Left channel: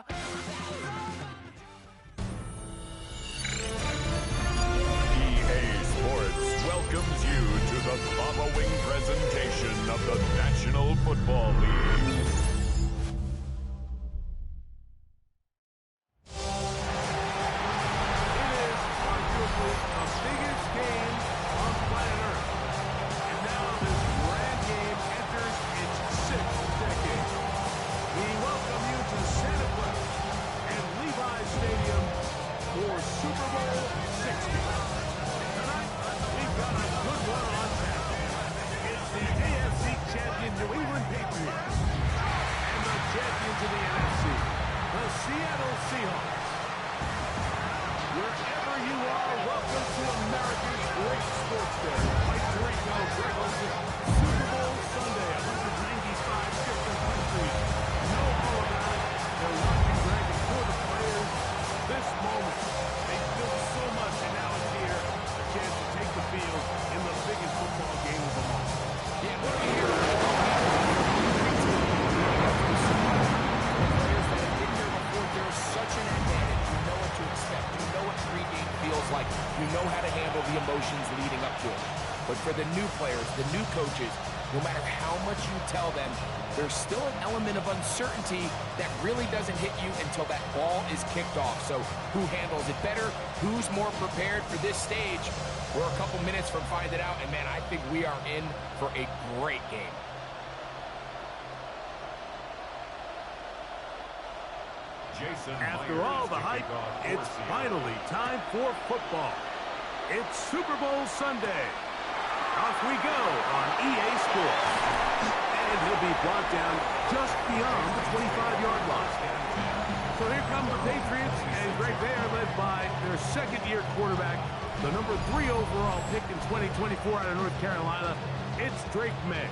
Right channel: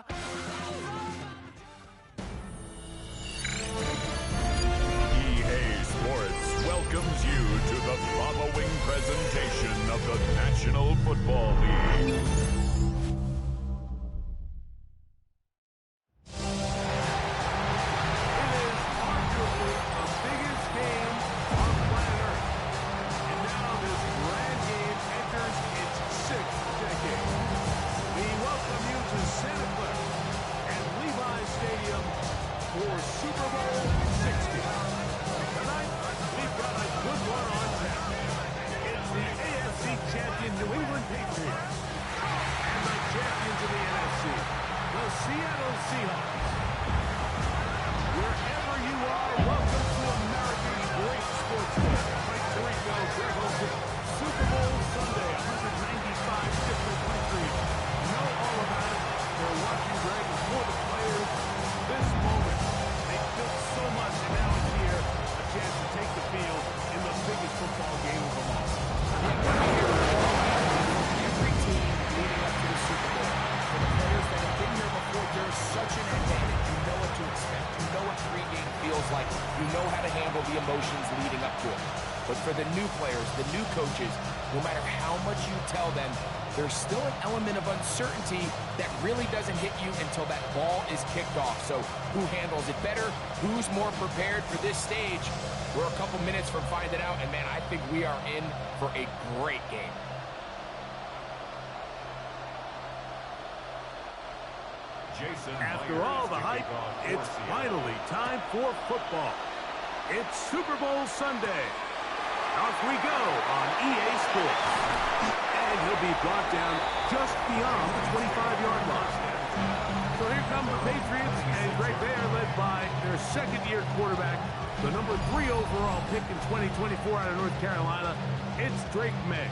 EA Sports welcomes you to the following presentation of the National Football League. It is arguably the biggest game on planet Earth. And now this grand game enters its 6th decade. We welcome you to Santa Clara and Levi's Stadium for Super Bowl 60. Tonight, we've got a good one on tap. It's the AFC champion New England Patriots and the champions of the NFC, the Seattle Seahawks. Wherever you are, welcome to America's great sports day. Mike Tirico, Greg Olson, Super Bowl Sunday, 195 different countries know all about it. They're watching, Greg, and for the players, this moment, they've built so much, and now it's here, a chance to take the field in the biggest football game of them all. Yeah, what we hear every team leading up to the Super Bowl. For the players that have been here before, there's such an advantage. You know what to expect. You know what pregame feels like. You know how to handle the emotions leading up to it. But for the new players, the new coaches, no matter how much you tell them, there's still an element of uncertainty that really doesn't hit you until that ball is kicked off. So who handles it better? Who's more prepared for this stage? We're a couple minutes from finding out, and man, I think we are in for a great game. After all the hype, it's finally time for football. It's Super Bowl Sunday. Off we go on EA Sports. And he'll be brought down just beyond the 25-yard line. So here come the Patriots, and Greg, they are led by their second-year quarterback, the number 3 overall pick in 2024 out of North Carolina. It's Drake May.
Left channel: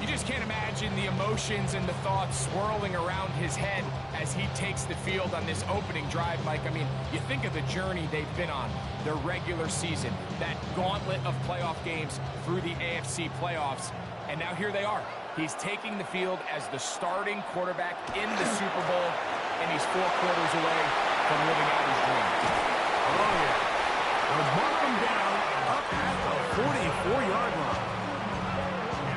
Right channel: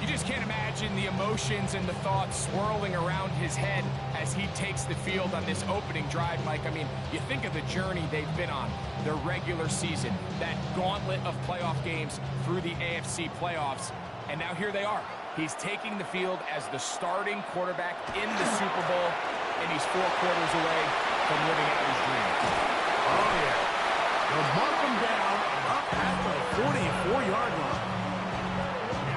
You just can't imagine the emotions and the thoughts swirling around his head as he takes the field on this opening drive, Mike. I mean, you think of the journey they've been on, their regular season, that gauntlet of playoff games through the AFC playoffs, and now here they are. He's taking the field as the starting quarterback in the Super Bowl, and he's 4 quarters away from living out his dream. Oh, yeah. They'll mark him down up at the 44-yard line.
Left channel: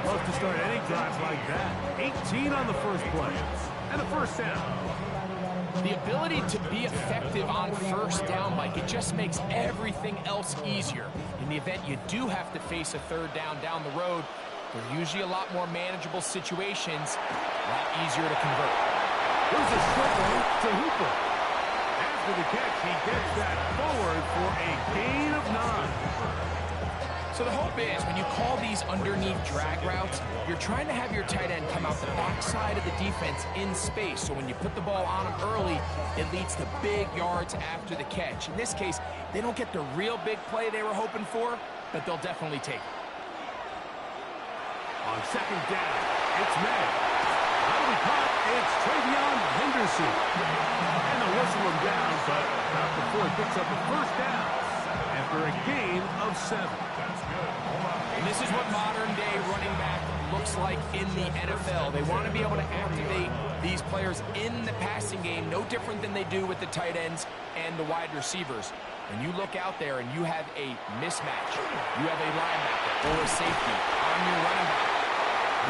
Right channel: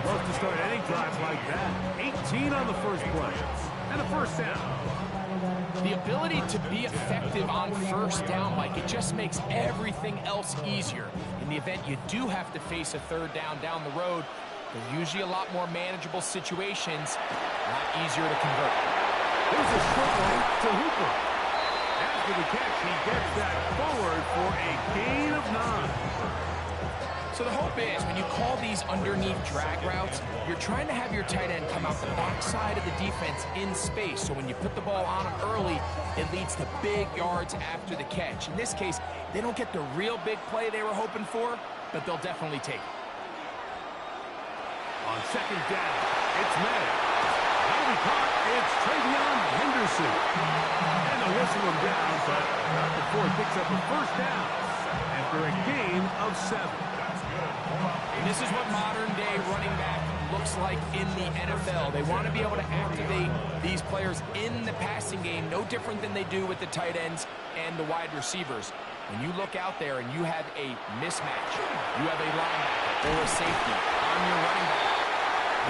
Love to start any drive like that. 18 on the first play. And a first down. The ability to be effective on first down, Mike, it just makes everything else easier. In the event you do have to face a third down the road, they're usually a lot more manageable situations, a lot easier to convert. Here's a short one to Hooper. After the catch, he gets that forward for a gain of 9. So the hope is when you call these underneath drag routes, you're trying to have your tight end come out the backside of the defense in space. So when you put the ball on him early, it leads to big yards after the catch. In this case, they don't get the real big play they were hoping for, but they'll definitely take it. On second down, it's May. That'll be caught. It's Travion Henderson. And they'll whistle him down, but not before he picks up a first down after a gain of 7. And this is what modern-day running back looks like in the NFL. They want to be able to activate these players in the passing game, no different than they do with the tight ends and the wide receivers. When you look out there and you have a mismatch, you have a linebacker or a safety on your running back,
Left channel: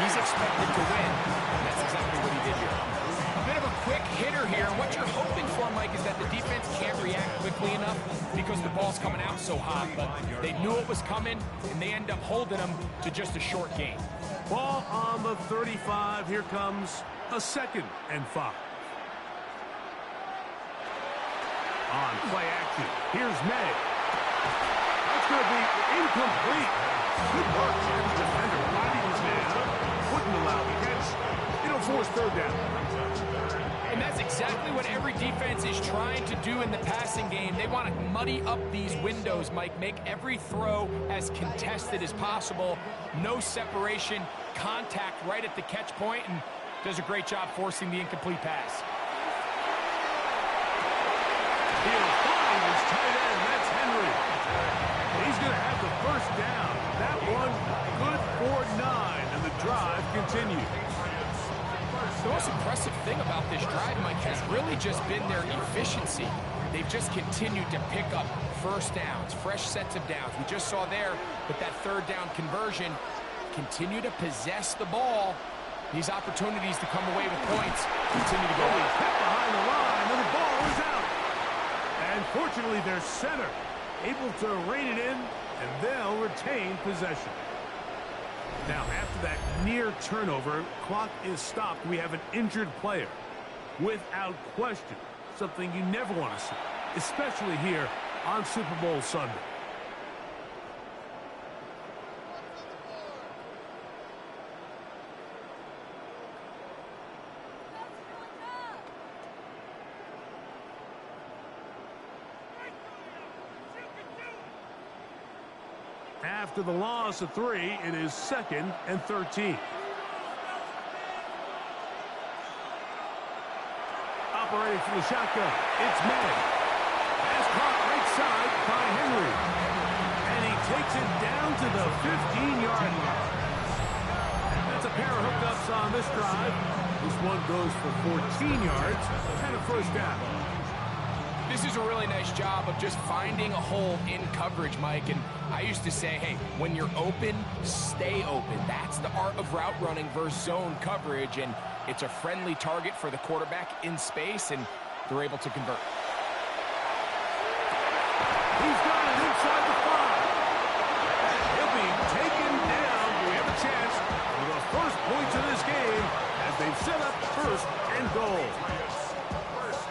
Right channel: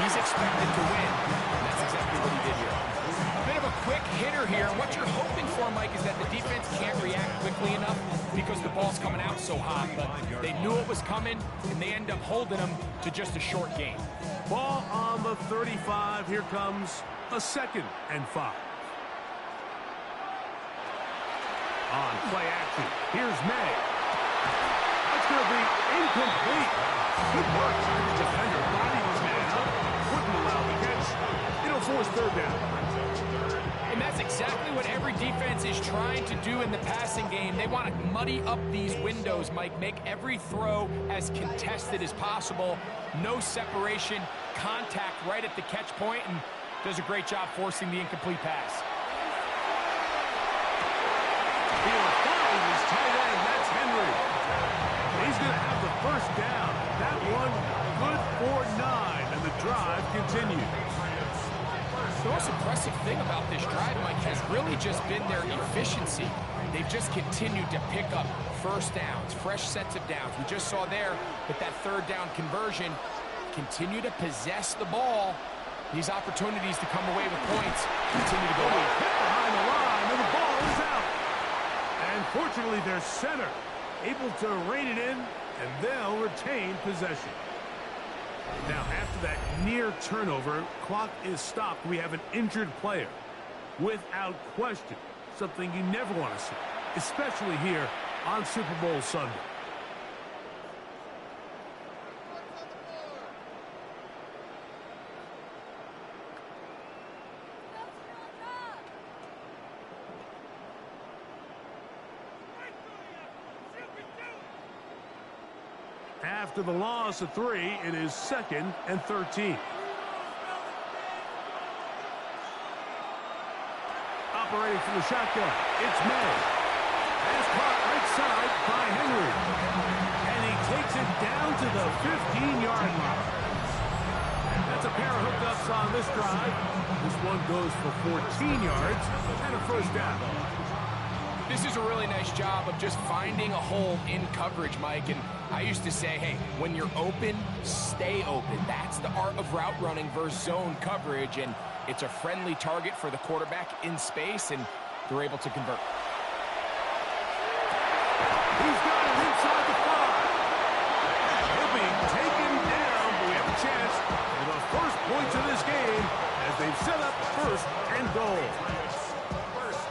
he's expected to win, and that's exactly what he did here. A bit of a quick hitter here, and what you're hoping for, Mike, is that the defense can't react quickly enough because the ball's coming out so hot, but they knew it was coming, and they end up holding them to just a short gain. Ball on the 35. Here comes a 2nd and 5. On play action, here's May. That's going to be incomplete. Good work by the defender. Bodied his man up. Wouldn't allow the catch. It'll force third down. And that's exactly what every defense is trying to do in the passing game. They want to muddy up these windows, Mike. Make every throw as contested as possible. No separation, contact right at the catch point, and does a great job forcing the incomplete pass. He'll find his tight end. That's Henry. He's going to have the first down. That one good for 9, and the drive continues. The most impressive thing about this drive, Mike, has really just been their efficiency. They've just continued to pick up first downs, fresh sets of downs. We just saw there with that third down conversion, continue to possess the ball. These opportunities to come away with points continue to go He's up. hit behind the line, and the ball is out. And fortunately, their center able to rein it in, and they'll retain possession. Now, after that near turnover, clock is stopped. We have an injured player. Without question, something you never want to see, especially here on Super Bowl Sunday. After the loss of 3, it is 2nd and 13. Operating from the shotgun, it's May. Pass caught right side by Henry. And he takes it down to the 15-yard line. That's a pair of hookups on this drive. This one goes for 14 yards and a first down. This is a really nice job of just finding a hole in coverage, Mike. And I used to say, hey, when you're open, stay open. That's the art of route running versus zone coverage. And it's a friendly target for the quarterback in space, and they're able to convert. He's got it inside the 5. He'll be taken down, but we have a chance for the first points of this game as they've set up 1st and goal.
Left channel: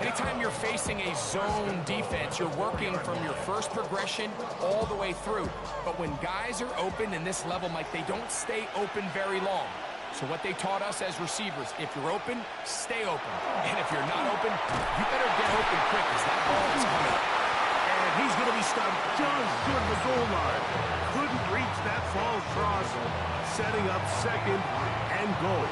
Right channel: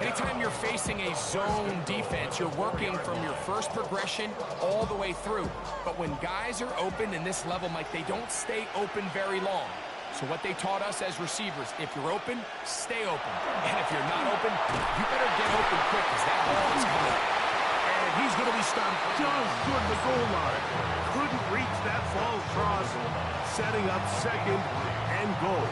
Anytime you're facing a zone defense, you're working from your first progression all the way through. But when guys are open in this level, Mike, they don't stay open very long. So what they taught us as receivers, if you're open, stay open. And if you're not open, you better get open quick because that ball is coming. And he's going to be stopped just short of the goal line. Couldn't reach that false cross, setting up 2nd and goal.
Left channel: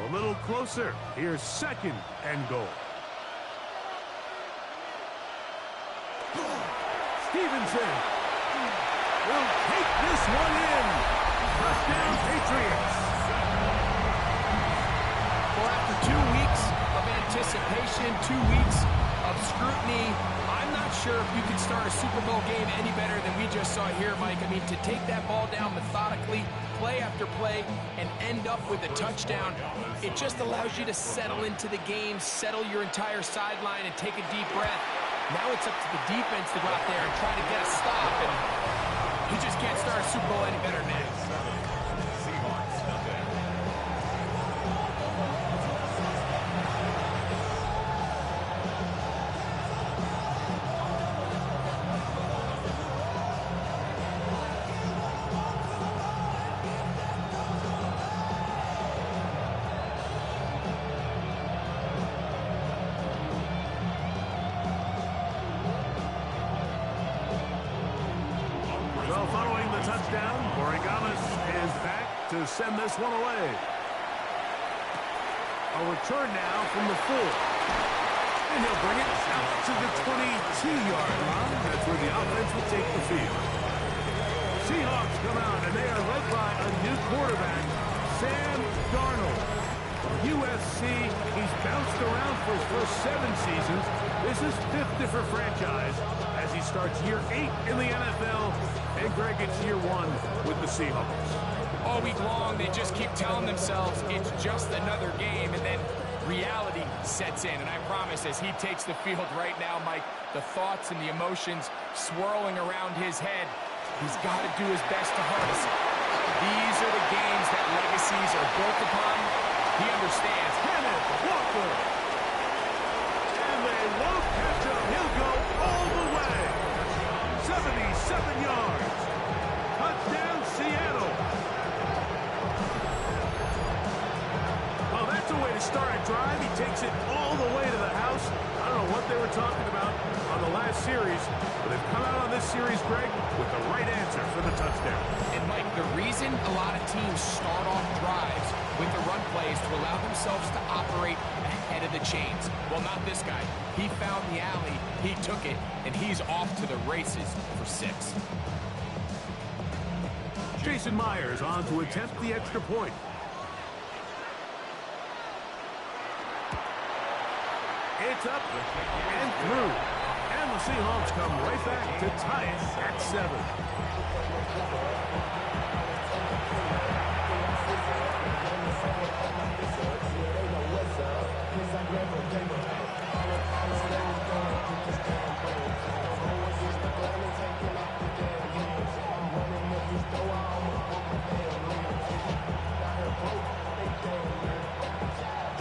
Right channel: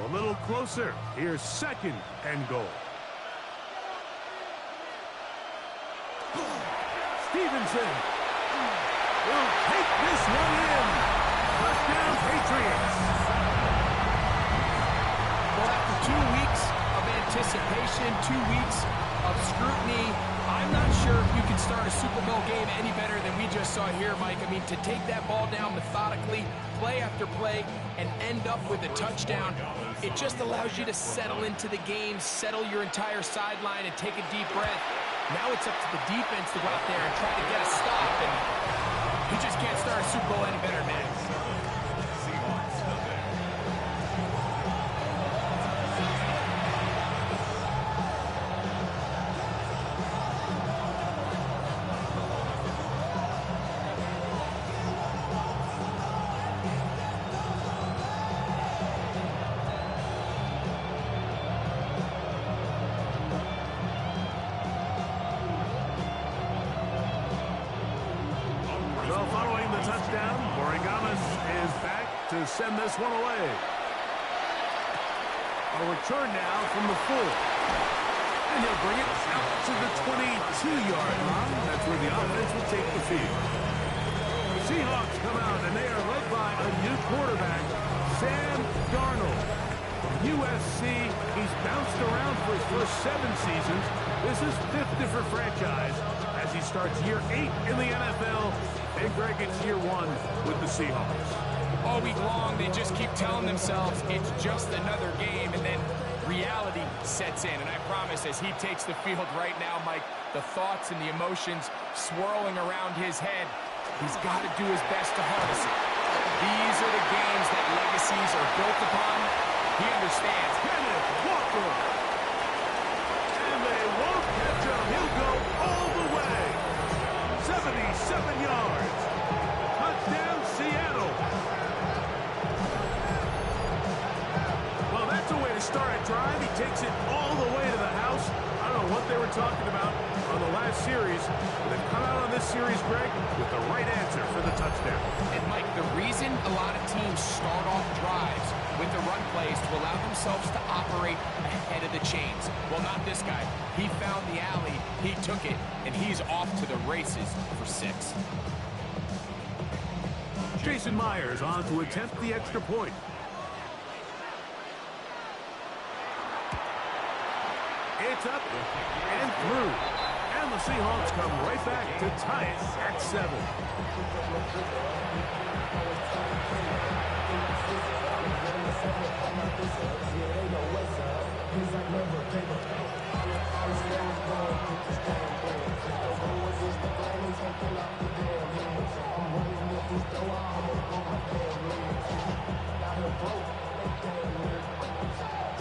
A little closer. Here's 2nd and goal. Stevenson will take this one in. Touchdown, Patriots. Well, after 2 weeks of anticipation, 2 weeks of scrutiny, I'm not sure if you can start a Super Bowl game any better than we just saw here, Mike. I mean, to take that ball down methodically, play after play, and end up with a touchdown, it just allows you to settle into the game, settle your entire sideline, and take a deep breath. Now it's up to the defense to go out there and try to get a stop, and you just can't start a Super Bowl any better than that. Seahawks, nothing. Well, following the touchdown, Origamis is back to send this one away. A return now from the 4. And he'll bring it out to the 22-yard line. That's where the offense will take the field. Seahawks come out, and they are led by a new quarterback, Sam Darnold. USC, he's bounced around for his first 7 seasons. This is 5th different franchise as he starts year 8 in the NFL. And Greg, it's year 1 with the Seahawks. All week long, they just keep telling themselves it's just another game, and then reality sets in. And I promise, as he takes the field right now, Mike, the thoughts and the emotions swirling around his head, he's got to do his best to harness it. These are the games that legacies are built upon. He understands. Kenneth Walker. And they won't catch him. He'll go all the way. 77 yards. Touchdown, Seattle. Well, that's a way to start a drive. He takes it all the way to the house. I don't know what they were talking about on the last series, but they've come out on this series, Greg, with the right answer for the touchdown. And, Mike, the reason a lot of teams start off drives with the run plays to allow themselves to operate ahead of the chains. Well, not this guy. He found the alley, he took it, and he's off to the races for 6. Jason Myers on to attempt the extra point. It's up and through. And the Seahawks come right back to tie it at 7.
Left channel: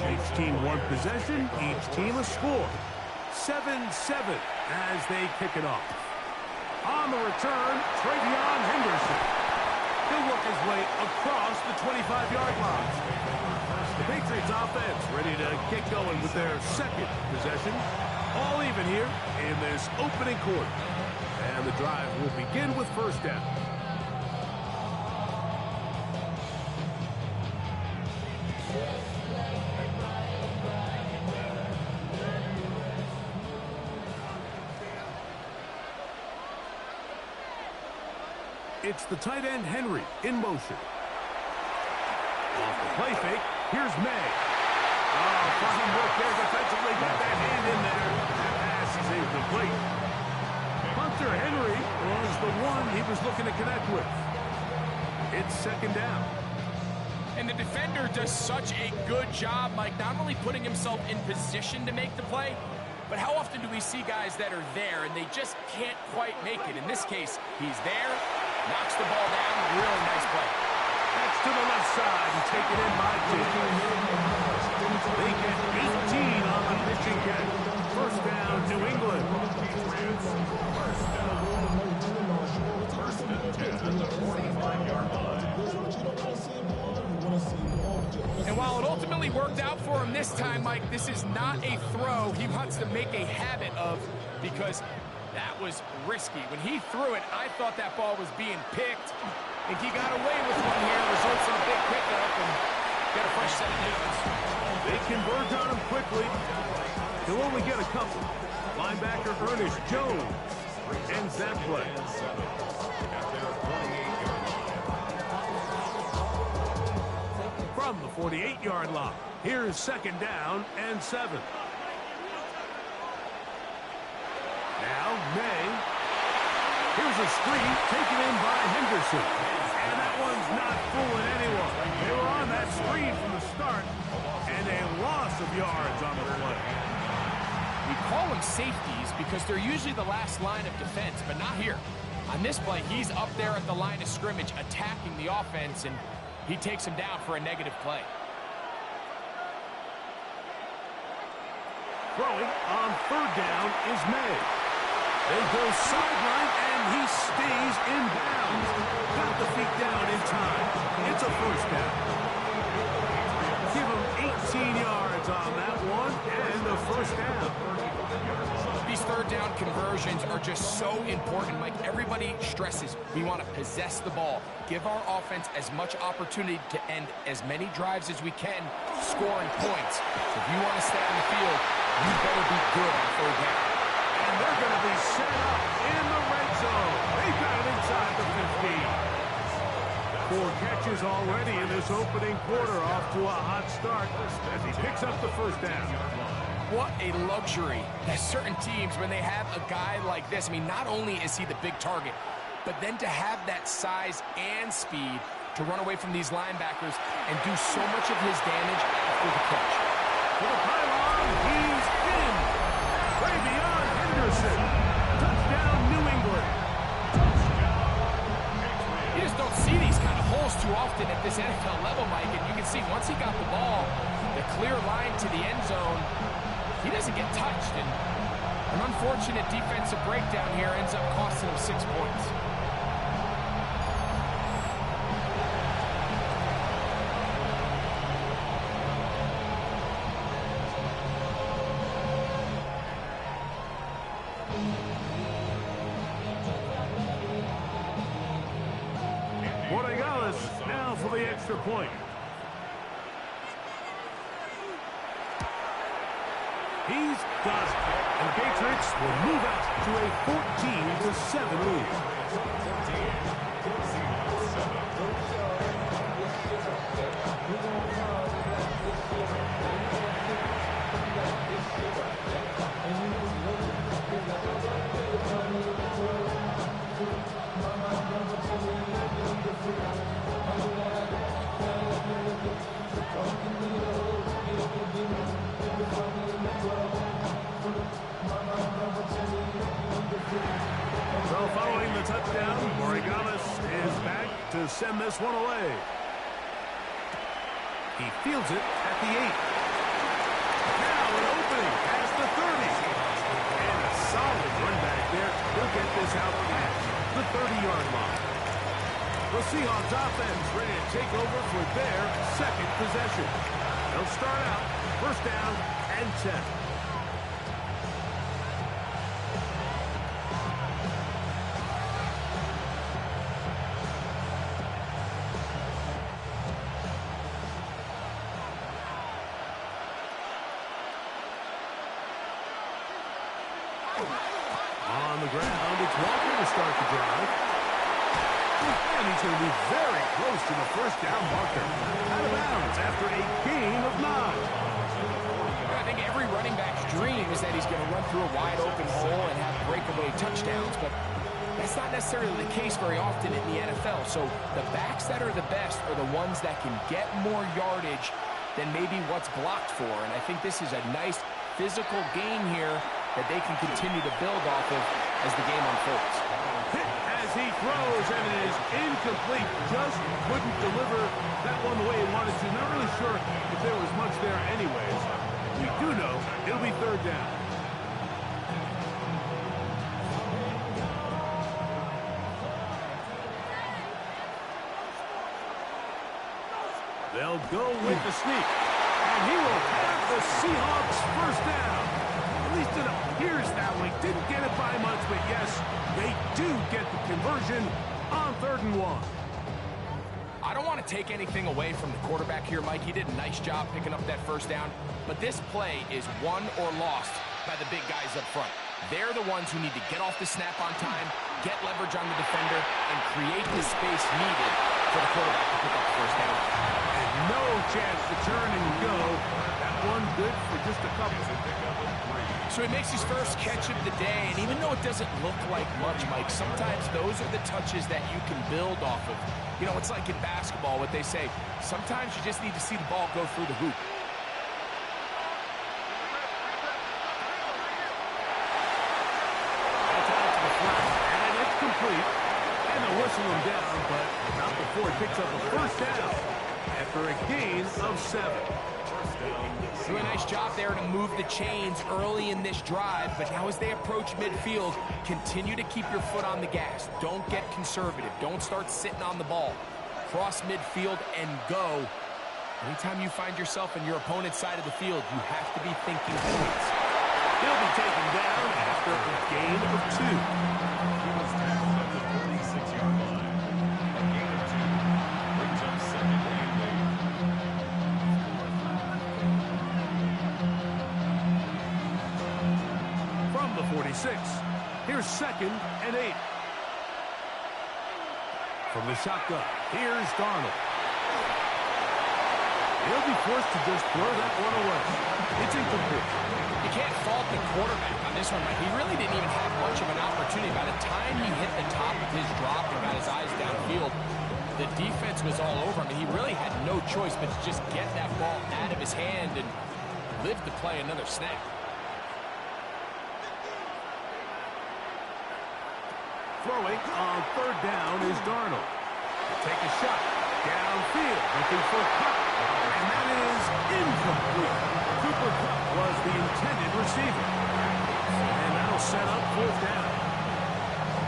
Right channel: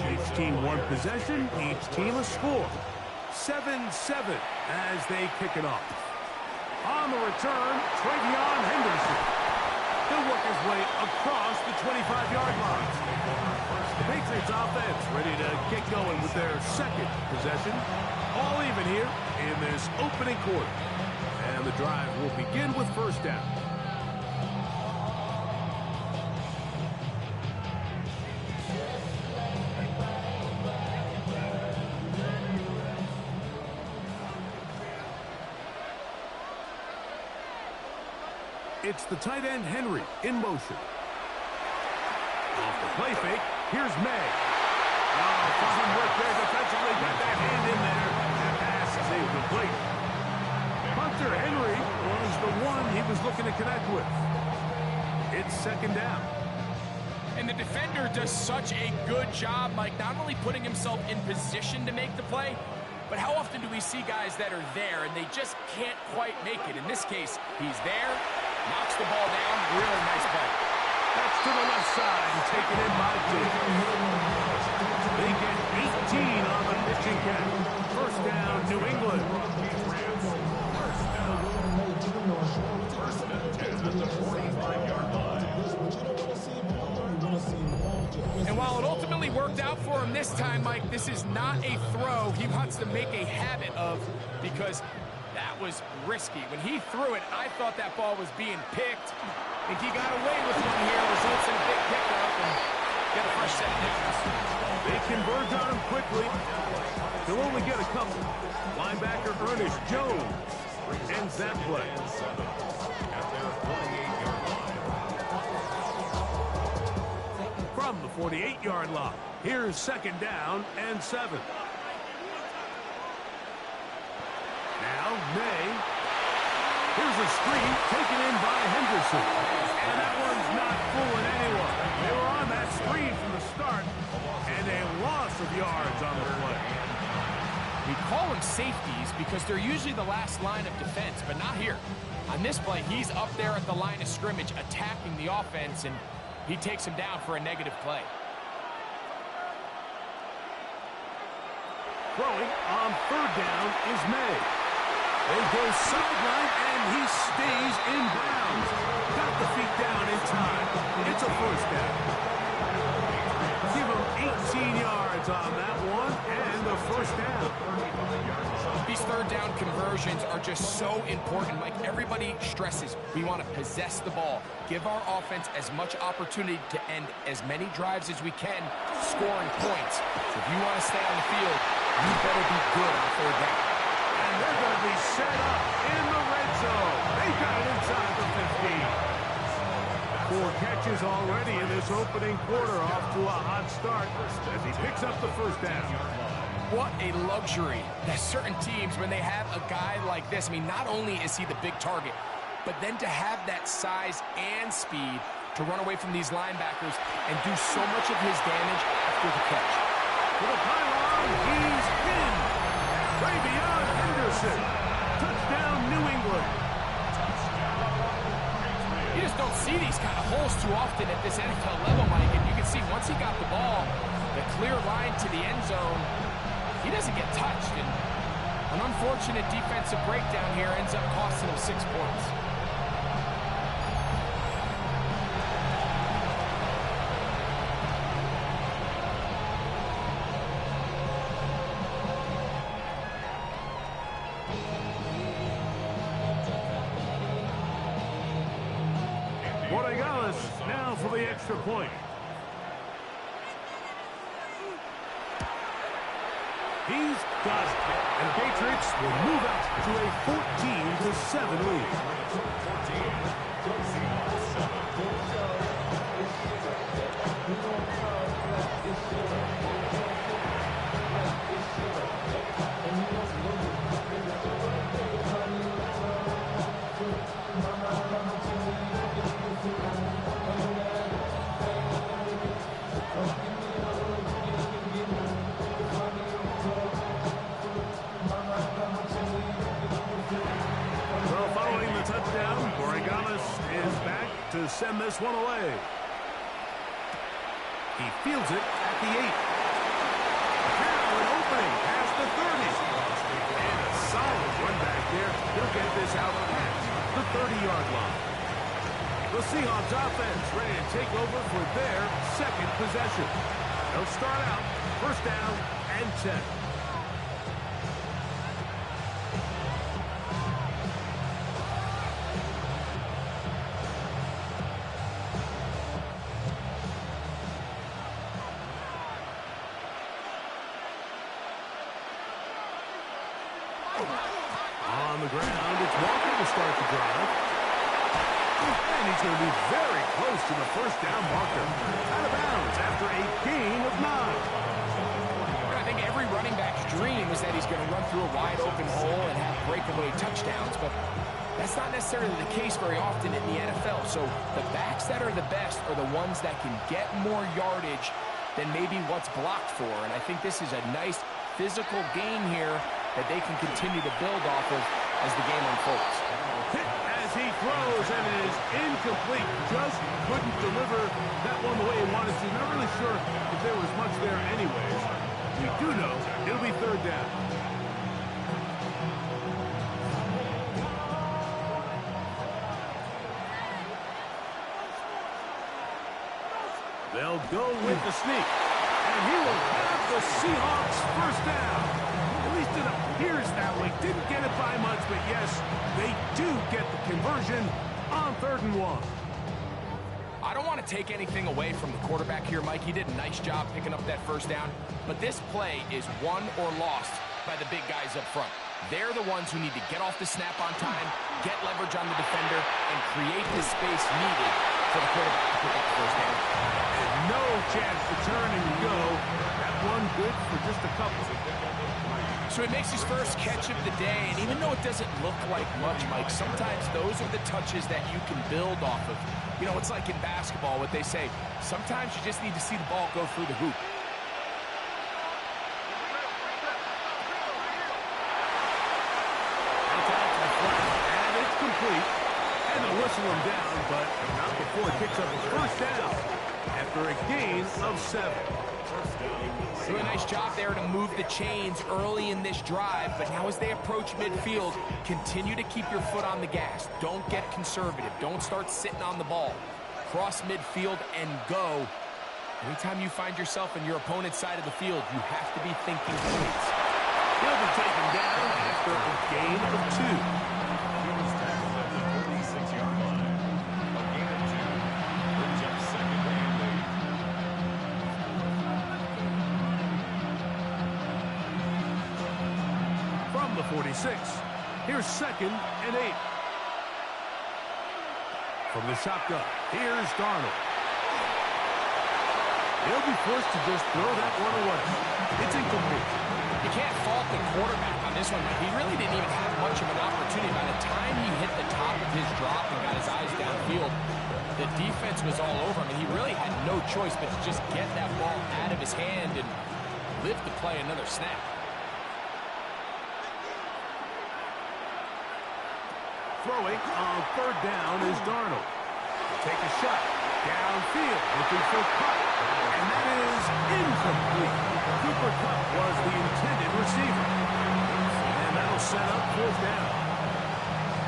Each team one possession, each team a score. 7-7 as they kick it off. On the return, Travion Henderson. He'll work his way across the 25-yard line. The Patriots offense ready to get going with their second possession. All even here in this opening quarter. And the drive will begin with first down. It's the tight end, Henry, in motion. Off the play fake, here's May. Oh, fine work there defensively. Got that hand in there. That pass is incomplete. Hunter Henry was the one he was looking to connect with. It's second down. And the defender does such a good job, Mike, not only putting himself in position to make the play, but how often do we see guys that are there and they just can't quite make it? In this case, he's there. Knocks the ball down. Really nice play. That's to the left side and taken in by 2. They get 18 on the pitching catch. First down, New England. First and 10 at the 45-yard line. And while it ultimately worked out for him this time, Mike, this is not a throw he wants to make a habit of, because that was risky. When he threw it, I thought that ball was being picked. I think he got away with one here. Results in a big pickup and get a fresh set of downs. They converge on him quickly. He'll only get a couple. Linebacker Ernest Jones ends that play. From the 48-yard line, here's second down and 7. Now, May. Here's a screen taken in by Henderson. And that one's not fooling anyone. They were on that screen from the start. And a loss of yards on the play. We call them safeties because they're usually the last line of defense, but not here. On this play, he's up there at the line of scrimmage attacking the offense, and he takes him down for a negative play. Throwing on third down is May. They go sideline, and he stays in bounds. Got the feet down in time. It's a first down. Give him 18 yards on that one, and a first down. These third down conversions are just so important, Mike. Everybody stresses we want to possess the ball, give our offense as much opportunity to end as many drives as we can, scoring points. So if you want to stay on the field, you better be good on third down. And they're going to be set up in the red zone. They've got it inside the 15. 4 catches already in this opening quarter, off to a hot start as he picks up the first down. What a luxury that certain teams, when they have a guy like this, I mean, not only is he the big target, but then to have that size and speed to run away from these linebackers and do so much of his damage after the catch. To the pylon, he's in. Travion Henderson. Touchdown, New England. You just don't see these kind of holes too often at this NFL level, Mike. And you can see once he got the ball, the clear line to the end zone, he doesn't get touched. And an unfortunate defensive breakdown here ends up costing him 6 points. What Borregales now for the extra point. He's got it. And the Patriots will move out to a 14-7 lead. 14, Seahawks 7. So following the touchdown, Borregales is back to send this one away. He fields it at the 8. Now an opening past the 30. And a solid run back there. He'll get this out past the 30-yard line. The Seahawks offense ready to take over for their second possession. They'll start out first down and 10. On the ground, it's Walker to start the drive. And he's going to be very close to the first down marker. Out of bounds after a gain of 9. I think every running back's dream is that he's going to run through a wide open hole and have breakaway touchdowns, but that's not necessarily the case very often in the NFL. So the backs that are the best are the ones that can get more yardage than maybe what's blocked for. And I think this is a nice physical gain here that they can continue to build off of as the game unfolds. Hit as he throws, and it is incomplete. Just couldn't deliver that one the way he wanted to. Not really sure if there was much there anyways. We do know it'll be third down. They'll go with the sneak, and he will have the Seahawks first down. At least it appears that way. Didn't get it by much, but yes, they do get the conversion on 3rd and 1. I don't want to take anything away from the quarterback here, Mike. He did a nice job picking up that first down, but this play is won or lost by the big guys up front. They're the ones who need to get off the snap on time, get leverage on the defender, and create the space needed for the quarterback to pick up the first down. And no chance to turn and go. That one good for just a couple. So he makes his first catch of the day, and even though it doesn't look like much, Mike, sometimes those are the touches that you can build off of. You know, it's like in basketball, what they say, sometimes you just need to see the ball go through the hoop. That's out to the flat, and it's complete. And they'll whistle him down, but not before he picks up a first down after a gain of 7. Doing a nice job there to move the chains early in this drive, but now as they approach midfield, continue to keep your foot on the gas. Don't get conservative. Don't start sitting on the ball. Cross midfield and go. Anytime you find yourself in your opponent's side of the field, you have to be thinking points. He'll be taken down after a gain of 2. He was tackled at the 46-yard line. A gain of 2 brings up second and 8. From the 46, here's 2nd and 8. From the shotgun, here's Darnold. He'll be forced to just throw that one away. It's incomplete. You can't fault the quarterback on this one, but he really didn't even have much of an opportunity. By the time he hit the top of his drop and got his eyes downfield, the defense was all over him, and he really had no choice but to just get that ball out of his hand and live to play another snap. Throwing on 3rd down is Darnold. Take a shot downfield, looking for Kupp, and that is incomplete. Cooper Kupp was the intended receiver, and that'll set up 4th down.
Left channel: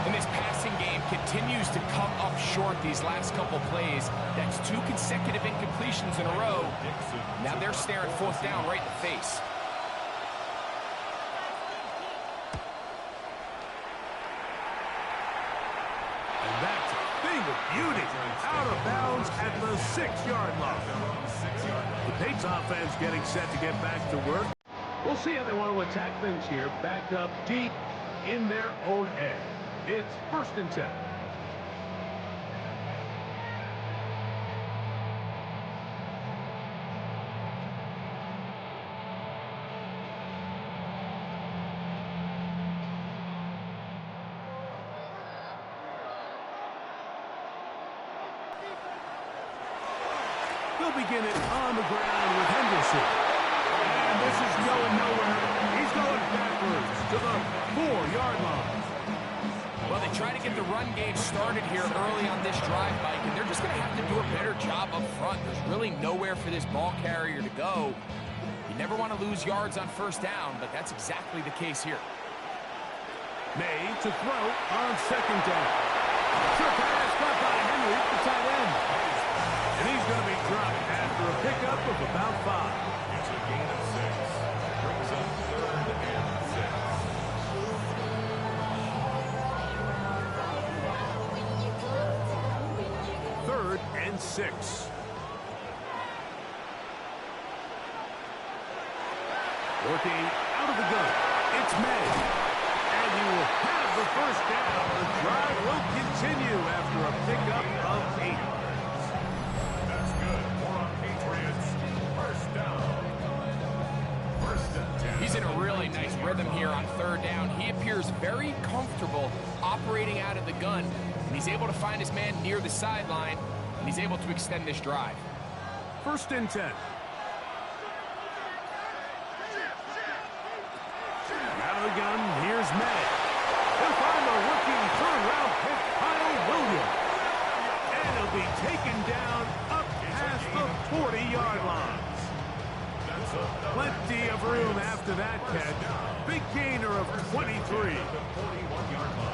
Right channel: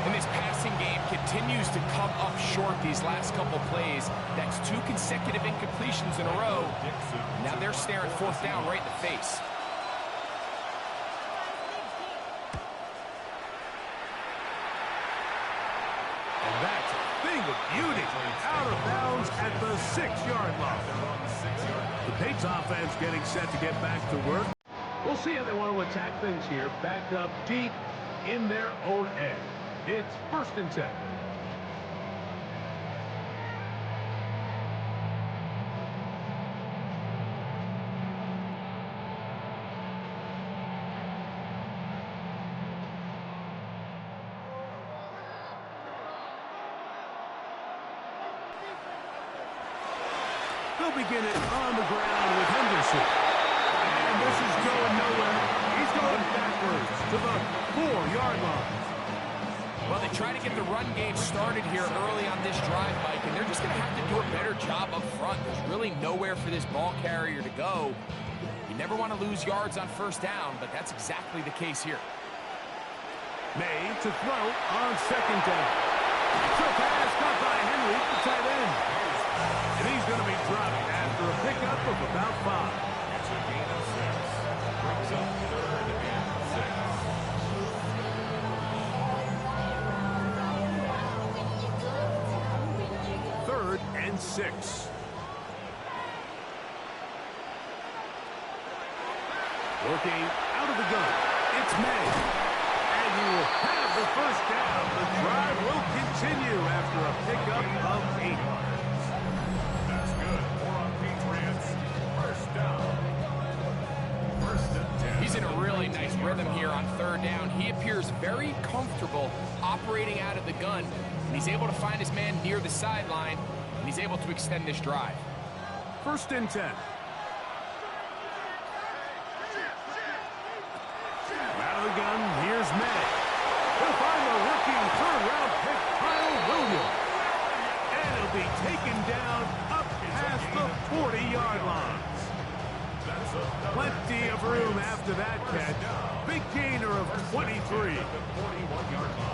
And this passing game continues to come up short these last couple plays. That's 2 consecutive incompletions in a row. Now they're staring 4th down right in the face. And that's a thing of beauty. out of bounds at the 6-yard line. The Patriots offense getting set to get back to work. We'll see how they want to attack things here. Backed up deep in their own end. It's 1st and 10. They'll begin it on the ground with Henderson. And this is going nowhere. He's going backwards to the 4-yard line. Well, they try to get the run game started here early on this drive, Mike, and they're just going to have to do a better job up front. There's really nowhere for this ball carrier to go. You never want to lose yards on 1st down, but that's exactly the case here. May to throw on 2nd down. Short pass caught by Henry, the tight end. And he's going to be dropped after a pickup of about 5. It's a gain of 6. Brings up 3rd and 6. 3rd and 6. Working out of the gun. It's May. And he will have the 1st down. The drive will continue after a pickup of 8. That's good. More on Patriots. 1st down. 1st and 10. He's in a really nice rhythm here on 3rd down. He appears very comfortable operating out of the gun, and he's able to find his man near the sideline, and he's able to extend this drive. 1st and 10. Out of the gun, here's May. He'll find the rookie 3rd-round pick, Kyle Williams. And he'll be taken down up past the 40-yard line. Plenty of room after that catch. Big gainer of 23.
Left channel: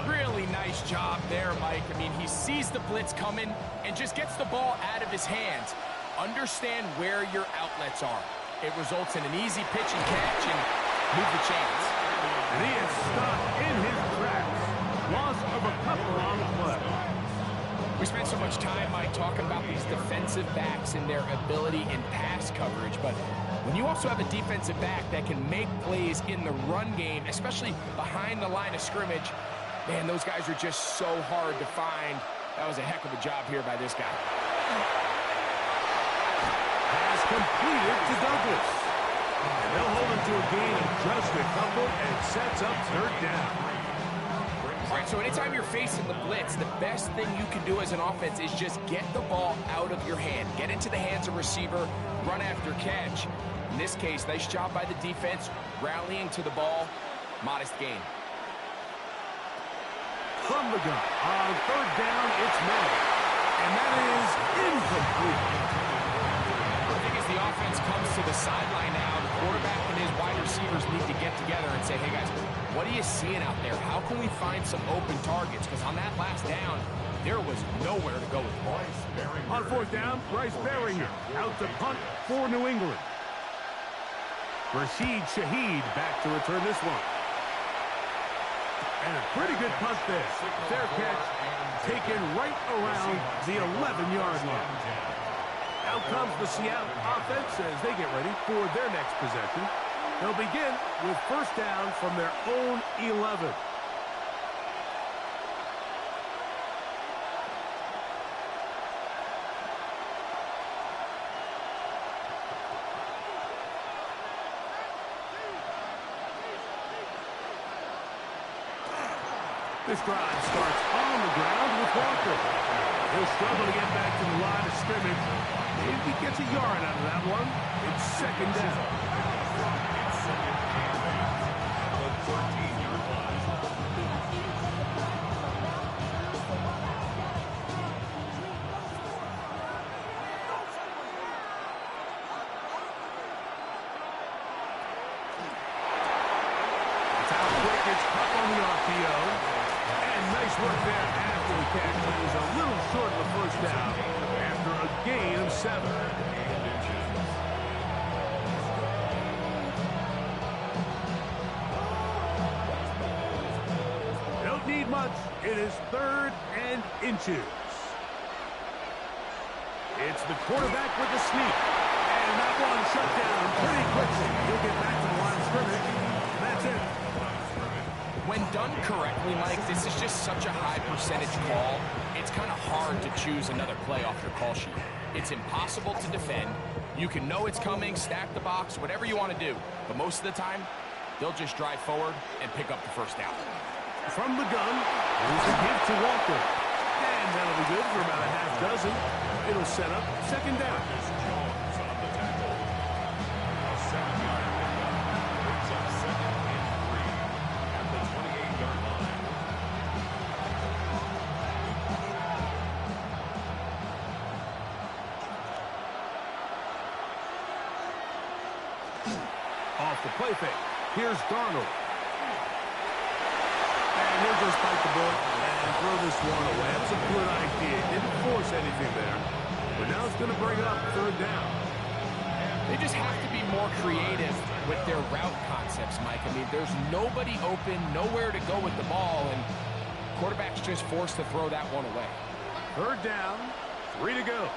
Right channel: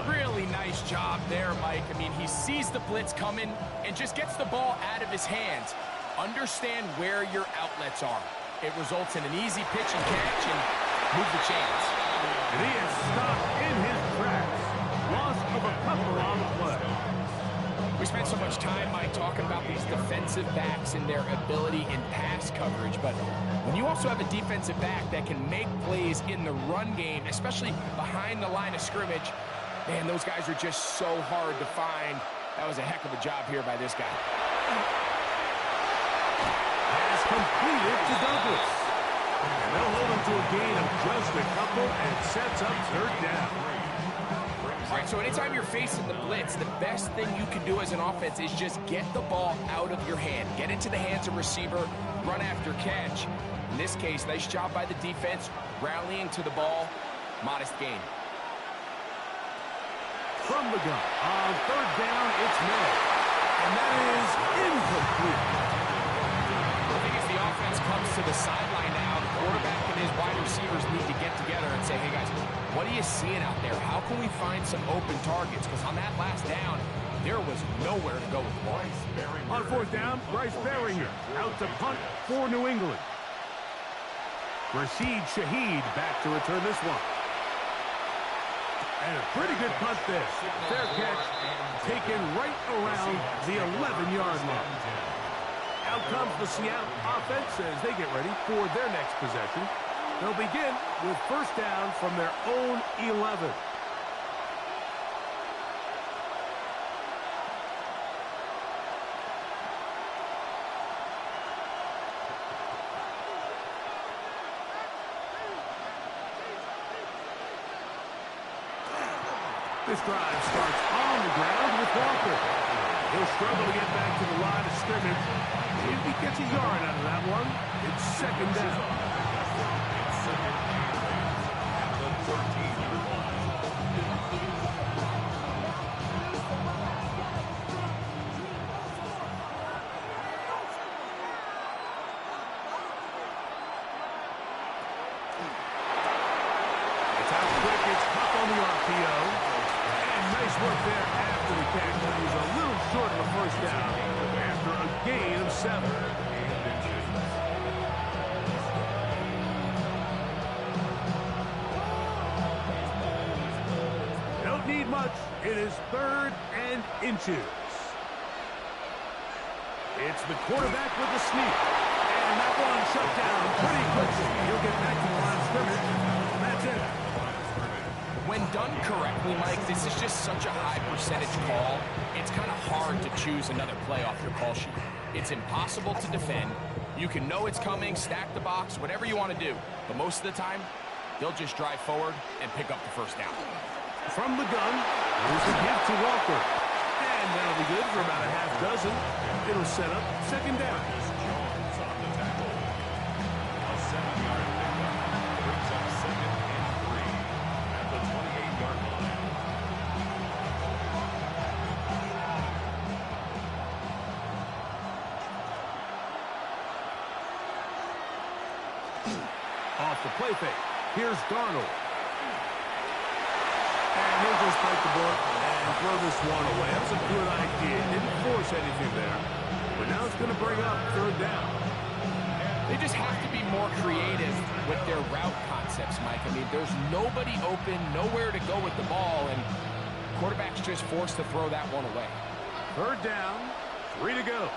Really nice job there, Mike. I mean, he sees the blitz coming and just gets the ball out of his hands. Understand where your outlets are. It results in an easy pitch and catch and move the chains. And he is stopped in his tracks. Loss of a couple on the play. We spent so much time, Mike, talking about these defensive backs and their ability in pass coverage, but when you also have a defensive back that can make plays in the run game, especially behind the line of scrimmage, man, those guys are just so hard to find. That was a heck of a job here by this guy. Pass completed to Douglas. And they'll hold him to a gain of just a couple and sets up 3rd down. All right, so anytime you're facing the blitz, the best thing you can do as an offense is just get the ball out of your hand. Get into the hands of receiver, run after catch. In this case, nice job by the defense, rallying to the ball. Modest gain. From the gun, on 3rd down, it's May. And that is incomplete. I think as the offense comes to the sideline now, the quarterback and his wide receivers need to get together and say, hey, guys, what are you seeing out there? How can we find some open targets? Because on that last down, there was nowhere to go with the ball. On 4th down, Bryce Berringer out to punt for New England. Rashid Shaheed back to return this one. And a pretty good punt there. Fair catch taken right around the 11-yard line. Out comes the Seattle offense as they get ready for their next possession. They'll begin with 1st down from their own 11. This drive starts on the ground with Walker. He'll struggle to get back to the line of scrimmage. If he gets a yard out of that one, it's 2nd down. It's 2nd and 8 at the 13-yard line. It's out quick. It's up on the RPO. And nice work there after the catch. It was a little short of a 1st down after a gain of 7. Don't need much. It is 3rd and inches. It's the quarterback with the sneak. And that one shut down pretty quickly. He'll get back to the line of scrimmage. And that's it. When done correctly, Mike, this is just such a high percentage call. It's kind of hard to choose another play off your call sheet. It's impossible to defend. You can know it's coming, stack the box, whatever you want to do. But most of the time, they'll just drive forward and pick up the first down. From the gun, here's a give to Walker. And that'll be good for about a half dozen. It'll set up second down. Jones on the tackle. A 7-yard pickup brings up 2nd and 3 at the 28-yard line. Off the play fake. Here's Darnold. And he'll just bite the bullet and throw this one away. That's a good idea. Didn't force anything there. But now it's going to bring up third down. They just have to be more creative with their route concepts, Mike. I mean, there's nobody open, nowhere to go with the ball, and quarterback's just forced to throw that one away. Third down, 3 to go.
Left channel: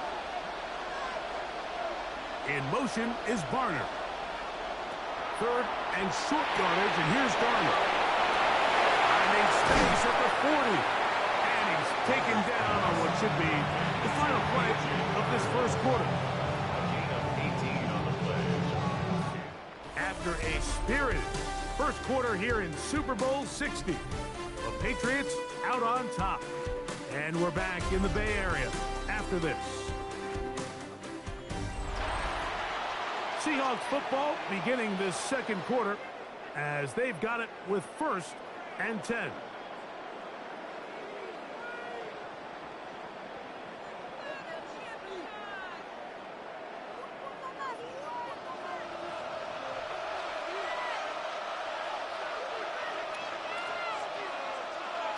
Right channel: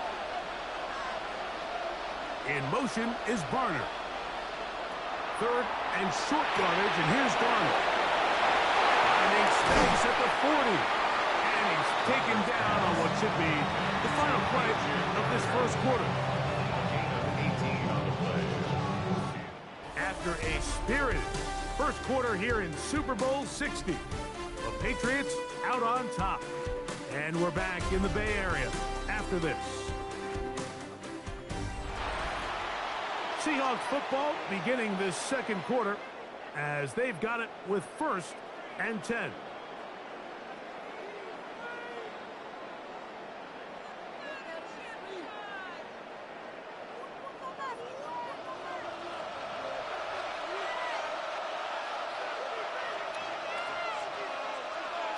In motion is Barner. Third and short yardage, and here's Darnold. Finding space at the 40. And he's taken down on what should be the final play of this first quarter. A gain of 18 on the play. After a spirited first quarter here in Super Bowl 60, the Patriots out on top. And we're back in the Bay Area after this. Seahawks football beginning this second quarter as they've got it with 1st and 10.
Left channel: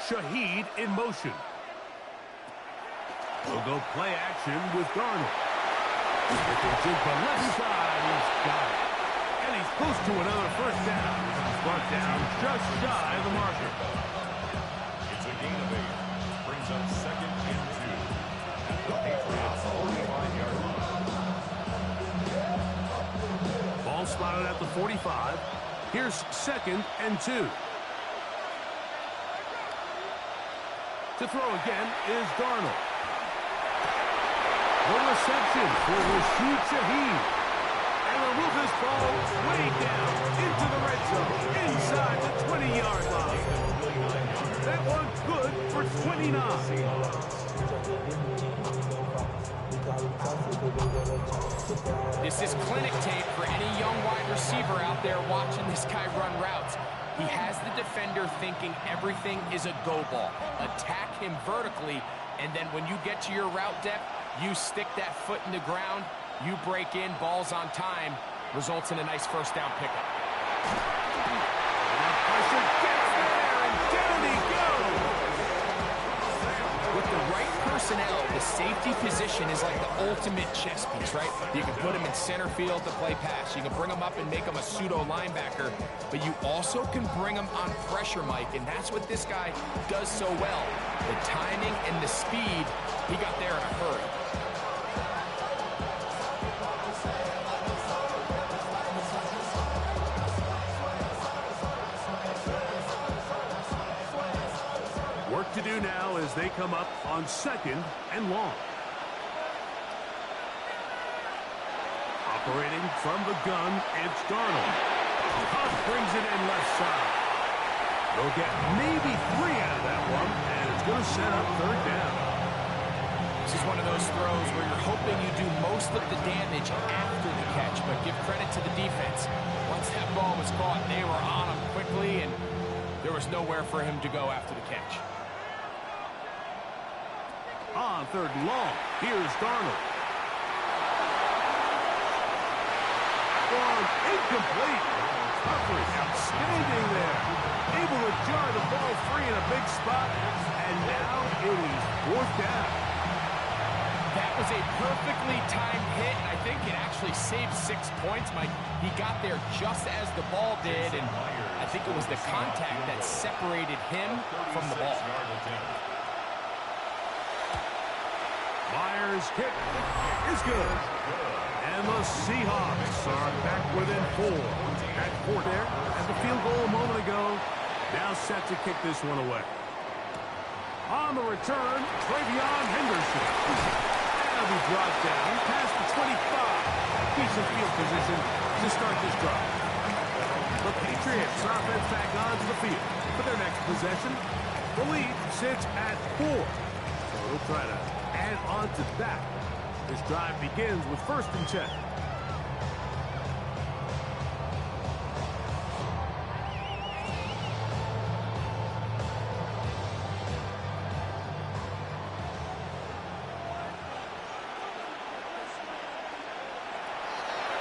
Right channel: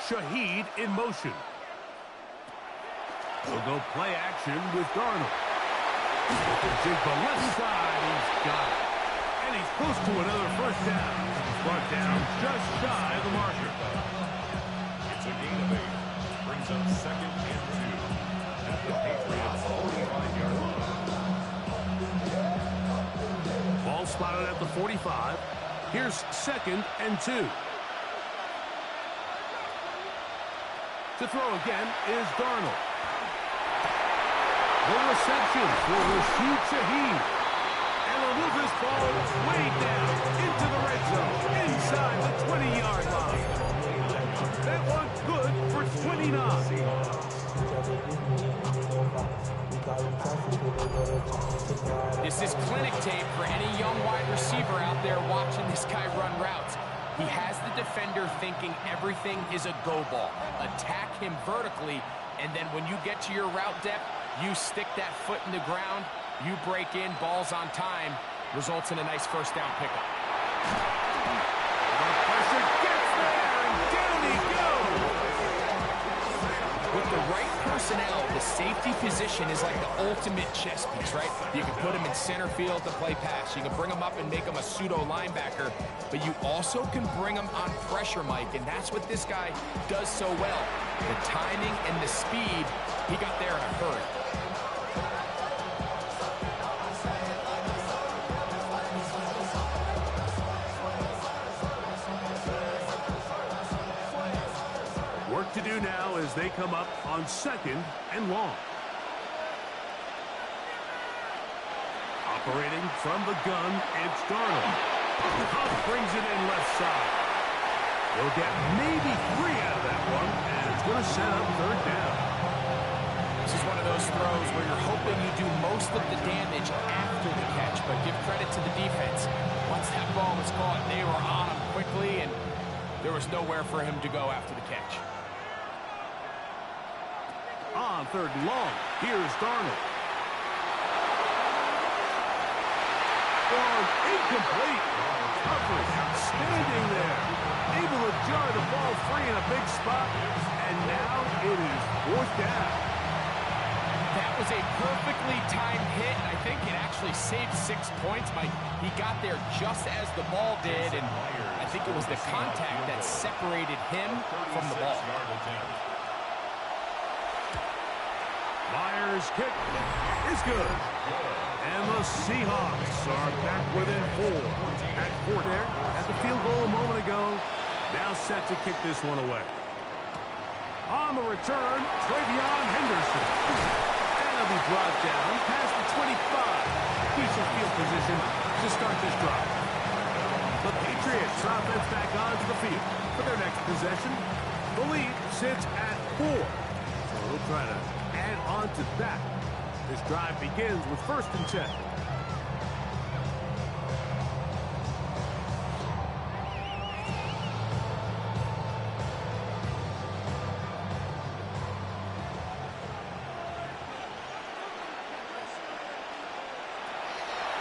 Shaheed in motion. They'll go play action with Darnold. Jigba left side, he's got it. And he's close to another first down. He's brought down just shy of the marker. It's a gain of 8. Brings up 2nd and 2 at the Patriots 45-yard line. Ball spotted at the 45. Here's 2nd and 2. To throw again is Darnold. The reception for Rashid Shaheed. And they'll move this ball way down into the red zone, inside the 20-yard line. That one good for 29. This is clinic tape for any young wide receiver out there watching this guy run routes. He has the defender thinking everything is a go ball. Attack him vertically, and then when you get to your route depth, you stick that foot in the ground, you break in, balls on time, results in a nice first down pickup. The pressure gets there, and down he goes. With the right personnel, the safety position is like the ultimate chess piece, right? You can put him in center field to play pass. You can bring him up and make him a pseudo linebacker, but you also can bring him on pressure, Mike, and that's what this guy does so well. The timing and the speed, he got there in a hurry. Work to do now as they come up on 2nd and long. Operating from the gun, it's Darnold. Huff brings it in left side. They'll get maybe 3 out of that one, and it's going to set up third down. This is one of those throws where you're hoping you do most of the damage after the catch, but give credit to the defense. Once that ball was caught, they were on him quickly, and there was nowhere for him to go after the catch. On 3rd and long, here's Darnold. One incomplete. Coverage outstanding there. Able to jar the ball free in a big spot, and now it is 4th down. That was a perfectly timed hit, and I think it actually saved 6 points, Mike. He got there just as the ball did, and I think it was the contact that separated him from the ball. Myers kick. is good. And the Seahawks are back within 4. At 4 there, at the field goal a moment ago. Now set to kick this one away. On the return, Travion Henderson. And he'll be brought down past the 25. Decent field position to start this drive. The Patriots offense back onto the field for their next possession. The lead sits at 4. So they'll try to add on to that. This drive begins with 1st and 10.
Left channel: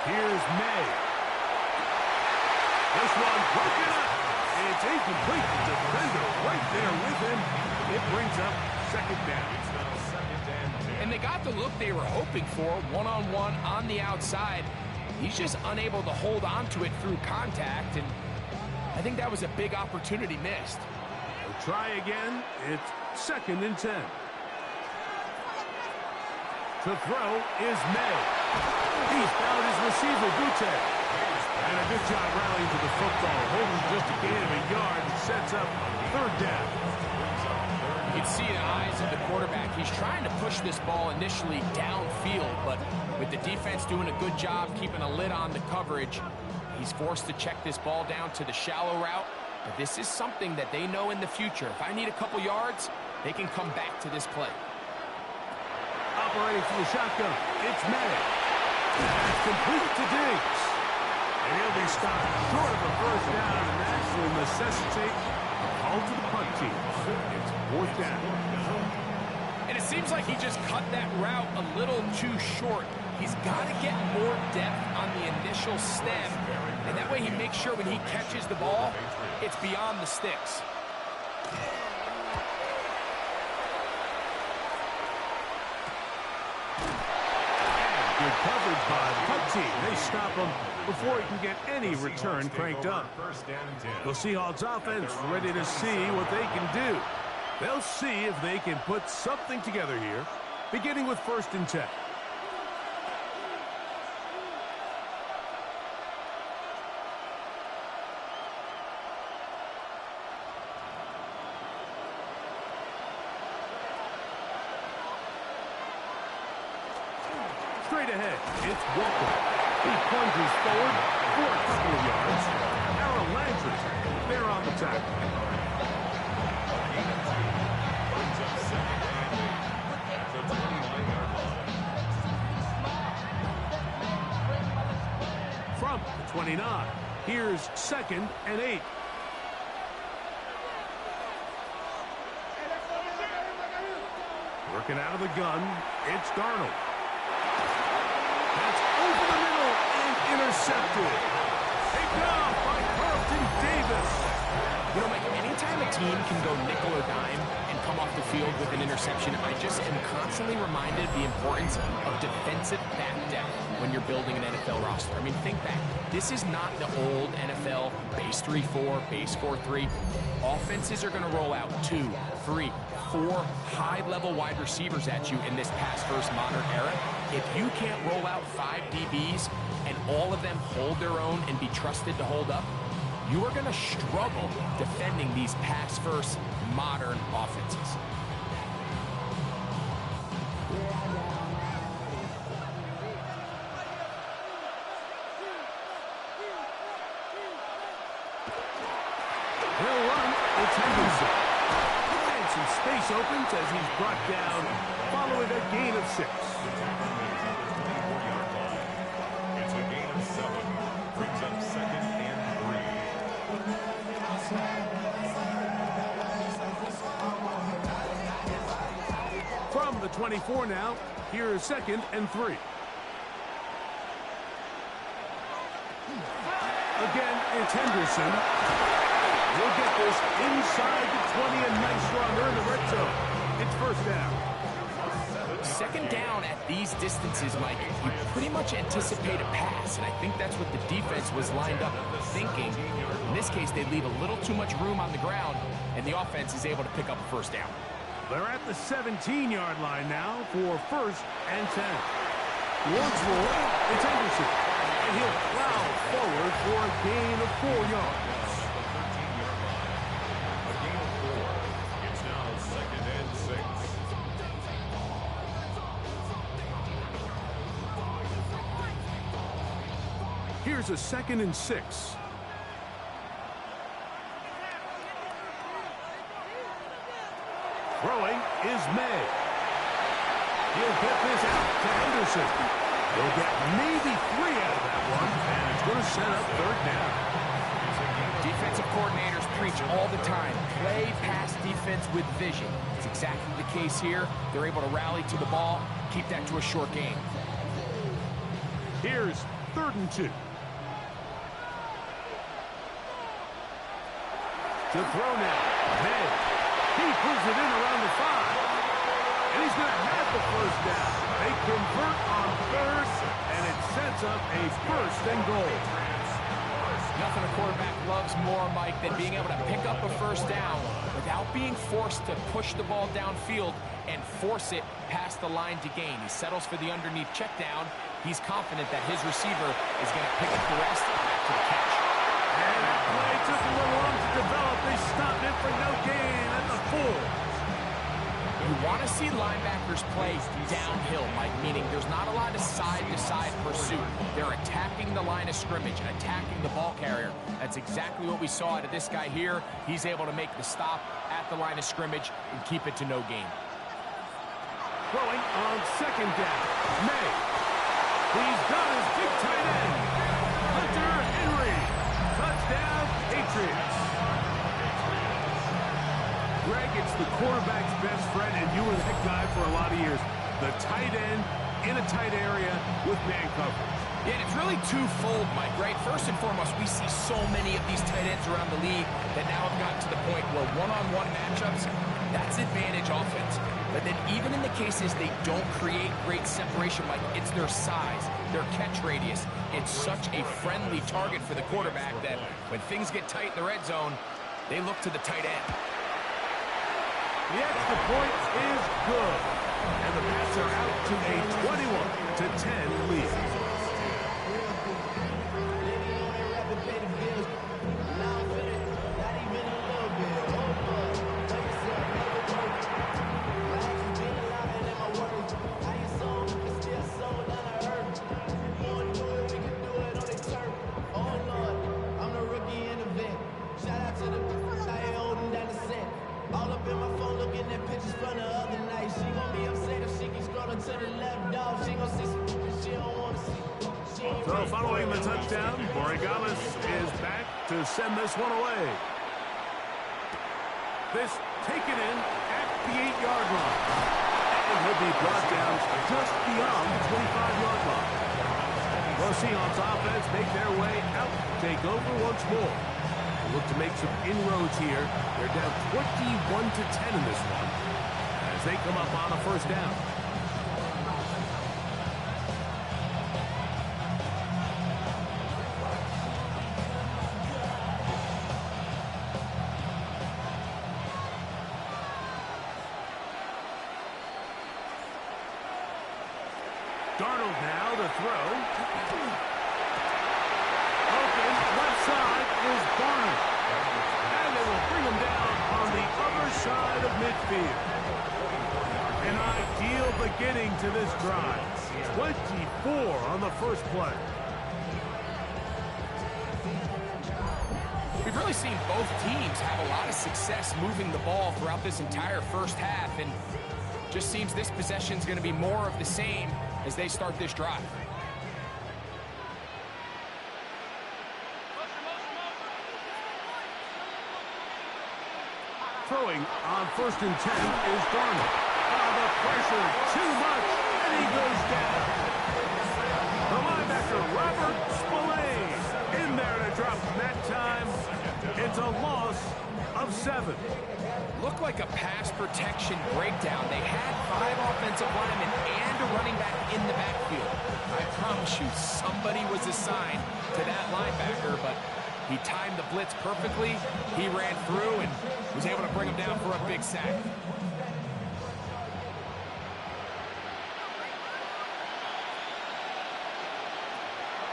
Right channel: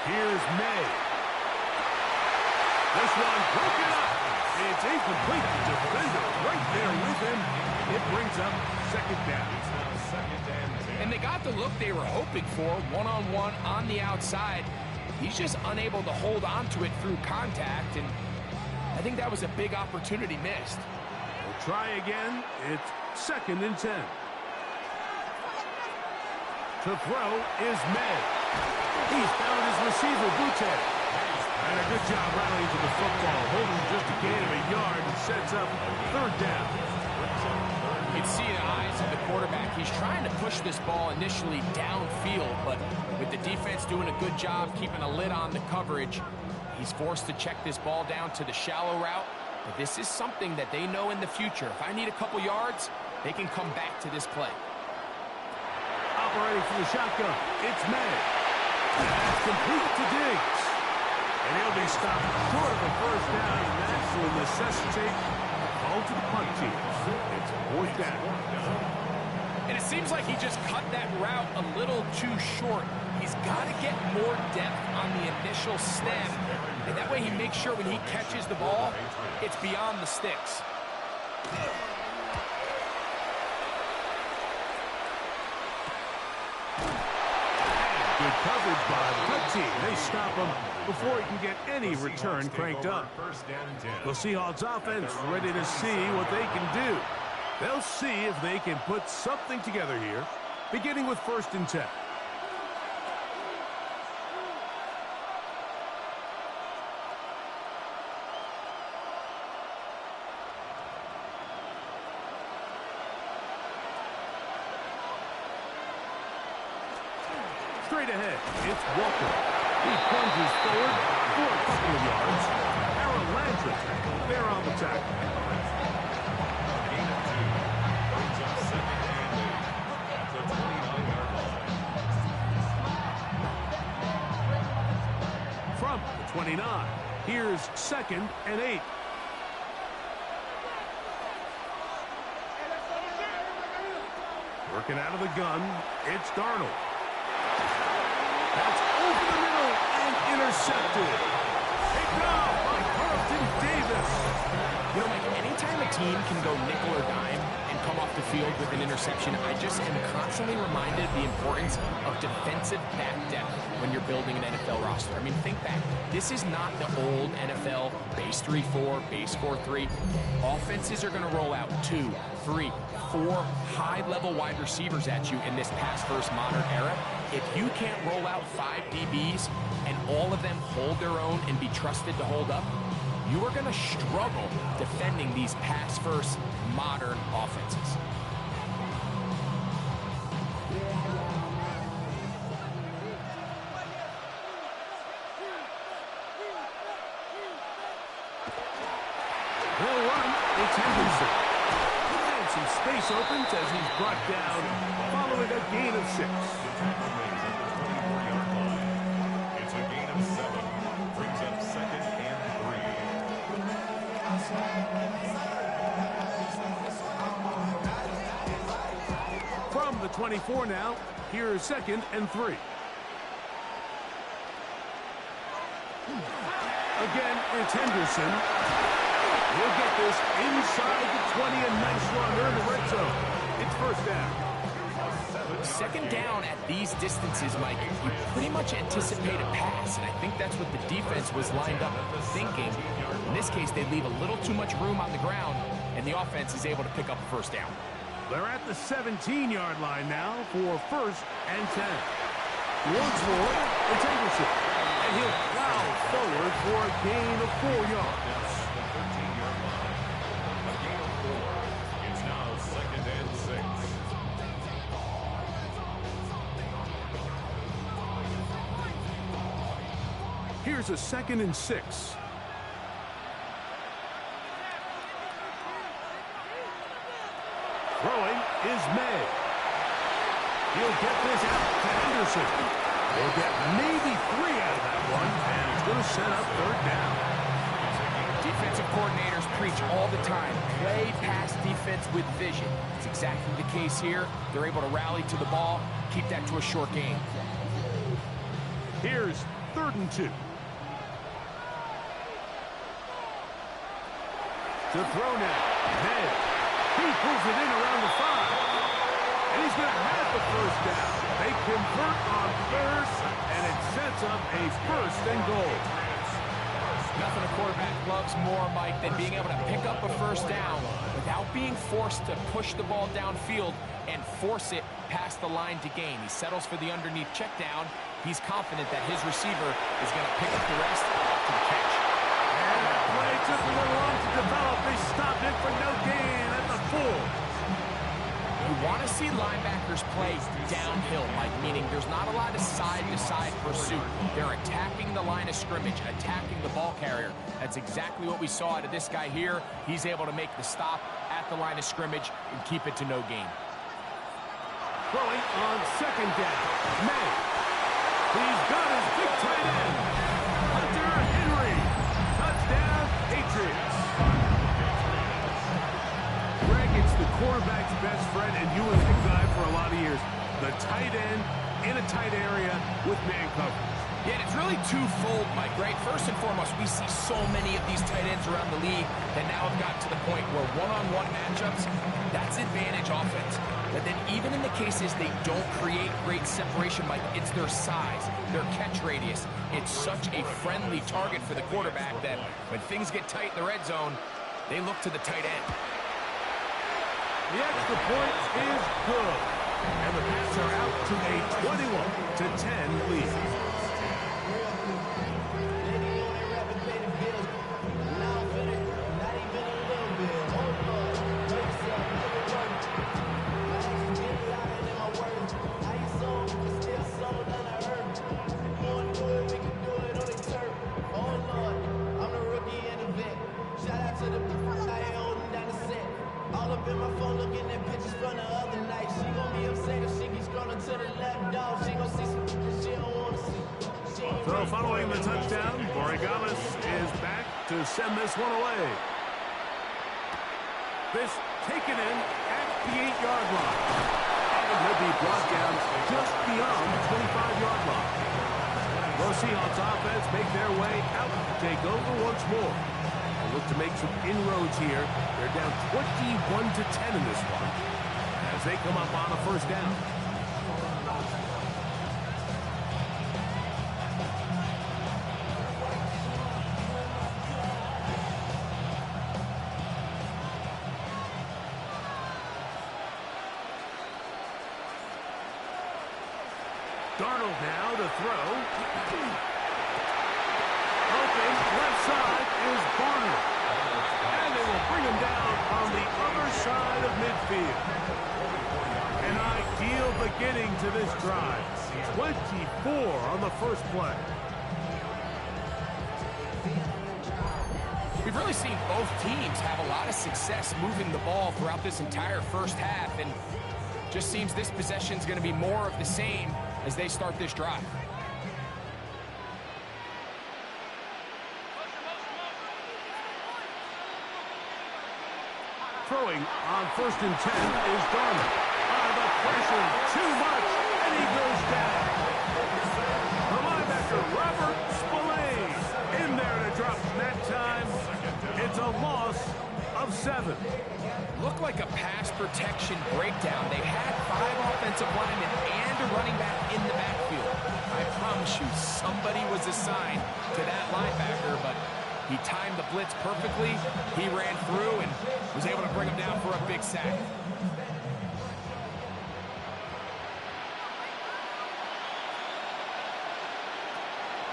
Here's May. This one broken up. It's incomplete. The defender right there with him. It brings up 2nd down. And they got the look they were hoping for, one-on-one on the outside. He's just unable to hold on to it through contact, and I think that was a big opportunity missed. We'll try again. It's 2nd and 10. To throw is May. He's found his receiver, Butte. And a good job rallying to the football, holding just a gain of a yard and sets up 3rd down. You can see in the eyes of the quarterback, he's trying to push this ball initially downfield, but with the defense doing a good job keeping a lid on the coverage, he's forced to check this ball down to the shallow route. But this is something that they know in the future. If I need a couple yards, they can come back to this play. Operating from the shotgun, it's May. That's complete to Diggs. And he'll be stopped short of a 1st down, and that will necessitate a call to the punt team. It's 4th down. And it seems like he just cut that route a little too short. He's got to get more depth on the initial stem, and that way he makes sure when he catches the ball, it's beyond the sticks. Good coverage by the punt team. They stop him before he can get any return cranked up. The Seahawks offense ready to see what they can do. They'll see if they can put something together here, beginning with 1st and 10. Straight ahead, it's Walker. He plunges forward for a couple of yards. Aaron Landry there on the tackle. A gain of 2 brings up 2nd and 8 at the 29-yard line. From the 29, here's 2nd and 8. Working out of the gun, it's Darnold. That's over the middle and intercepted. Taken off by Carlton Davis. You know, Mike, anytime a team can go nickel or dime and come off the field with an interception, I just am constantly reminded of the importance of defensive back depth when you're building an NFL roster. I mean, think back. This is not the old NFL base 3-4, base 4-3. Offenses are going to roll out 2, 3, 4 high-level wide receivers at you in this pass-first modern era. If you can't roll out 5 DBs and all of them hold their own and be trusted to hold up, you are going to struggle defending these pass-first modern offenses. They'll run. It's Henderson. And some space opens as he's brought down following a gain of 6. It's a gain of 7. Brings up 2nd and 3. From the 24 now, here's 2nd and 3. Again, it's Henderson. He'll get this inside the 20, a nice run. They're in the red zone. It's 1st down. 2nd down at these distances, Mike, you pretty much anticipate a pass, and I think that's what the defense was lined up thinking. In this case, they leave a little too much room on the ground, and the offense is able to pick up a 1st down. They're at the 17-yard line now for 1st and 10. Once more, it's Anderson. And he'll plow forward for a gain of 4 yards. At the 13-yard line. A gain of 4. It's now 2nd and 6. Here's a 2nd and 6. Throwing is May. He'll get this out to Anderson. He'll get maybe 3 out of that one, and it's going to set up 3rd down. Defensive coordinators preach all the time, play pass defense with vision. It's exactly the case here. They're able to rally to the ball, keep that to a short game. Here's 3rd and 2. To throw now, May. He pulls it in around the 5. And he's going to have the 1st down. They convert on 3rd, and it sets up a 1st and goal. Nothing a quarterback loves more, Mike, than being able to pick up a 1st down without being forced to push the ball downfield and force it past the line to gain. He settles for the underneath check down. He's confident that his receiver is going to pick up the rest after the catch. And that play took a little long to develop. They stopped it for no gain at the 4. You want to see linebackers play downhill, Mike, meaning there's not a lot of side-to-side pursuit. They're attacking the line of scrimmage, attacking the ball carrier. That's exactly what we saw out of this guy here. He's able to make the stop at the line of scrimmage and keep it to no gain. Throwing on 2nd down, May. He's got his big tight end, Hunter Henry. Touchdown, Patriots. Greg, it's the quarterback's best friend, and you were that guy for a lot of years. The tight end in a tight area with man coverage. Yeah, and it's really twofold, Mike, right? First and foremost, we see so many of these tight ends around the league that now have gotten to the point where one-on-one matchups, that's advantage offense. But then even in the cases they don't create great separation, Mike, it's their size, their catch radius. It's such a friendly target for the quarterback that when things get tight in the red zone, they look to the tight end. The extra point is good. And the Pats are out to a 21-10 lead. All up in my phone looking at pictures from the other night. She gon' be upset if she keeps scrolling to the left, dog. She gon' see some that she don't wanna see. So following the touchdown, Borregales is back to send this one away. This taken in at the 8-yard line. And he'll be brought down just beyond the 25-yard line. The Seahawks offense make their way out to take over once more. Look to make some inroads here. They're down 21-10 in this one as they come up on a 1st down. Darnold now to throw. Open, left side is Barner. And they will bring him down on the other side of midfield. An ideal beginning to this drive. 24 on the first play. We've really seen both teams have a lot of success moving the ball throughout this entire first half, and just seems this possession's going to be more of the same as they start this drive. Throwing on 1st and 10 is Darnold. The pressure too much, and he goes down. The linebacker, Robert Spillane, in there to drop him that time. It's a loss of 7. Looked like a pass protection breakdown. They had 5 offensive linemen and a running back in the backfield. I promise you, somebody was assigned to that linebacker, but he timed the blitz perfectly. He ran through and was able to bring him down for a big sack.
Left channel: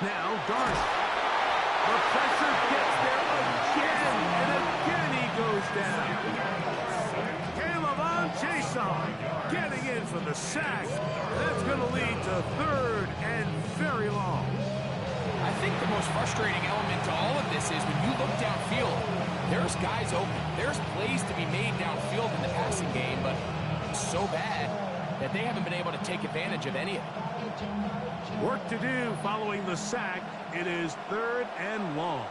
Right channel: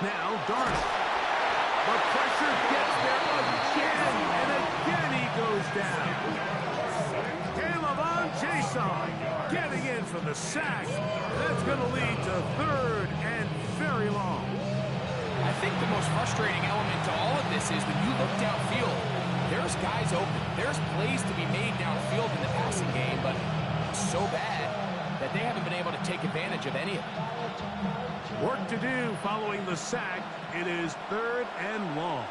Now Darnold. The pressure gets there again, and again he goes down. Jason getting in for the sack. That's going to lead to 3rd and very long. I think the most frustrating element to all of this is when you look downfield, there's guys open. There's plays to be made downfield in the passing game, but so bad that they haven't been able to take advantage of any of it. Work to do following the sack. It is 3rd and long.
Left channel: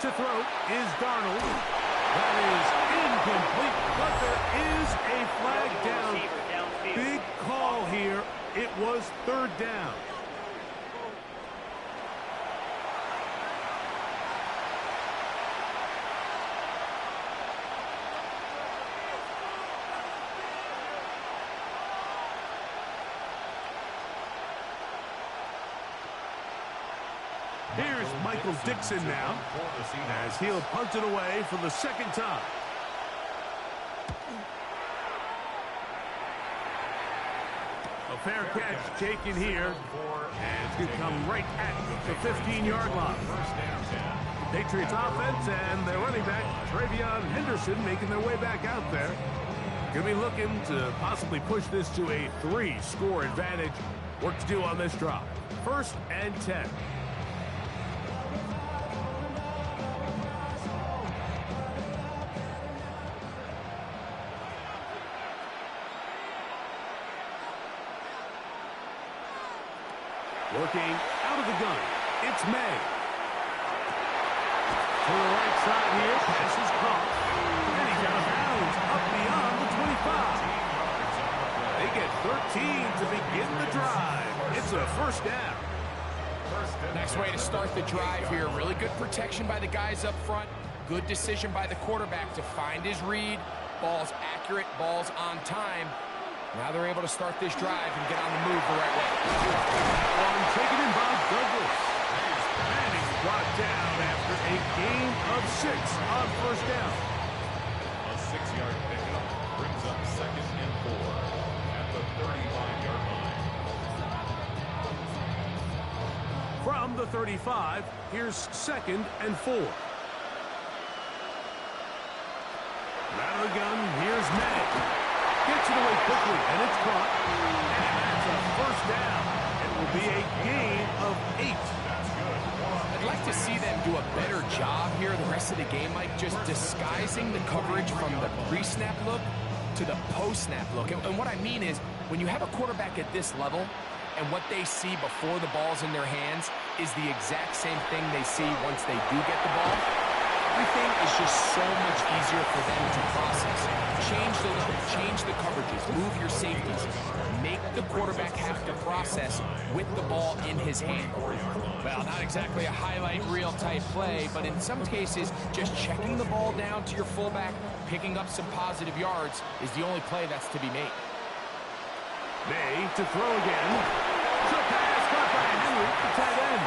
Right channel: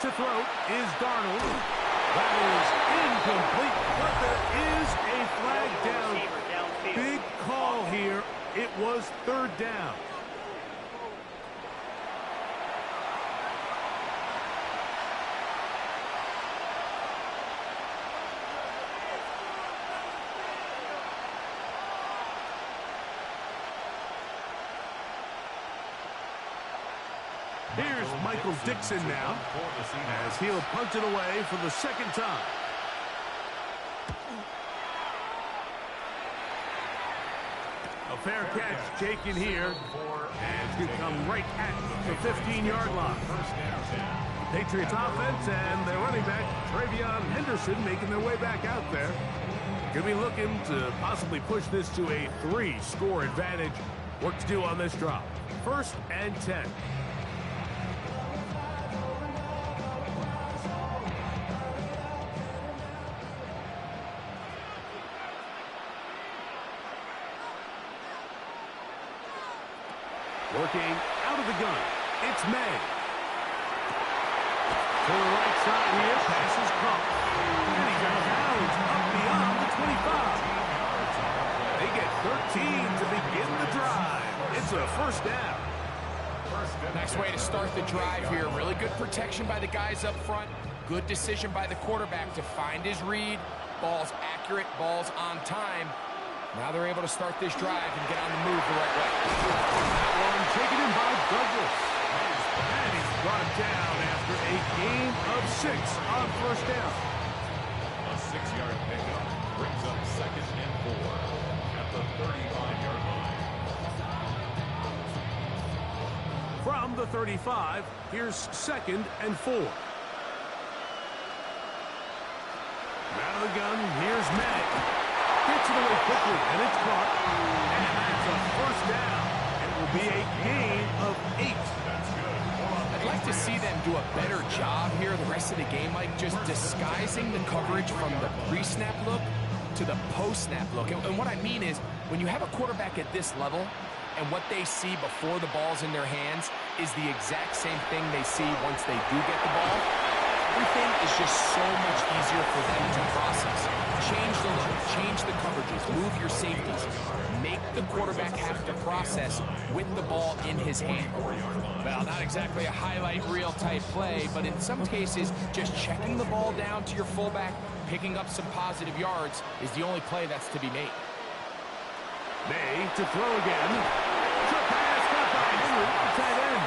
To throw is Darnold. That is incomplete, but there is a flag down. Big call here. It was 3rd down. Here's Michael Dixon now, as he'll punt it away for the 2nd time. A fair catch taken here, and it's going to come right at the 15-yard line. Patriots offense and their running back, Travion Henderson, making their way back out there. Going to be looking to possibly push this to a 3-score advantage. Work to do on this drop. 1st and 10. Working out of the gun, it's May. To the right side here, pass is caught. And he's out of bounds, up beyond the 25. They get 13 to begin the drive. It's a 1st down. Nice way to start the drive here. Really good protection by the guys up front. Good decision by the quarterback to find his read. Ball's accurate, ball's on time. Now they're able to start this drive and get on the move the right way. That one taken in by Douglas. And he's brought down after a gain of 6 on 1st down. A 6-yard pickup brings up 2nd and 4 at the 35-yard line. From the 35, here's 2nd and 4. Out of the gun, here's May. Gets it away quickly, and it's caught. And that's a 1st down. It will be a gain of 8. That's good. I'd like to see them do a better job here the rest of the game, like just disguising the coverage from the pre-snap look to the post-snap look. And what I mean is, when you have a quarterback at this level, and what they see before the ball's in their hands is the exact same thing they see once they do get the ball, everything is just so much easier for them to process. Change the look, change the coverages, move your safeties. Make the quarterback have to process with the ball in his hand. Well, not exactly a highlight reel type play, but in some cases, just checking the ball down to your fullback, picking up some positive yards is the only play that's to be made. May to throw again. Short pass caught by Henry, the tight end.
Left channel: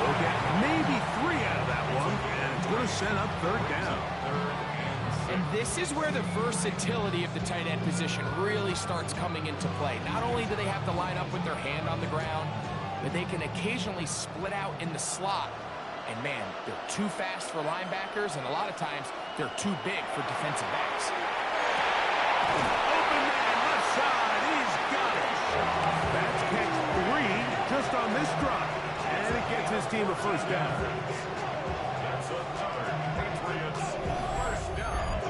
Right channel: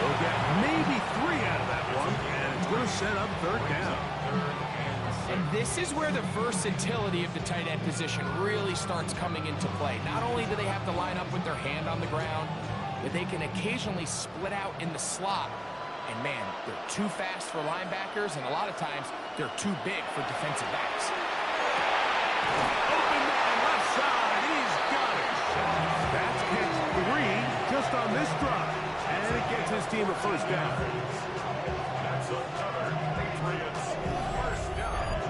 They'll get maybe 3 out of that one, and it's going to set up 3rd down. And this is where the versatility of the tight end position really starts coming into play. Not only do they have to line up with their hand on the ground, but they can occasionally split out in the slot. And man, they're too fast for linebackers, and a lot of times they're too big for defensive backs. Open man, left side, he's got it. That's catch 3 just on this drive. And it gets his team a 1st down. That's another Patriots 1st down.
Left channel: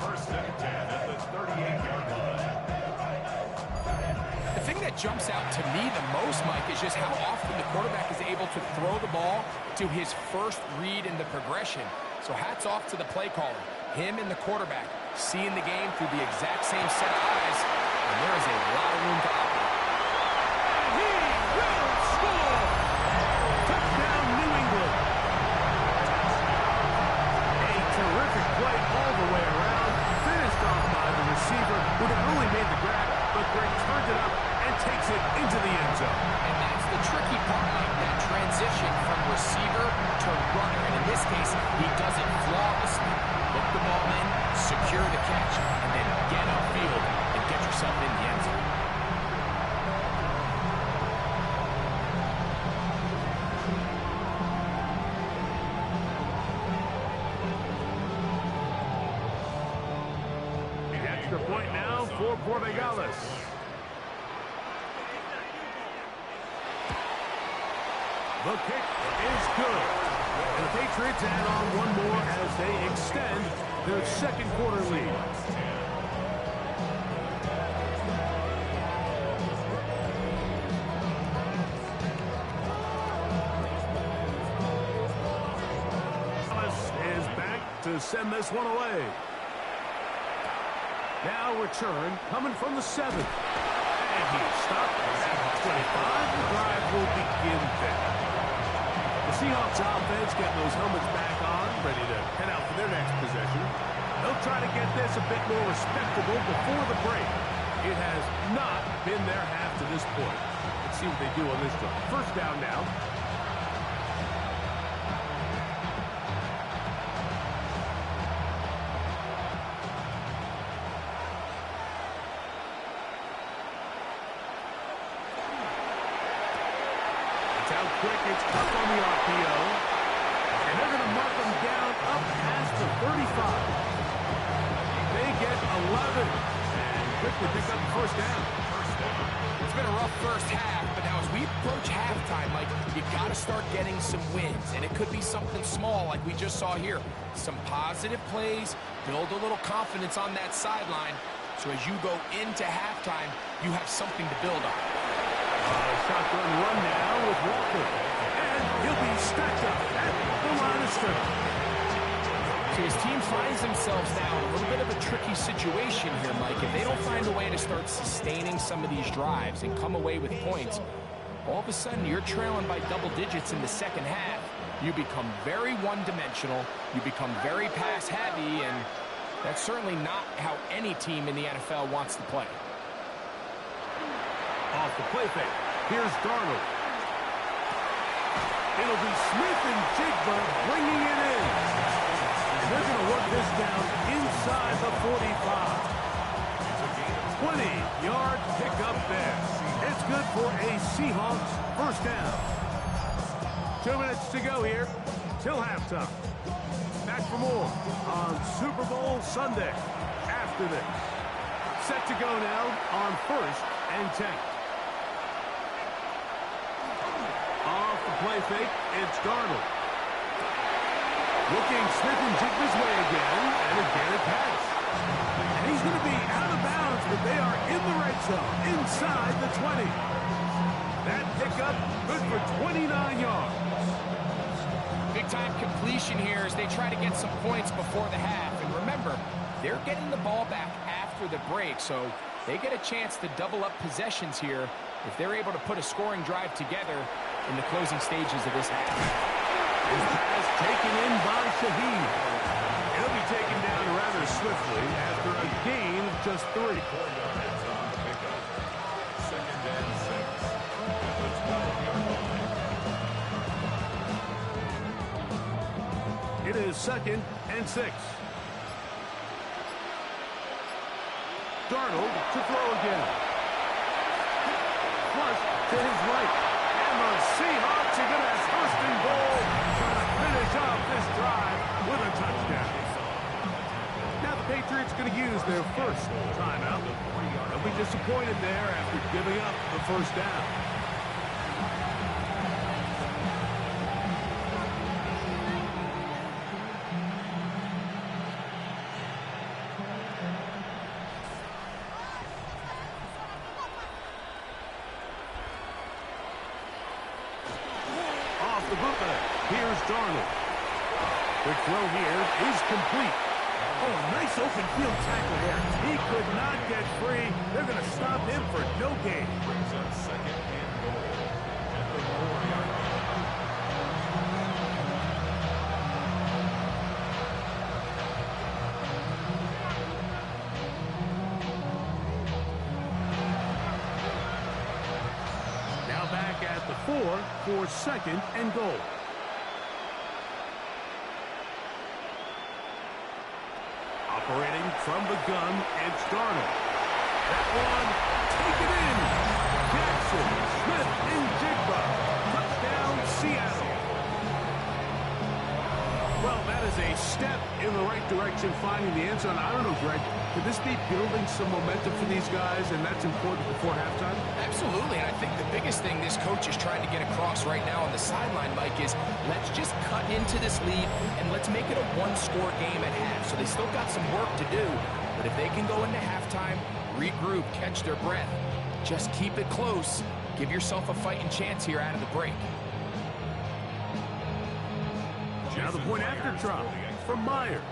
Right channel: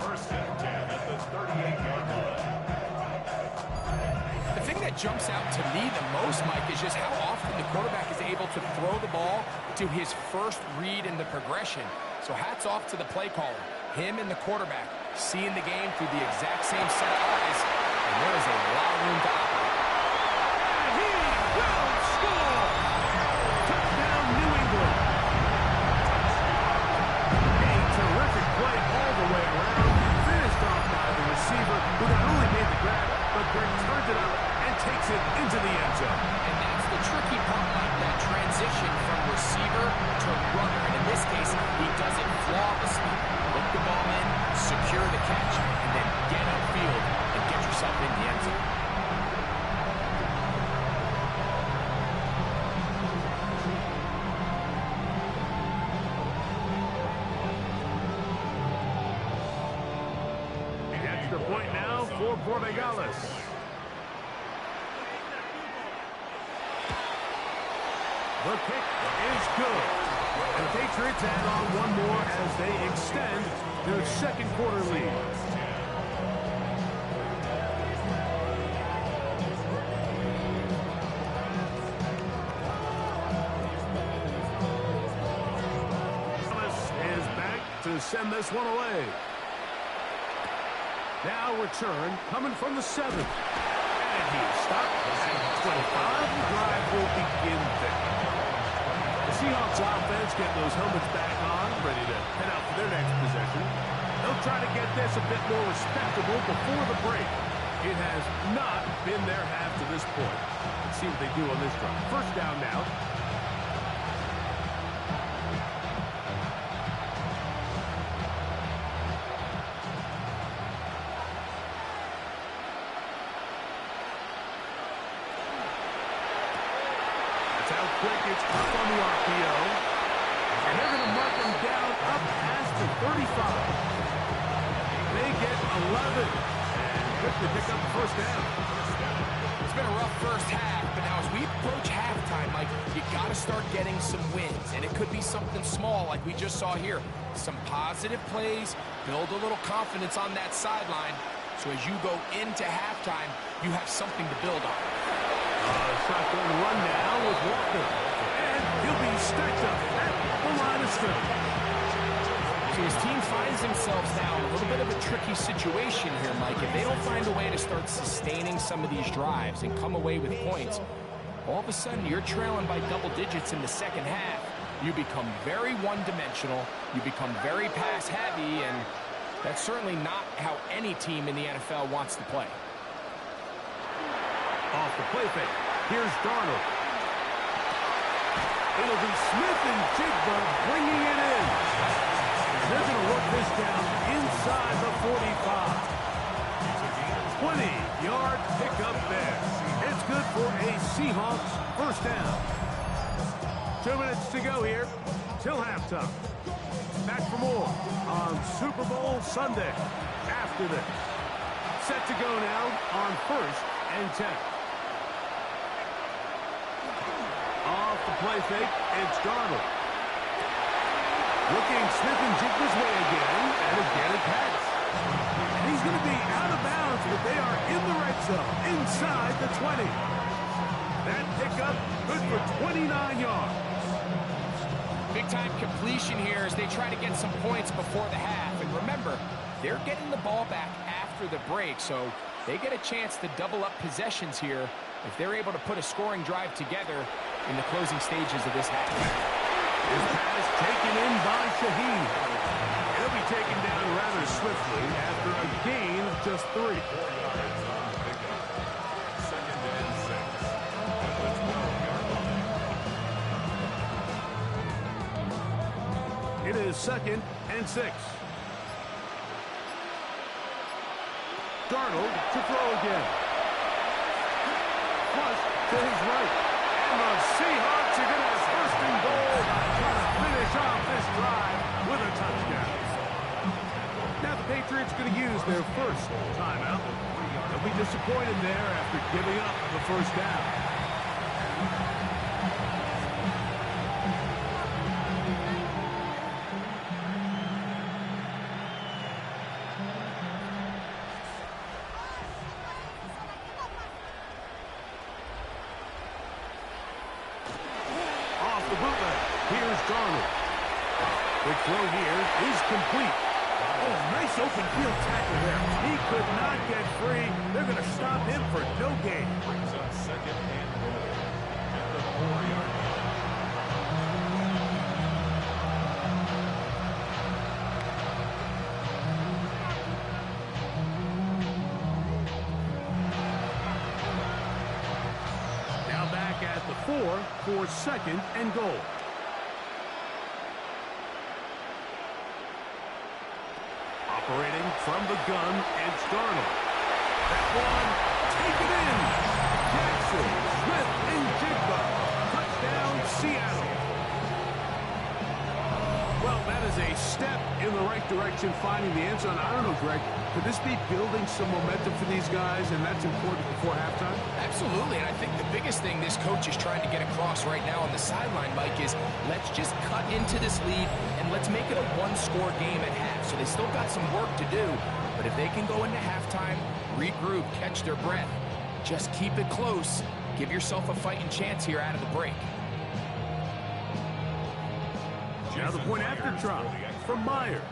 1st and 10 at the 38-yard line. The thing that jumps out to me the most, Mike, is just how often the quarterback is able to throw the ball to his first read in the progression. So hats off to the play caller. Him and the quarterback seeing the game through the exact same set of eyes, and there is a lot of room to operate. And he will score! Touchdown, New England. A terrific play all the way around. Finished off by the receiver, who not only made the grab, but Greg turned it up and takes it into the end zone. And that's the tricky part, like that transition from receiver to runner. And in this case, he does it flawlessly. Look the ball in, secure the catch, and then get upfield and get yourself in the end zone. for Portugalles. The kick is good. And the Patriots add on one more as they extend their second quarter lead. Is back to send this one away. Now return coming from the 7th. And he's stopped at 25. The drive will begin there. The Seahawks offense getting those helmets back on, ready to head out for their next possession. They'll try to get this a bit more respectable before the break. It has not been their half to this point. Let's see what they do on this drive. First down now. Out quick, it's up on the RPO. And they're going to mark them down up past the 35. They get 11 and quickly pick up the first down. It's been a rough first half, but now as we approach halftime, Mike, you got to start getting some wins. And it could be something small like we just saw here. Some positive plays, build a little confidence on that sideline. So as you go into halftime, you have something to build on. Shotgun run now with Walker. And he'll be stacked up at the line of scrimmage. So his team finds themselves now in a little bit of a tricky situation here, Mike. If they don't find a way to start sustaining some of these drives and come away with points, all of a sudden you're trailing by double digits in the second half. You become very one-dimensional. You become very pass-heavy, and that's certainly not how any team in the NFL wants to play. Off the play fake. Here's Darnold. It'll be Smith and Jigba bringing it in. And they're going to work this down inside the 45. 20-yard pickup there. It's good for a Seahawks first down. 2 minutes to go here till halftime. Back for more on Super Bowl Sunday after this. Set to go now on 1st and 10. Off the play fake, it's Darnold. Looking Smith and Jigba's way again, and again a pass. And he's going to be out of bounds, but they are in the red zone, inside the 20. That pickup, good for 29 yards. Big-time completion here as they try to get some points before the half. And remember, they're getting the ball back after the break, so they get a chance to double up possessions here if they're able to put a scoring drive together in the closing stages of this half. His pass taken in by Shaheed. He'll be taken down rather swiftly after a gain of just 3. 4 yards on the pickup. 2nd and 6 at the 12-yard line. It is 2nd and 6. Darnold to throw again. Flush to his right. And the Seahawks are going to have 1st and goal, trying to finish off this drive with a touchdown. Now the Patriots going to use their first timeout. They'll be disappointed there after giving up the first down. Off the bootleg. Here's Darnold. Quick throw here is complete. Oh, nice open field tackle there. He could not get free. They're going to stop him for no gain. Brings up 2nd and goal at the 4-yard line. Now back at the 4 for 2nd and goal. Operating from the gun, it's Darnold. That one, taken in. Jackson, Smith, and Jigba. Touchdown, Seattle. Well, that is a step in the right direction, finding the end zone. I don't know, Greg, could this be building some momentum for these guys, and that's important before halftime? Absolutely, and I think the biggest thing this coach is trying to get across right now on the sideline, Mike, is let's just cut into this lead, and let's make it a one-score game at half. So they still got some work to do, but if they can go into halftime, regroup, catch their breath, just keep it close, give yourself a fighting chance here out of the break. Now the point after try from Myers.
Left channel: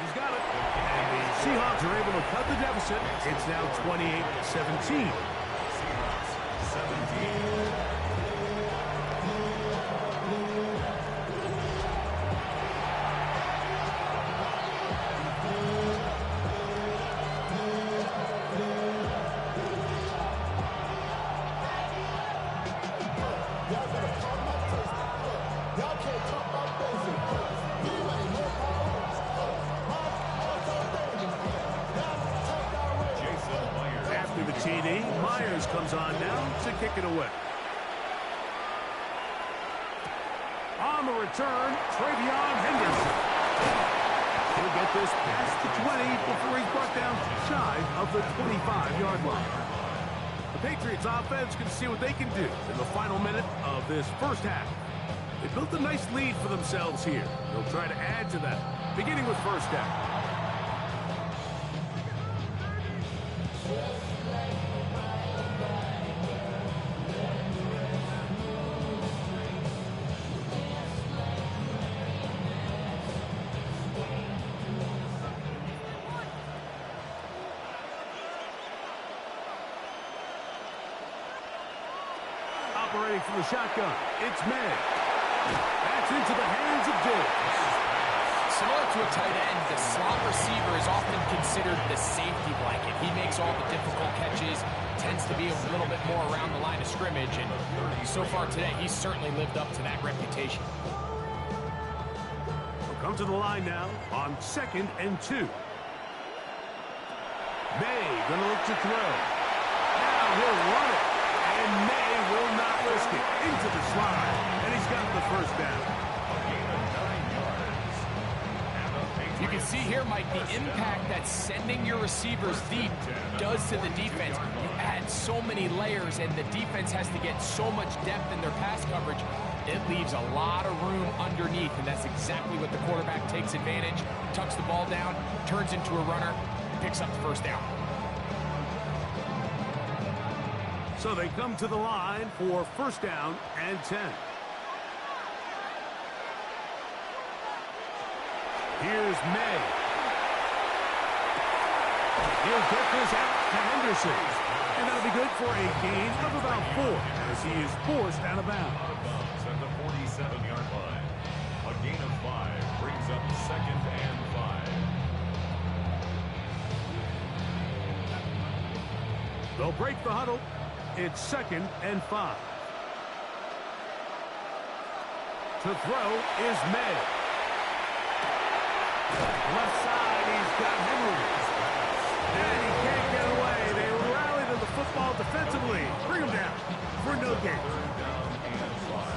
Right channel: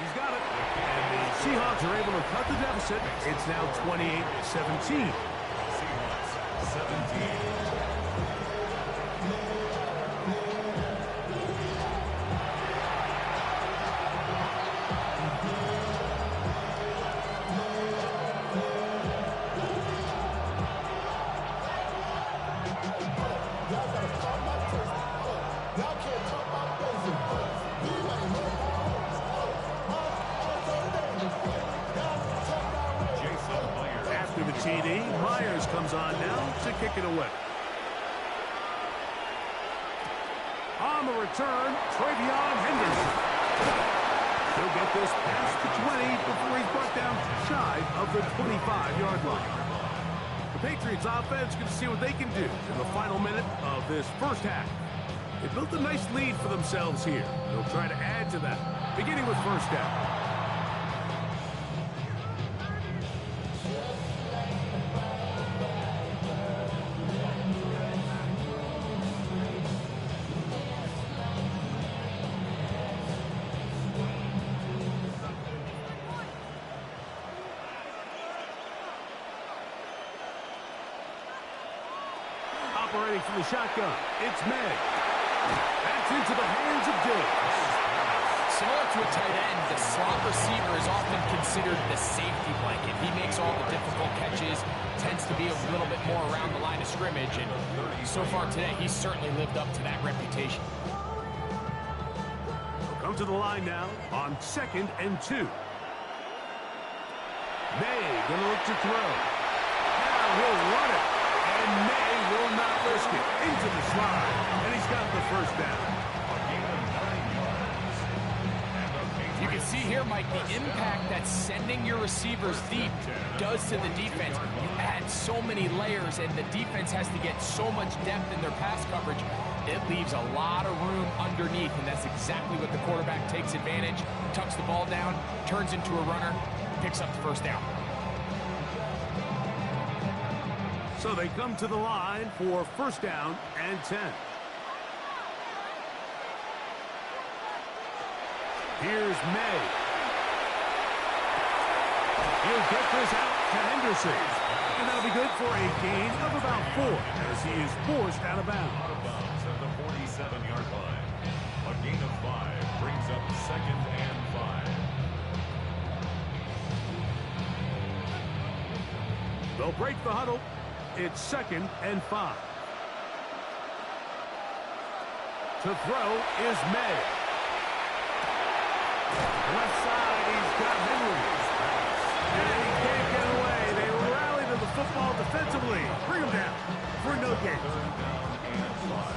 He's got it. And the Seahawks are able to cut the deficit. It's now 28-17. Seahawks 17. After the TD, Myers comes on now to kick it away. On the return, Travion Henderson. He'll get this past the 20 before he's brought down shy of the 25-yard line. The Patriots offense going to see what they can do in the final minute of this first half. They built a nice lead for themselves here. They'll try to add to that, beginning with first down. Operating from the shotgun, it's May. That's into the hands of Diggs. Similar to a tight end, the slot receiver is often considered the safety blanket. He makes all the difficult catches, tends to be a little bit more around the line of scrimmage, and so far today, he's certainly lived up to that reputation. We'll come to the line now on 2nd and 2. May gonna look to throw. Now he'll run it. And May will not risk it. Into the slide. And he's got the first down. A gain of 9 yards. And the Patriots. You can see here, Mike, the impact that sending your receivers deep does to the defense. You add so many layers, and the defense has to get so much depth in their pass coverage. It leaves a lot of room underneath, and that's exactly what the quarterback takes advantage, tucks the ball down, turns into a runner, picks up the first down. So they come to the line for first down and 10. Here's May. He'll get this out to Henderson. And that'll be good for a gain of about 4 as he is forced out of bounds. Out of bounds at the 47-yard line. A gain of 5 brings up 2nd and 5. They'll break the huddle. It's 2nd and 5. To throw is May. Left side, he's got Henry. And he can't get away. They rally to the football defensively. Bring him down for no gain. 3rd down and 5.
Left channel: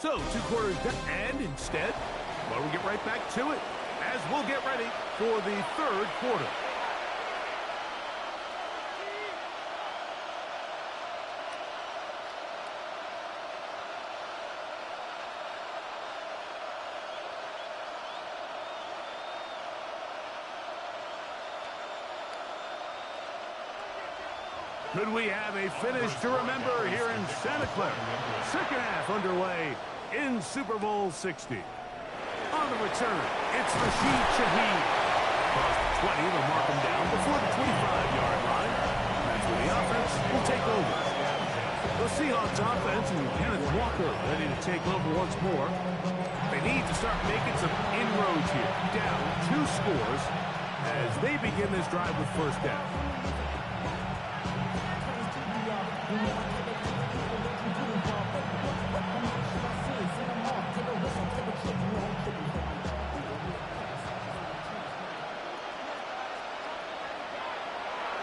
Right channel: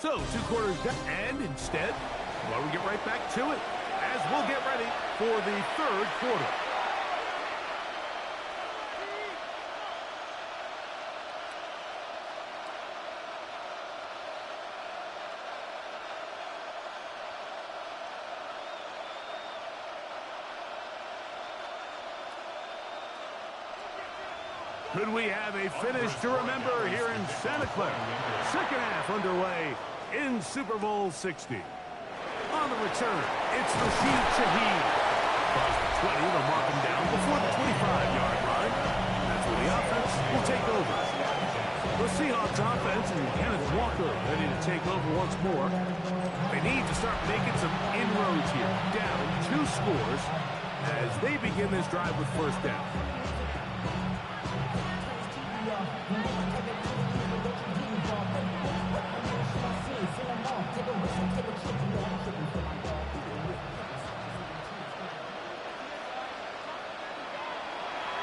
So 2 quarters down. And instead, well, we get right back to it as we'll get ready for the 3rd quarter. Could we have a finish to remember here in Santa Clara? Second half underway in Super Bowl 60. On the return, it's Rashid Shaheed. Across the 20, they'll mark him down before the 25-yard line. That's where the offense will take over. The Seahawks offense and Kenneth Walker ready to take over once more. They need to start making some inroads here. Down 2 scores as they begin this drive with first down.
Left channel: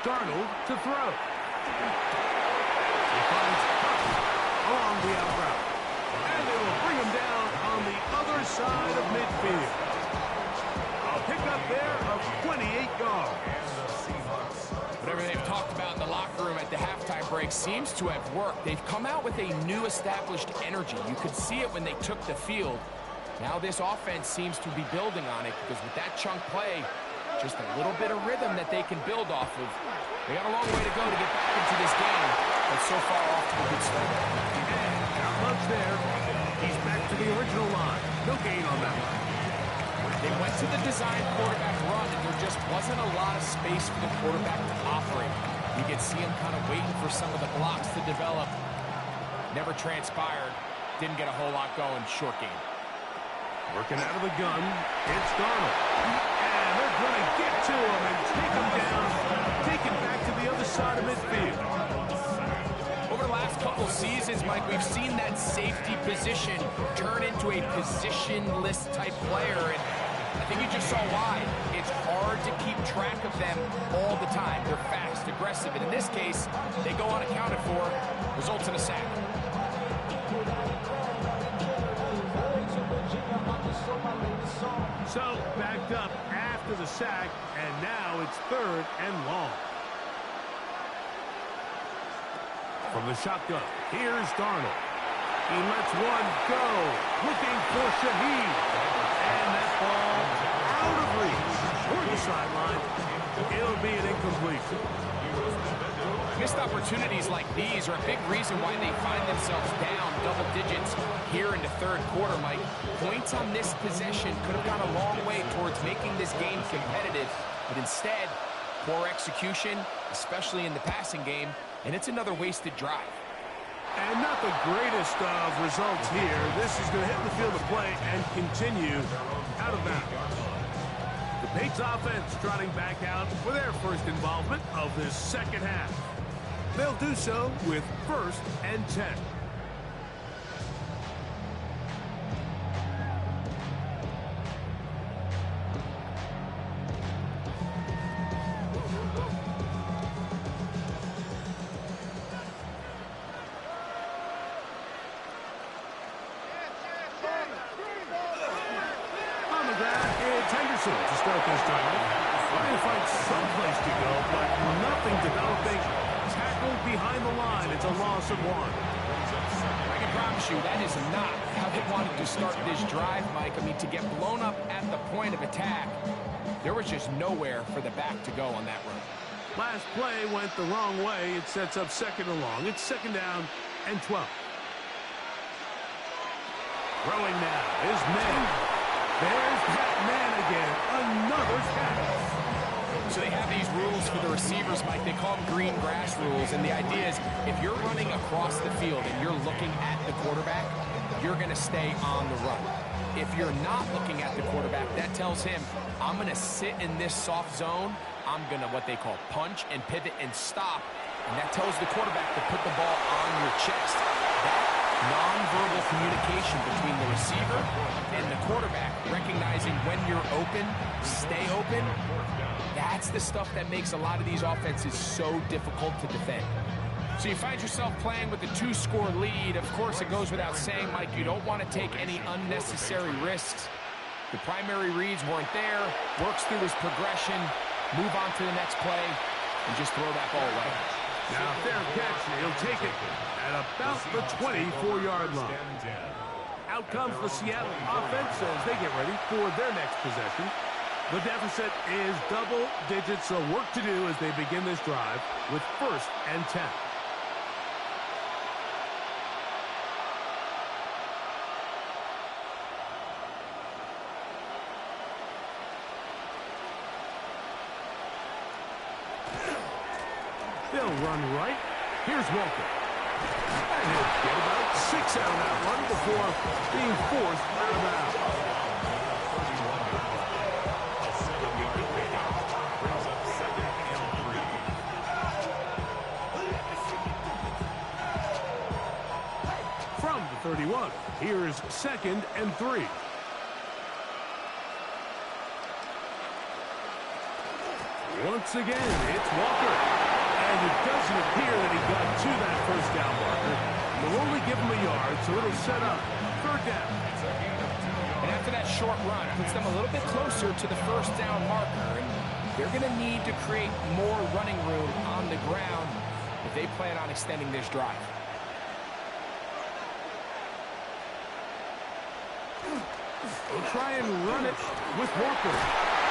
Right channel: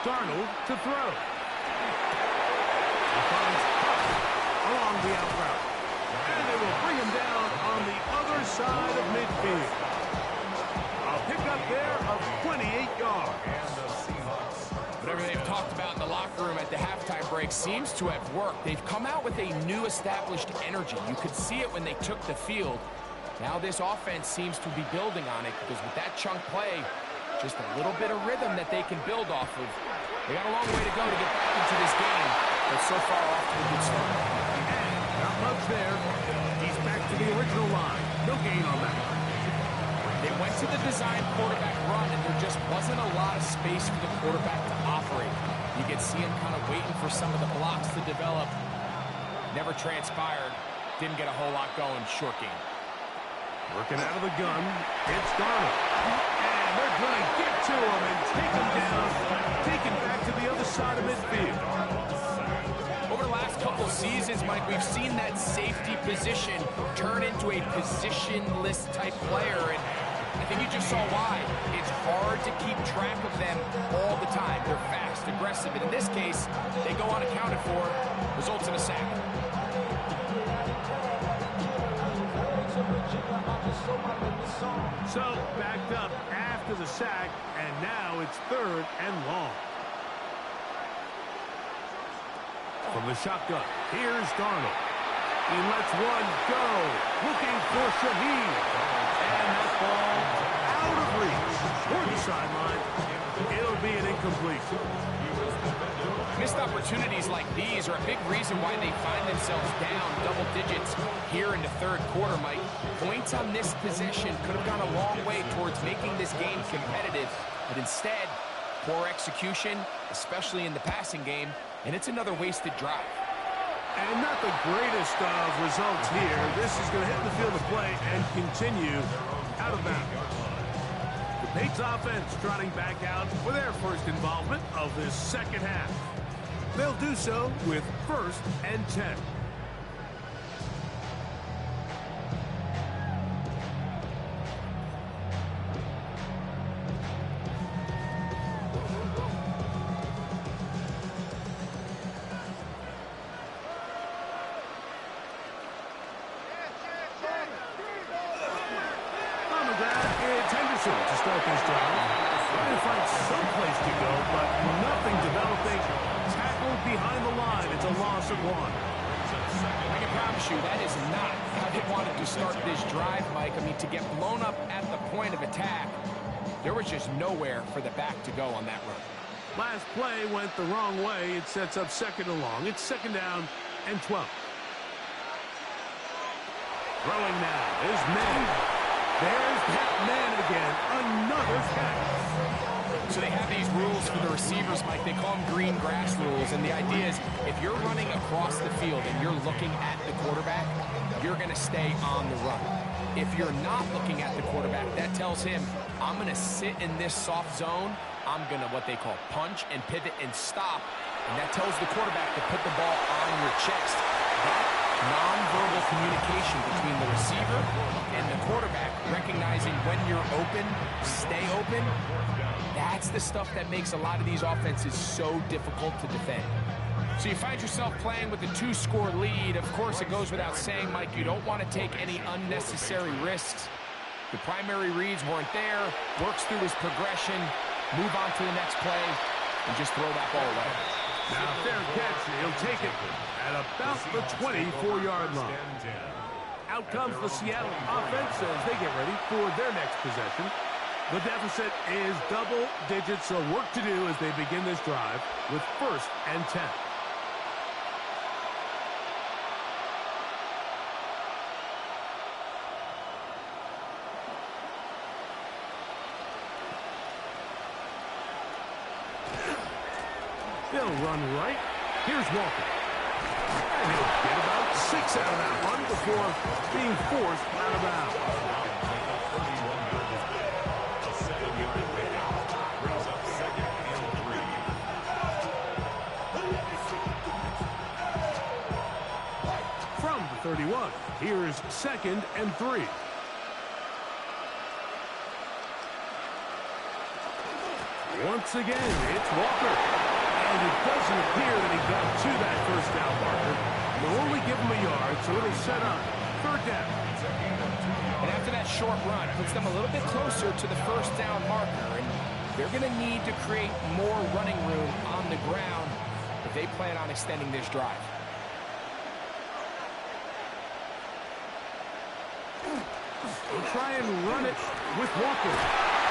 Darnold to throw. He finds Huff along the out route. And they will bring him down on the other side of midfield. A pickup there of 28 yards. And the Seahawks. Whatever they've talked about in the locker room at the halftime break seems to have worked. They've come out with a new established energy. You could see it when they took the field. Now this offense seems to be building on it because with that chunk play, just a little bit of rhythm that they can build off of. They got a long way to go to get back into this game, but so far off to a good start. And not much there. He's back to the original line. No gain on that. They went to the design quarterback run, and there just wasn't a lot of space for the quarterback to operate. You could see him kind of waiting for some of the blocks to develop. Never transpired. Didn't get a whole lot going. Short game. Working out of the gun, it's Darnold. And they're going to get to him and take him down, take him back to the other side of midfield. Over the last couple seasons, Mike, we've seen that safety position turn into a positionless type player, and I think you just saw why. It's hard to keep track of them all the time. They're fast, aggressive, and in this case, they go unaccounted for, results in a sack. So, backed up after the sack, and now it's 3rd and long. From the shotgun, here's Darnold. He lets one go, looking for Shaheed. And that ball out of reach toward the sideline. It'll be an incompletion. Missed opportunities like these are a big reason why they find themselves down double digits here in the 3rd quarter, Mike. Points on this possession could have gone a long way towards making this game competitive, but instead, poor execution, especially in the passing game, and it's another wasted drive. And not the greatest of results here. This is going to hit the field of play and continue out of bounds. The Patriots offense trotting back out for their first involvement of this second half. They'll do so with 1st and 10. On the ground, it's Henderson to start this drive. Trying to find some place to go, but nothing developing. Tackled behind the line. It's a loss of 1. I can promise you that is not how they wanted to start this drive, Mike. I mean, to get blown up at the point of attack, there was just nowhere for the back to go on that run. Last play went the wrong way. It sets up 2nd and long. It's 2nd down and 12. Throwing now is Man. There's that Man again. Another catch. So they have these rules for the receivers, Mike. They call them green grass rules. And the idea is if you're running across the field and you're looking at the quarterback, you're going to stay on the run. If you're not looking at the quarterback, that tells him, I'm going to sit in this soft zone. I'm going to what they call punch and pivot and stop. And that tells the quarterback to put the ball on your chest. That nonverbal communication between the receiver and the quarterback, recognizing when you're open, stay open, that's the stuff that makes a lot of these offenses so difficult to defend. So you find yourself playing with a 2-score lead. Of course, it goes without saying, Mike, you don't want to take any unnecessary risks. The primary reads weren't there, works through his progression, move on to the next play, and just throw that ball away. Now, fair catch. He'll take it at about the 24-yard line. Out comes the Seattle offense as they get ready for their next possession. The deficit is double digits, so work to do as they begin this drive with 1st and 10. They'll run right. Here's Walker. And he'll get about 6 out of that one before being forced out of bounds. A 7-yard pickup brings up 2nd and 3. From the 31, here's 2nd and 3. Once again, it's Walker. And it doesn't appear that he got to that first down marker. They'll only give him a yard, so it'll set up third down. And after that short run, it puts them a little bit closer to the first down marker. And they're going to need to create more running room on the ground if they plan on extending this drive. They'll try and run it with Walker.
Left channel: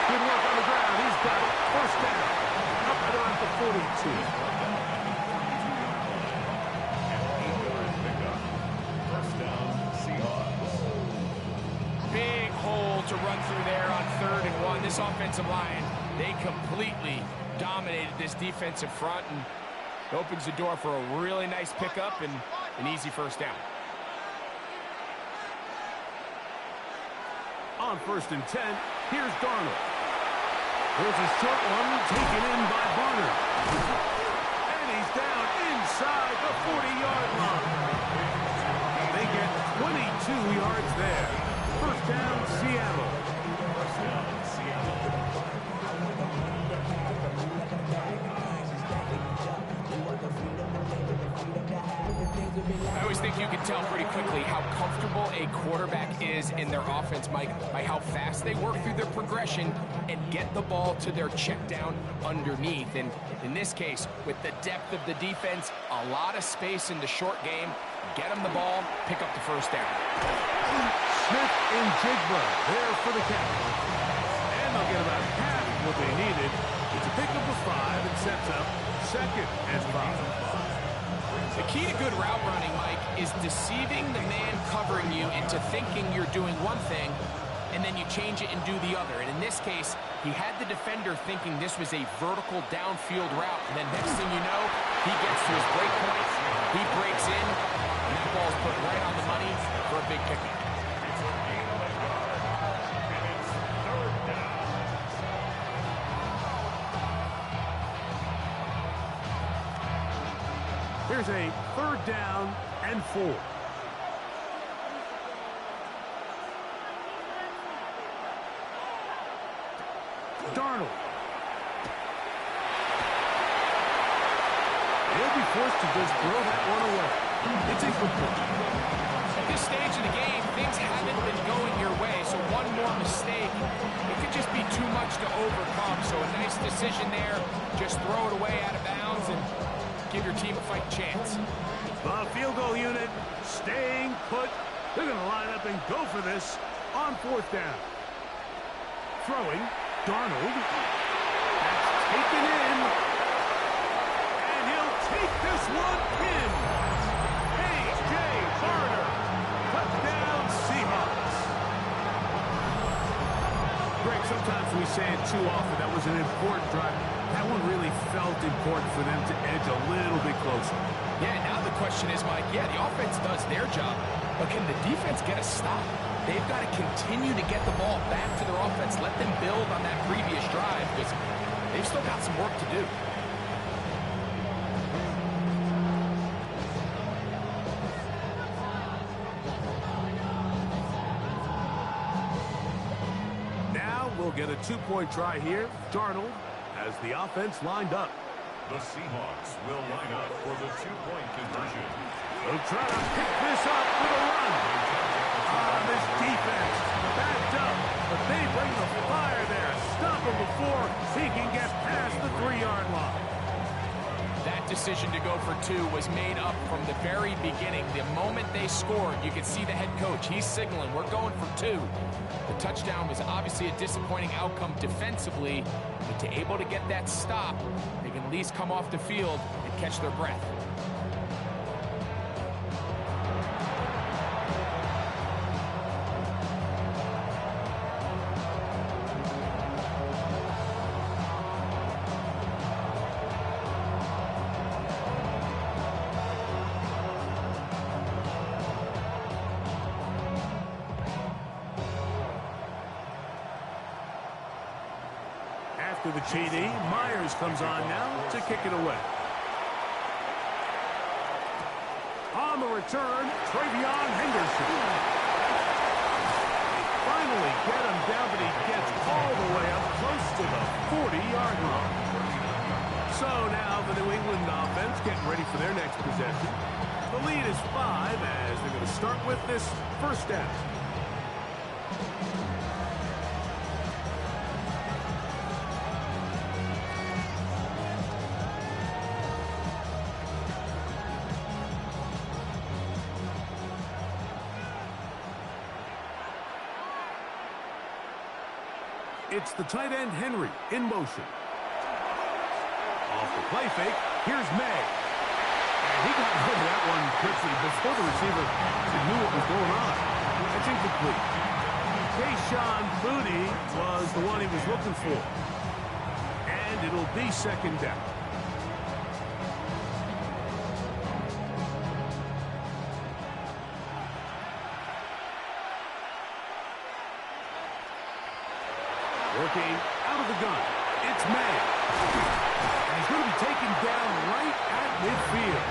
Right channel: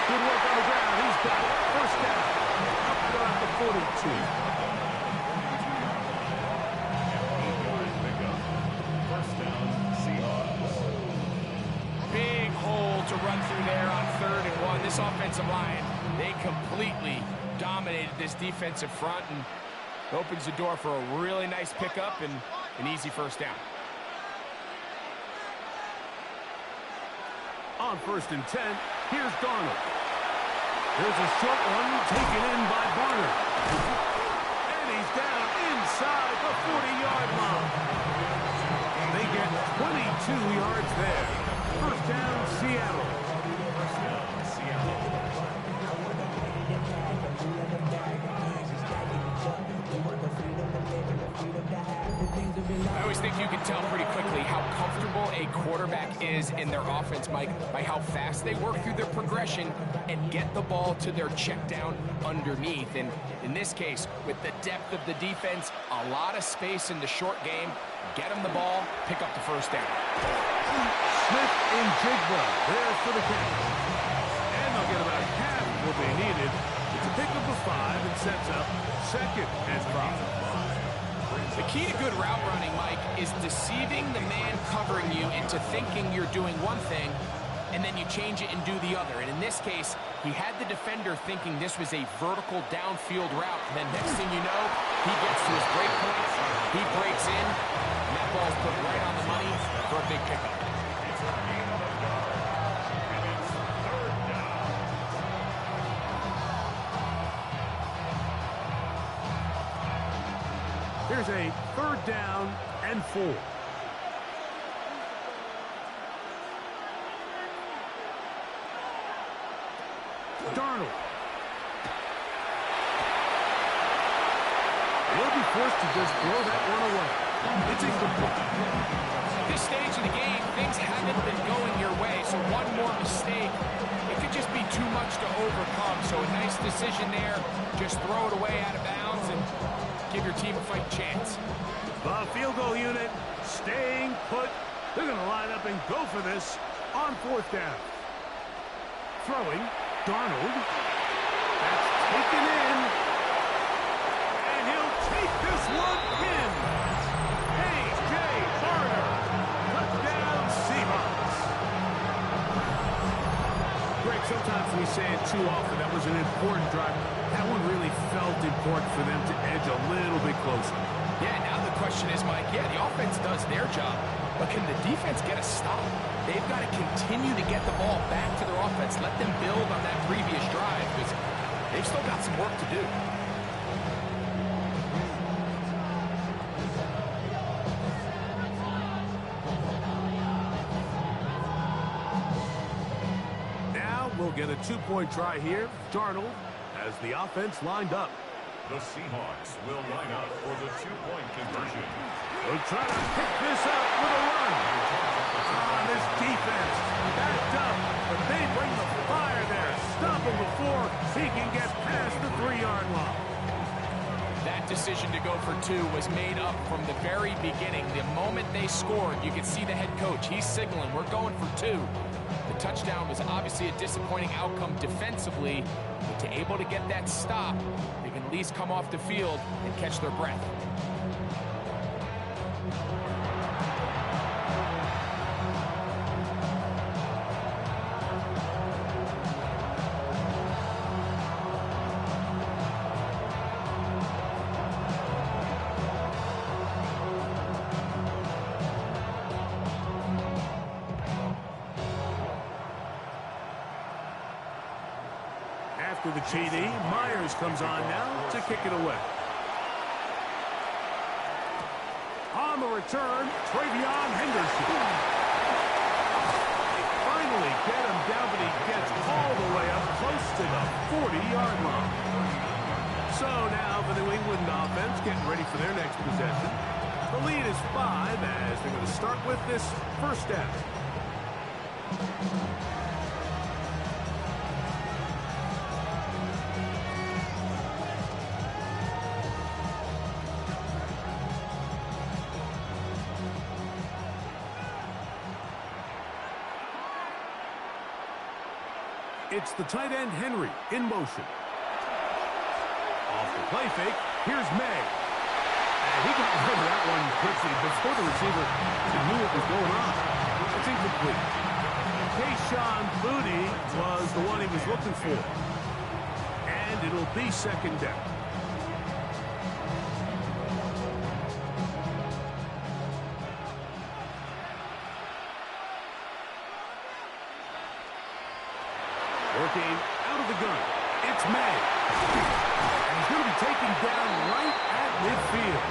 Good work on the ground. He's got it. First down. Up and around the 42. First down, Seahawks. Big hole to run through there on 3rd and 1. This offensive line, they completely dominated this defensive front and opens the door for a really nice pickup and an easy first down. On 1st and 10, here's Darnold. There's a short one taken in by Barner. And he's down inside the 40-yard line. They get 22 yards there. First down, Seattle. First down, Seattle. I always think you can tell pretty quickly how comfortable a quarterback is in their offense, Mike, by how fast they work through their progression and get the ball to their check down underneath. And in this case, with the depth of the defense, a lot of space in the short game, get them the ball, pick up the first down. Smith and Jigba there for the catch. And they'll get about half what they needed. It's a pickup of 5 and sets up 2nd and 5. The key to good route running, Mike, is deceiving the man covering you into thinking you're doing one thing, and then you change it and do the other. And in this case, he had the defender thinking this was a vertical downfield route. And then next thing you know, he gets to his break point, he breaks in, and that ball's put right on the money for a big pickup. It's a gain of a yard, and it's 3rd down. Here's a 3rd down and 4. Darnold. He'll be forced to just throw that one away. It's incomplete. At this stage of the game, things haven't been going your way, so one more mistake, it could just be too much to overcome. So a nice decision there, just throw it away out of bounds and give your team a fighting chance. The field goal unit staying put. They're going to line up and go for this on 4th down. Throwing, Darnold. That's taken in. And he'll take this one in. A.J. Barner. Touchdown, Seahawks. Greg, sometimes we say it too often. That was an important drive. That one really felt important for them to edge a little bit closer. Yeah, now the question is, Mike, yeah, the offense does their job, but can the defense get a stop? They've got to continue to get the ball back to their offense. Let them build on that previous drive because they've still got some work to do. Now we'll get a 2-point try here. Darnold has the offense lined up. The Seahawks will line up for the 2-point conversion. They'll try to pick this up with a run. This defense backed up, but they bring the fire there. Stop him before he can get past the 3-yard line. That decision to go for 2 was made up from the very beginning. The moment they scored, you could see the head coach. He's signaling, we're going for 2. The touchdown was obviously a disappointing outcome defensively, but to able to get that stop, they can at least come off the field and catch their breath. After the TD, Myers comes on now to kick it away. On the return, Travion Henderson. They finally get him down, but he gets all the way up close to the 40-yard line. So now the New England offense getting ready for their next possession. The lead is 5 as they're going to start with this first down. It's the tight end Henry in motion. Off the play fake, here's May. And he got rid of that one quickly before the receiver knew what was going on. That's incomplete. Kayshon Boutte was the one he was looking for. And it'll be second down. Working out of the gun. It's May. And he's going to be taken down right at midfield.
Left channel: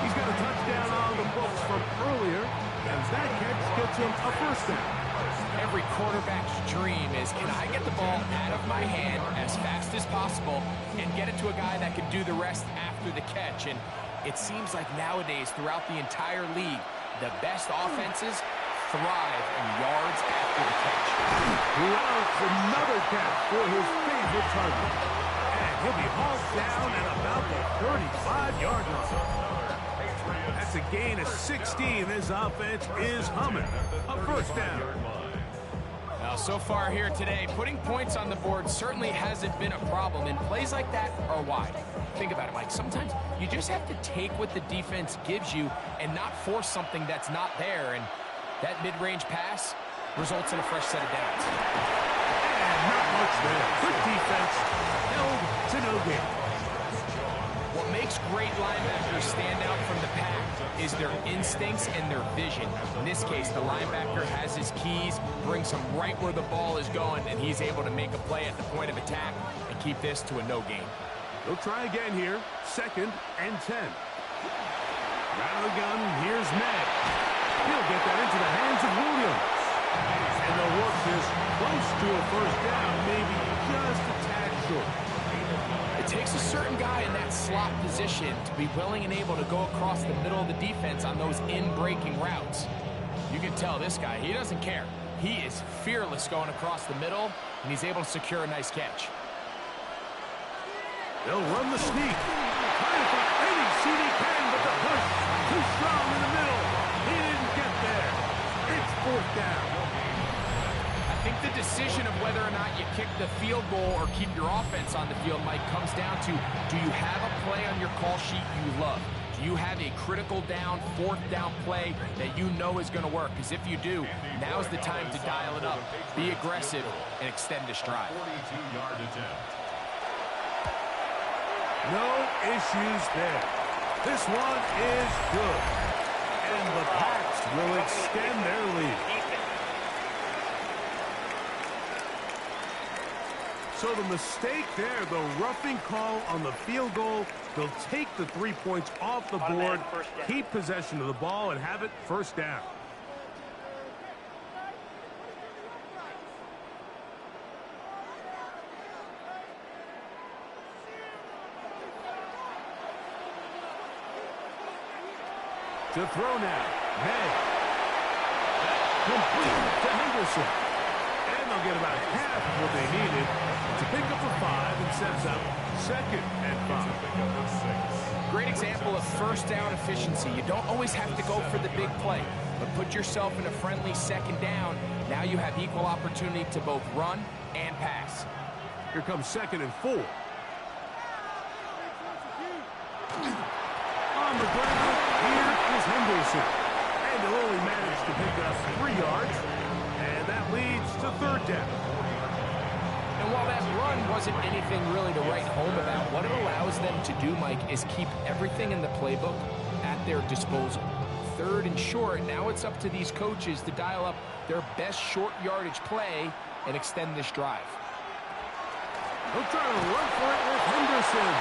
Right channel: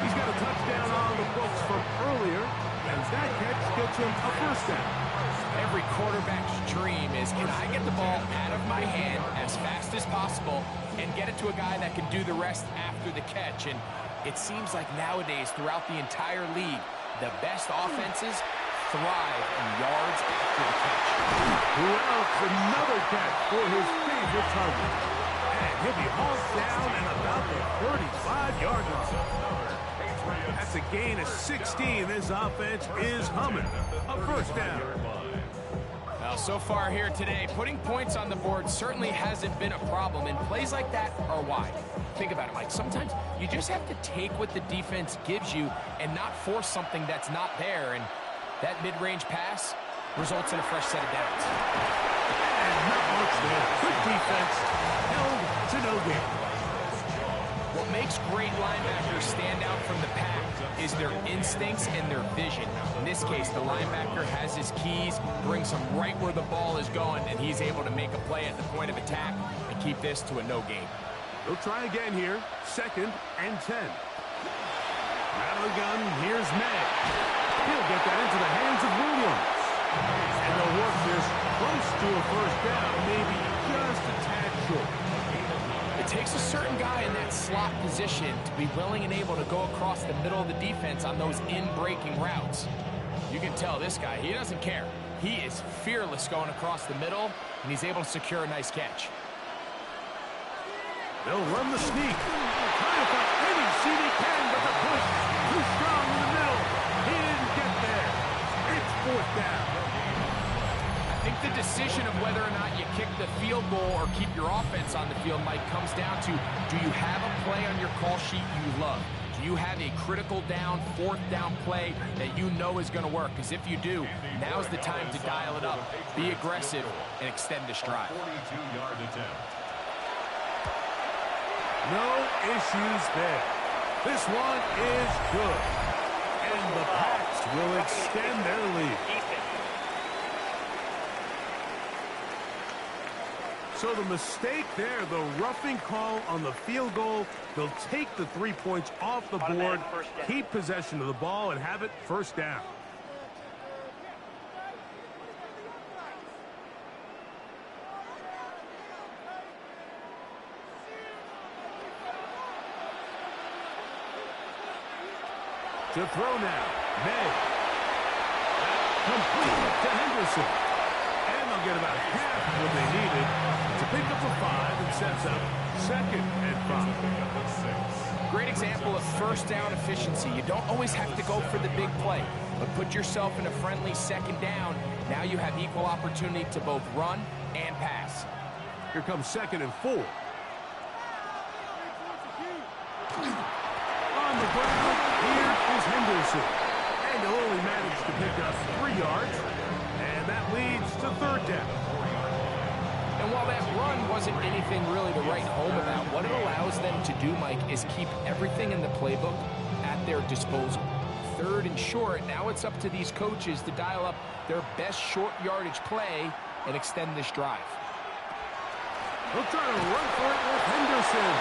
He's got a touchdown on the books from earlier, and that catch gets him a first down. Every quarterback's dream is, can I get the ball out of my hand as fast as possible and get it to a guy that can do the rest after the catch? And it seems like nowadays, throughout the entire league, the best offenses thrive in yards after the catch. Who else? Another catch for his favorite target. And he'll be hauled down at about the 35-yard line. That's a gain of 16. This offense is humming. A first down. Now, so far here today, putting points on the board certainly hasn't been a problem, and plays like that are why. Think about it, Mike. Sometimes you just have to take what the defense gives you and not force something that's not there, and that mid-range pass results in a fresh set of downs. And not much there. Good defense. Held to no gain. What makes great linebackers stand out from the pack is their instincts and their vision. In this case, the linebacker has his keys, brings him right where the ball is going, and he's able to make a play at the point of attack and keep this to a no gain. They'll try again here. 2nd and 10. Out of the gun, here's May. He'll get that into the hands of Williams. And they'll work this close to a first down, maybe just a tad short. It takes a certain guy in that slot position to be willing and able to go across the middle of the defense on those in-breaking routes. You can tell this guy, he doesn't care. He is fearless going across the middle, and he's able to secure a nice catch. They'll run the sneak. Trying to find any seat he can, but the push too strong in the middle. He didn't get there. It's 4th down. I think the decision of whether or not you kick the field goal or keep your offense on the field, Mike, comes down to, do you have a play on your call sheet you love? Do you have a critical down, 4th down play that you know is going to work? Because if you do, now's the time to dial it up, be aggressive, and extend this drive. 42-yard attempt. No issues there. This one is good. And the Pats will extend their lead. So the mistake there, the roughing call on the field goal, they'll take the 3 points off the board, keep possession of the ball, and have it first down. To throw now, May. Complete to Henderson. And they'll get about half of what they needed to pick up a 5 and sets up 2nd and 5. Great example of first down efficiency. You don't always have to go for the big play, but put yourself in a friendly 2nd down. Now you have equal opportunity to both run and pass. Here comes 2nd and 4. On the ground, here is Henderson. And he'll only manage to pick up 3 yards. And that leads to 3rd down. And while that run wasn't anything really to write home about, what it allows them to do, Mike, is keep everything in the playbook at their disposal. 3rd and short, now it's up to these coaches to dial up their best short yardage play and extend this drive. They'll try to run for it with Henderson.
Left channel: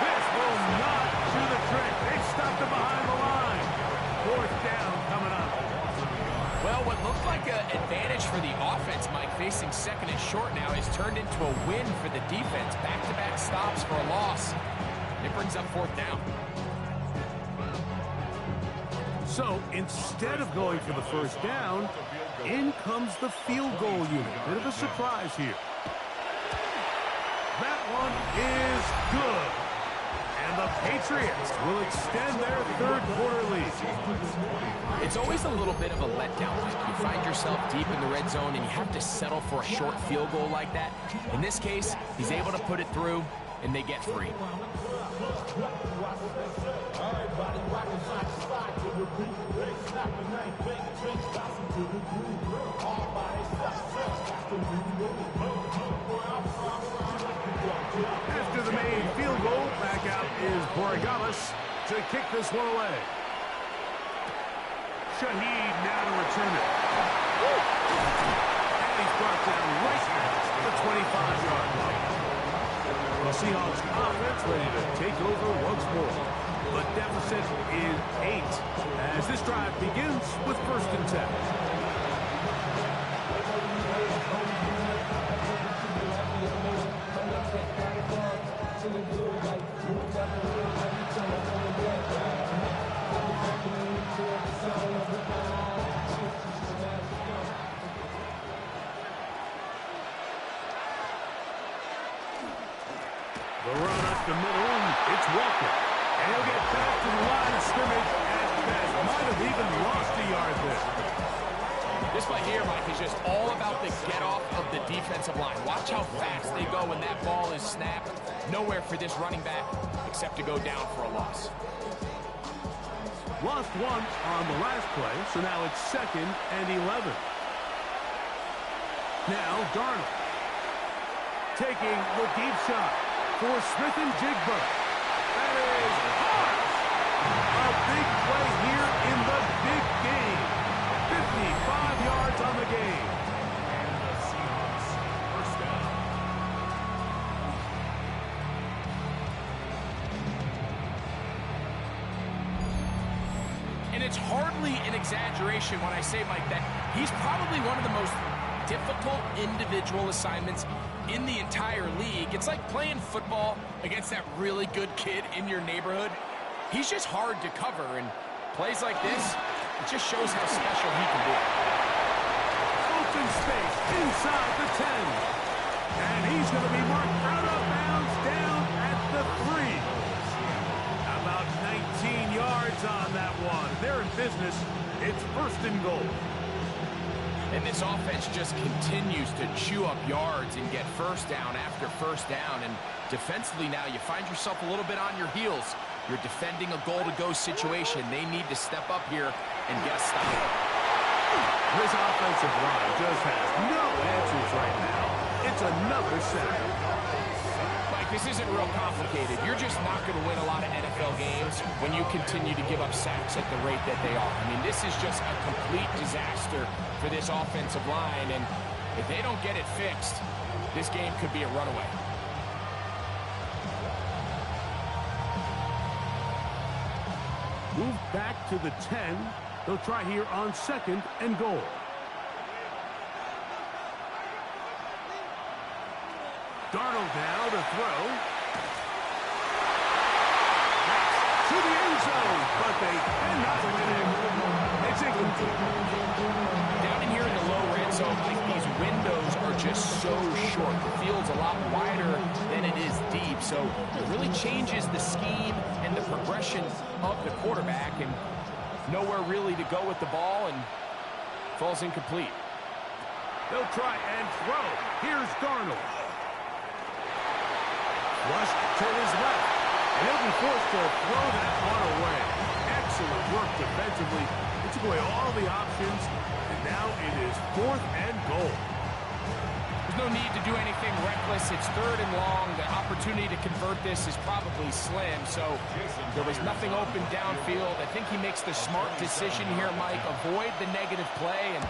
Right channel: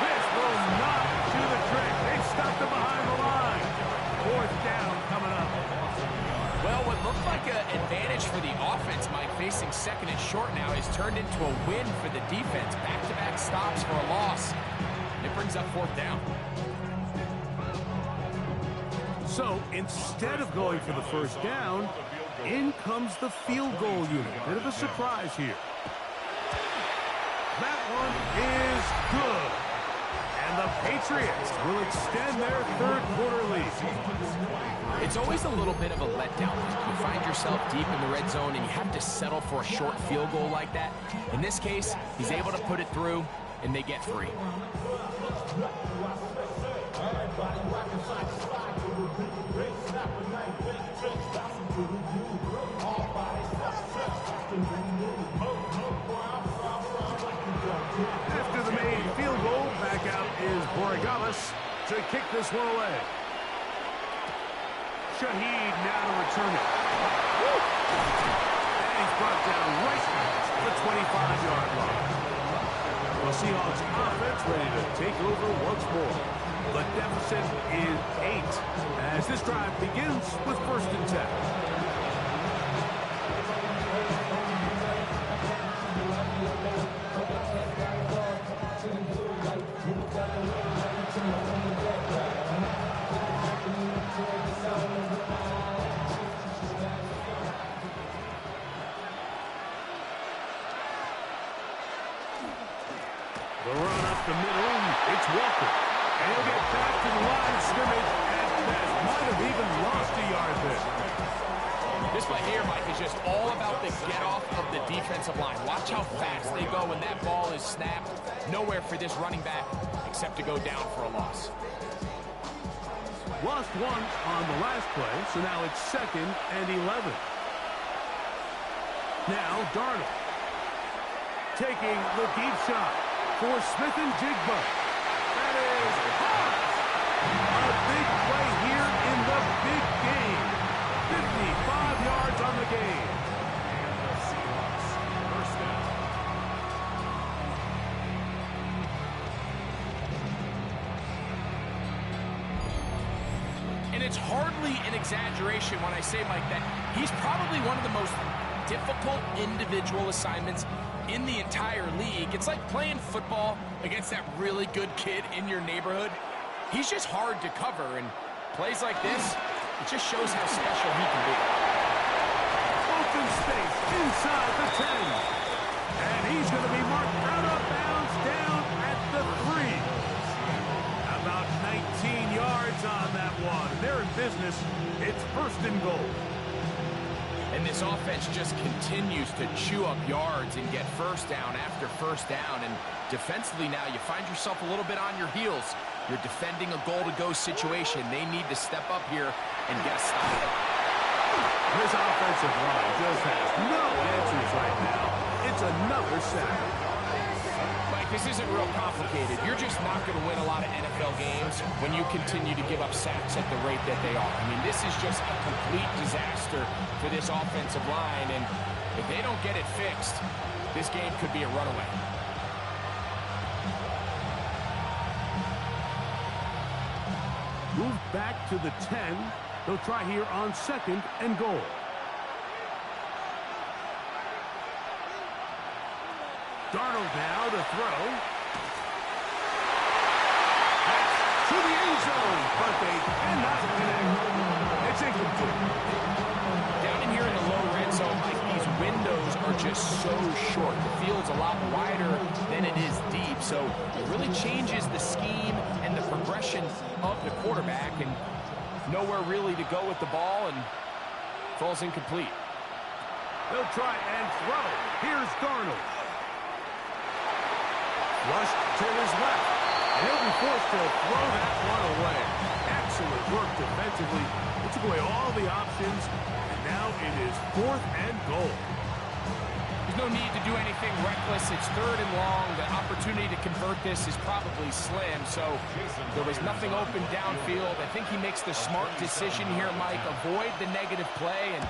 This will not do the trick. They stopped him behind the line. 4th down coming up. Well, what looked like an advantage for the offense, Mike, facing second and short now, has turned into a win for the defense. Back-to-back stops for a loss. It brings up fourth down. So instead of going for the first down, in comes the field goal unit. Bit of a surprise here. That one is good. And the Patriots will extend their third quarter lead. It's always a little bit of a letdown. You find yourself deep in the red zone and you have to settle for a short field goal like that. In this case, he's able to put it through and they get free. After the made field goal, back out is YaBoiJish to kick this one away. Shaheed now to return it. And he's brought down right at the 25-yard line. The Seahawks offense ready to take over once more. The deficit is 8 as this drive begins with 1st and 10. The run up the middle, it's Walker. And he'll get back to the line of scrimmage at best. Might have even lost a yard there. This play here, Mike, is just all about the get-off of the defensive line. Watch how fast they go when that ball is snapped. Nowhere for this running back except to go down for a loss. Lost one on the last play, so now it's 2nd and 11. Now Darnold taking the deep shot for Smith and Jigba. That is hard. A big play here in the big game. 55 yards on the game. And the Seahawks first down. And it's hardly an exaggeration when I say, Mike, that he's probably one of the most difficult individual assignments in the entire league. It's like playing football against that really good kid in your neighborhood. He's just hard to cover, and plays like this, it just shows how special he can be. Open space inside the 10. And he's going to be marked out of bounds down at the 3. About 19 yards on that one. They're in business. It's 1st and goal. And this offense just continues to chew up yards and get first down after first down. And defensively now, you find yourself a little bit on your heels. You're defending a goal-to-go situation. They need to step up here and get a stop. This offensive line just has no answers right now. It's another sack. Mike, this isn't real complicated. You're just not going to win a lot of NFL games when you continue to give up sacks at the rate that they are. I mean, this is just a complete disaster for this offensive line, and if they don't get it fixed, this game could be a runaway. Move back to the 10. They'll try here on 2nd and goal. Darnold now to throw. That's to the end zone, but they cannot connect. It's incomplete. Down in here in the low red zone, Mike, these windows are just so short. The field's a lot wider than it is deep, so it really changes the scheme and the progression of the quarterback, and nowhere really to go with the ball, and falls incomplete. They'll try and throw. Here's Darnold. Flushed to his left, and he'll be forced to throw that one away. Excellent work defensively. It took away all the options, and now it is 4th and goal. There's no need to do anything reckless. It's 3rd and long. The opportunity to convert this is probably slim, so there was nothing open downfield. I think he makes the smart decision here, Mike. Avoid the negative play and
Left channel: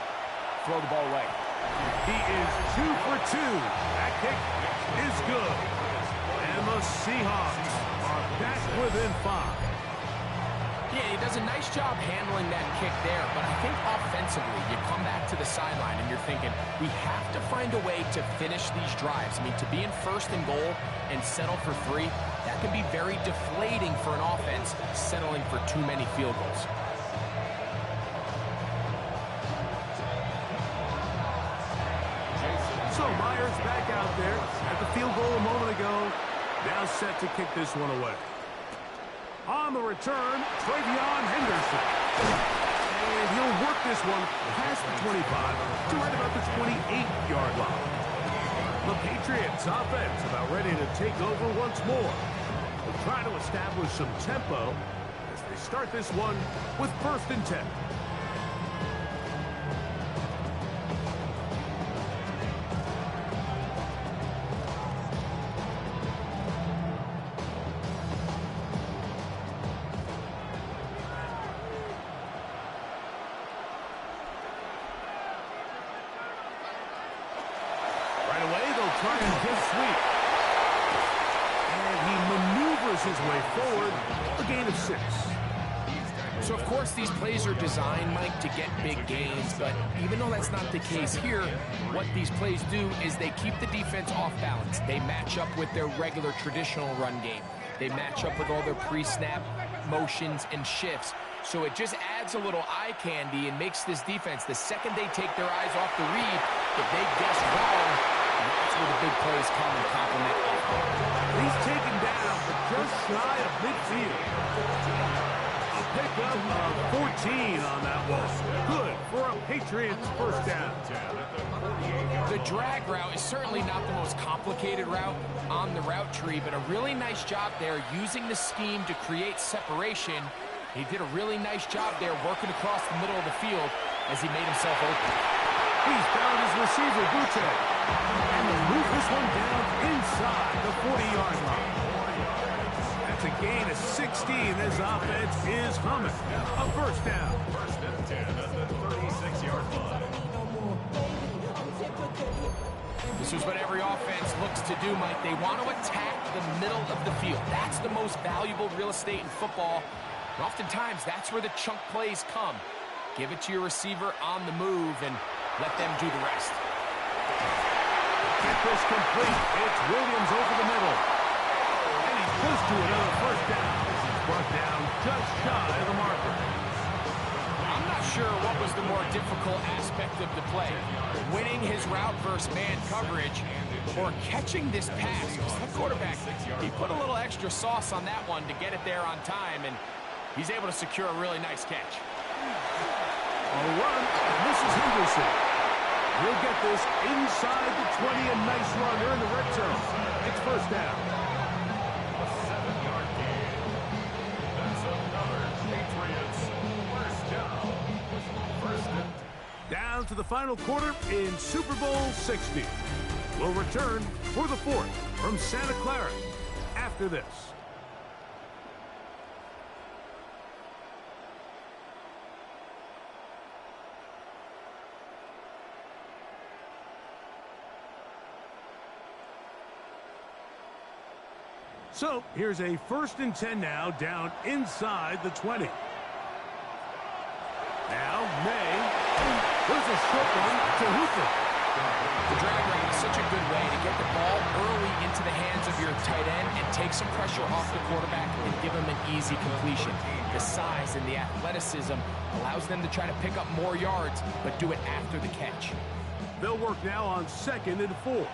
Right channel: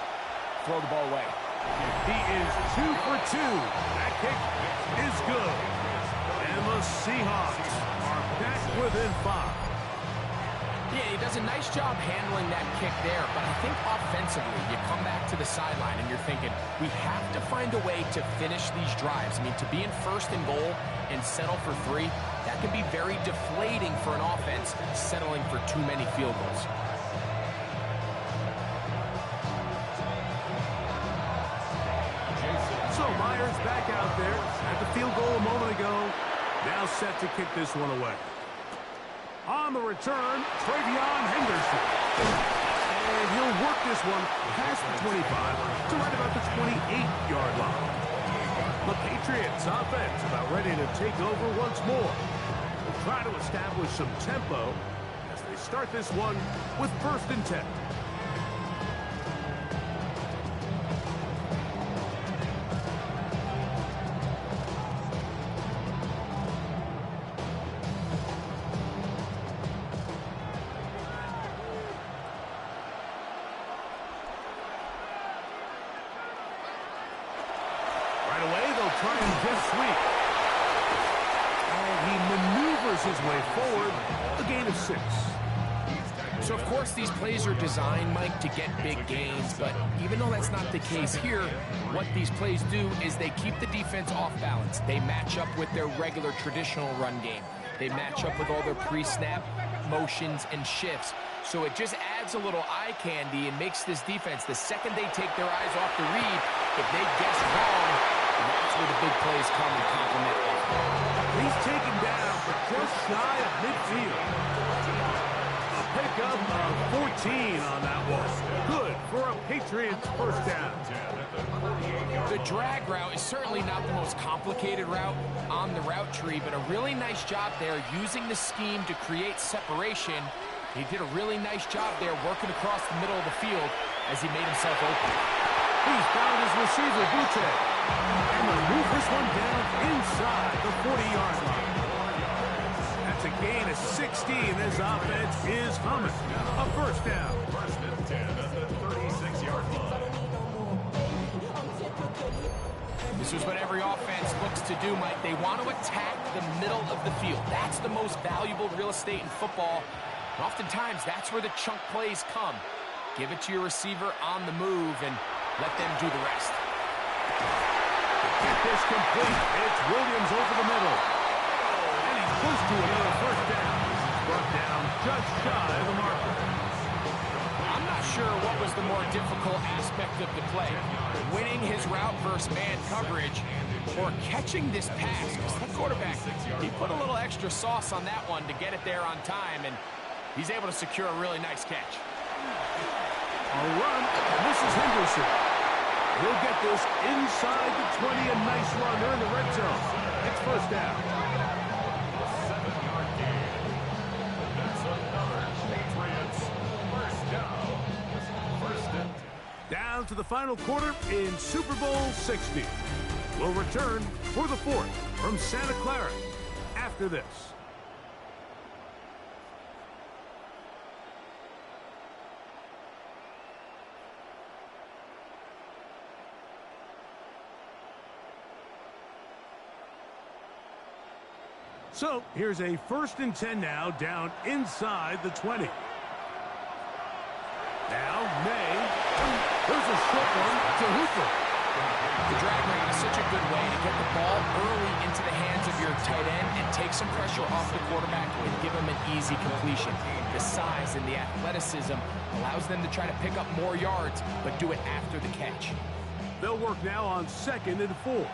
throw the ball away. He is 2 for 2. That kick is good. And the Seahawks are back within 5. Yeah, he does a nice job handling that kick there, but I think offensively, you come back to the sideline and you're thinking, we have to find a way to finish these drives. I mean, to be in first and goal and settle for 3, that can be very deflating for an offense settling for too many field goals. So Myers back out there at the field goal a moment ago. Now set to kick this one away. On the return, Travion Henderson. And he'll work this one past the 25 to right about the 28-yard line. The Patriots offense about ready to take over once more. They'll try to establish some tempo as they start this one with 1st and 10. Right away, they'll try and jet sweep. And he maneuvers his way forward, a gain of 6. So, of course, these plays are designed, Mike, to get big gains, but even though that's not the case here, what these plays do is they keep the defense off balance. They match up with their regular traditional run game. They match up with all their pre-snap motions and shifts. So it just adds a little eye candy and makes this defense, the second they take their eyes off the read, if they guess wrong, that's where the big plays come and complement offense. He's taken down, but just shy of midfield. A pickup of 14 on that one. Good for a Patriots first down. The drag route is certainly not the most complicated route on the route tree, but a really nice job there using the scheme to create separation. He did a really nice job there working across the middle of the field as he made himself open. He's found his receiver, Butte. And they'll move this one down inside the 40-yard line. That's a gain of 16. This offense is humming. A first down. 1st and 10 at the 36-yard line. This is what every offense looks to do, Mike. They want to attack the middle of the field. That's the most valuable real estate in football. And oftentimes, that's where the chunk plays come. Give it to your receiver on the move and let them do the rest. Get this complete. It's Williams over the middle. And he's close to another first down. This is brought down just shy of the marker. I'm not sure what was the more difficult aspect of the play. Winning his route versus man coverage or catching this pass. Because that quarterback, he put a little extra sauce on that one to get it there on time, and he's able to secure a really nice catch. A run, and this is Henderson. He'll get this inside the 20, a nice run. They're in the red zone. It's first down. A 7-yard gain. That's another Patriots first down. 1st and Down to the final quarter in Super Bowl 60. We'll return for the 4th from Santa Clara after this. So here's a 1st and 10 now, down inside the 20. Now May. There's a short one to Hooper. The drag route is such a good way to get the ball early into the hands of your tight end and take some pressure off the quarterback and give him an easy completion. The size and the athleticism allows them to try to pick up more yards, but do it after the catch. They'll work now on 2nd and 4.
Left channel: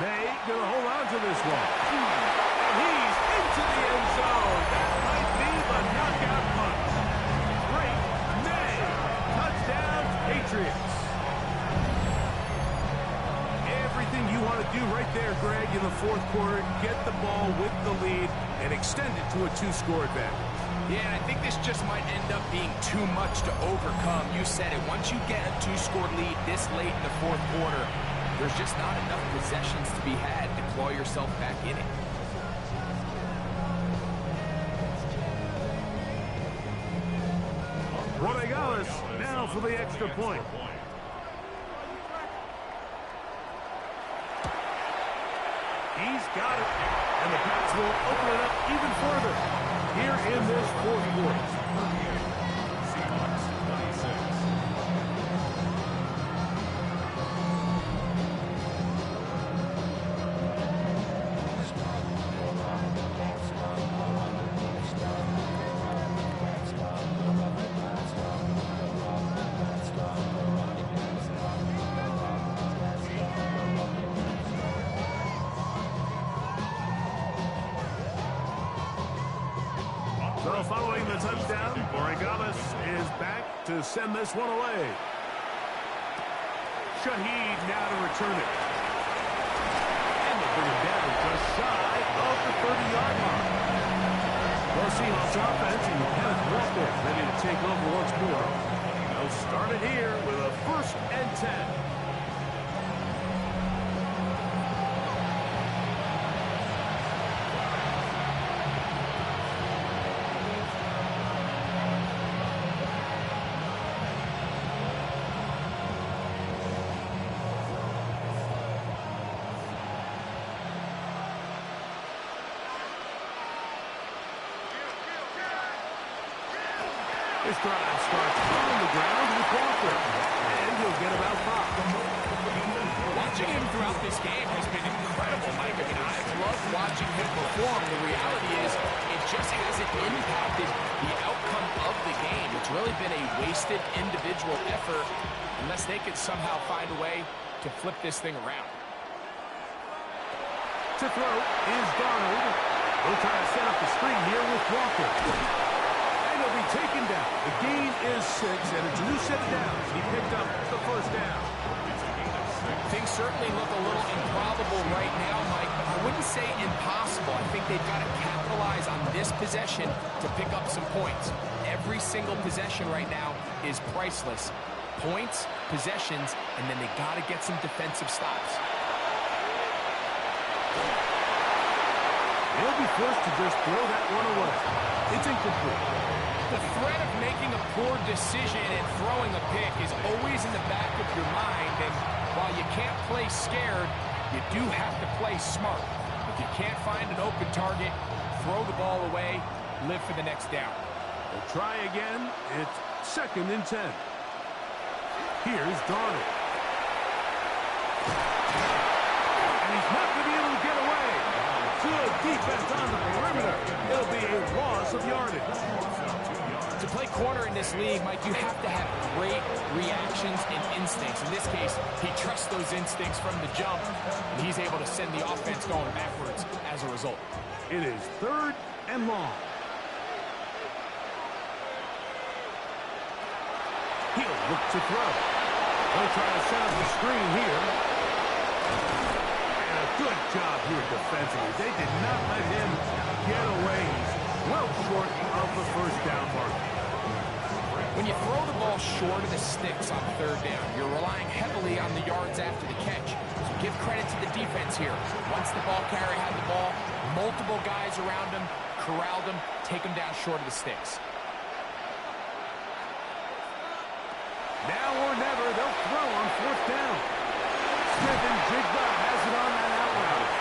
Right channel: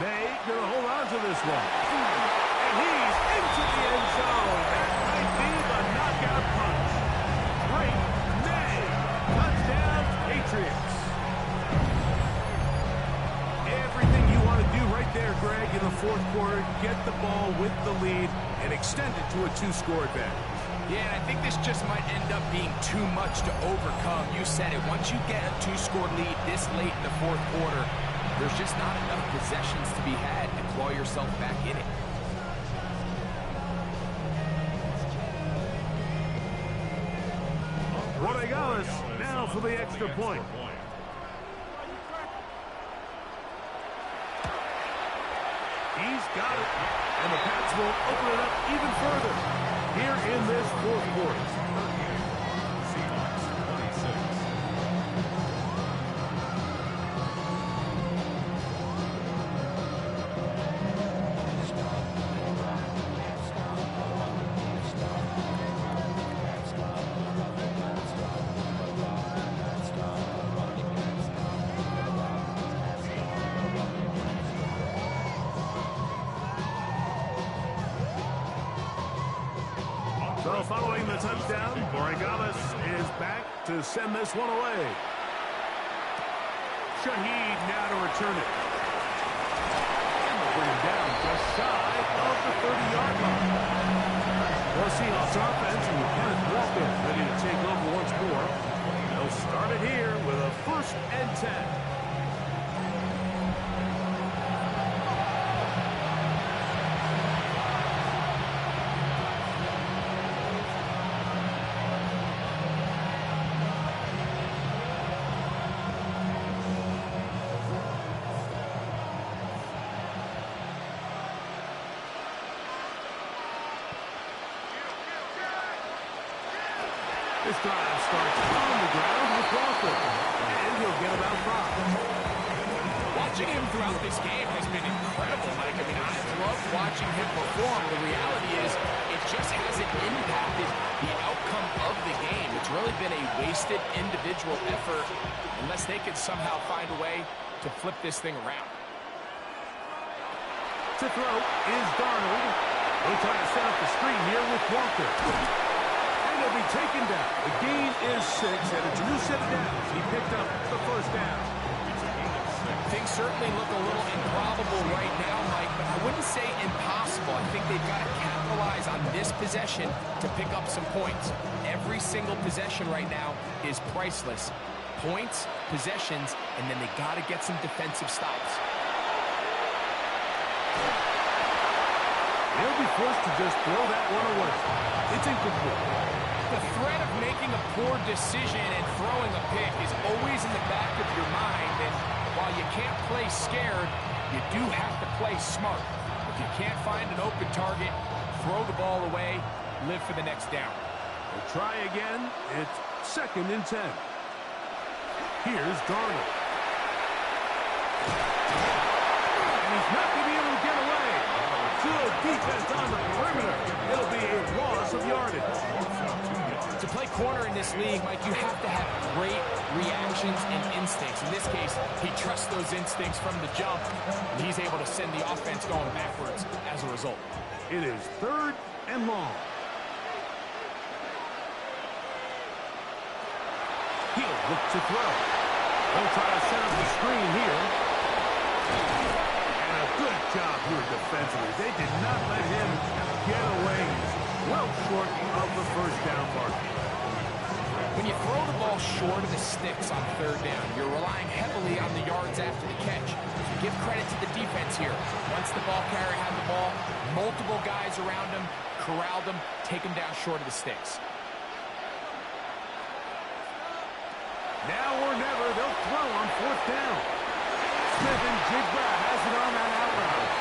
May gonna hold on to this one. And he's into the end zone. That might be the knockout punch. Great May. Touchdown, Patriots. Everything you want to do right there, Greg, in the 4th quarter. Get the ball with the lead and extend it to a 2-score advantage. Yeah, and I think this just might end up being too much to overcome. You said it. Once you get a 2-score lead this late in the 4th quarter, there's just not enough possessions to be had to claw yourself back in it. Rodriguez now for the extra point. He's got it. And the Pats will open it up even further here in this fourth quarter. Seahawks 26. So following the touchdown, Borregales is back to send this one away. Shaheed now to return it. And they'll bring him down just shy of the 30-yard line. Well, Seahawks offense and Kenneth Walker ready to take over once more. They'll start it here with a 1st and 10. This drive starts on the ground with Walker, and he'll get about 5. Watching him throughout this game has been incredible, Mike. I mean, I've loved watching him perform. The reality is it just hasn't impacted the outcome of the game. It's really been a wasted individual effort unless they could somehow find a way to flip this thing around. To throw is Darnold. They'll try to set up the screen here with Walker. He'll be taken down. The gain is 6, and it's a new set of downs. He picked up the 1st down. Things certainly look a little improbable right now, Mike, but I wouldn't say impossible. I think they've got to capitalize on this possession to pick up some points. Every single possession right now is priceless. Points, possessions, and then they got to get some defensive stops. They'll be forced to just throw that one away. It's incomplete. The threat of making a poor decision and throwing a pick is always in the back of your mind, and while you can't play scared, you do have to play smart. If you can't find an open target, throw the ball away, live for the next down. We'll try again. It's 2nd and 10. Here's Darnold. And he's not going to be able to get away. Good defense on the perimeter. It'll be a loss of yardage. To play corner in this league, Mike, you have to have great reactions and instincts. In this case, he trusts those instincts from the jump, and he's able to send the offense going backwards as a result. It is 3rd and long. He'll look to throw. They'll try to set up the screen here. And a good job here defensively. They did not let him get away. He's well short of the 1st down mark. When you throw the ball short of the sticks on 3rd down, you're relying heavily on the yards after the catch. So give credit to the defense here. Once the ball carrier had the ball, multiple guys around him, corralled him, take him down short of the sticks. Now or never, they'll throw on 4th down. Smith and Jigba has it on that out route.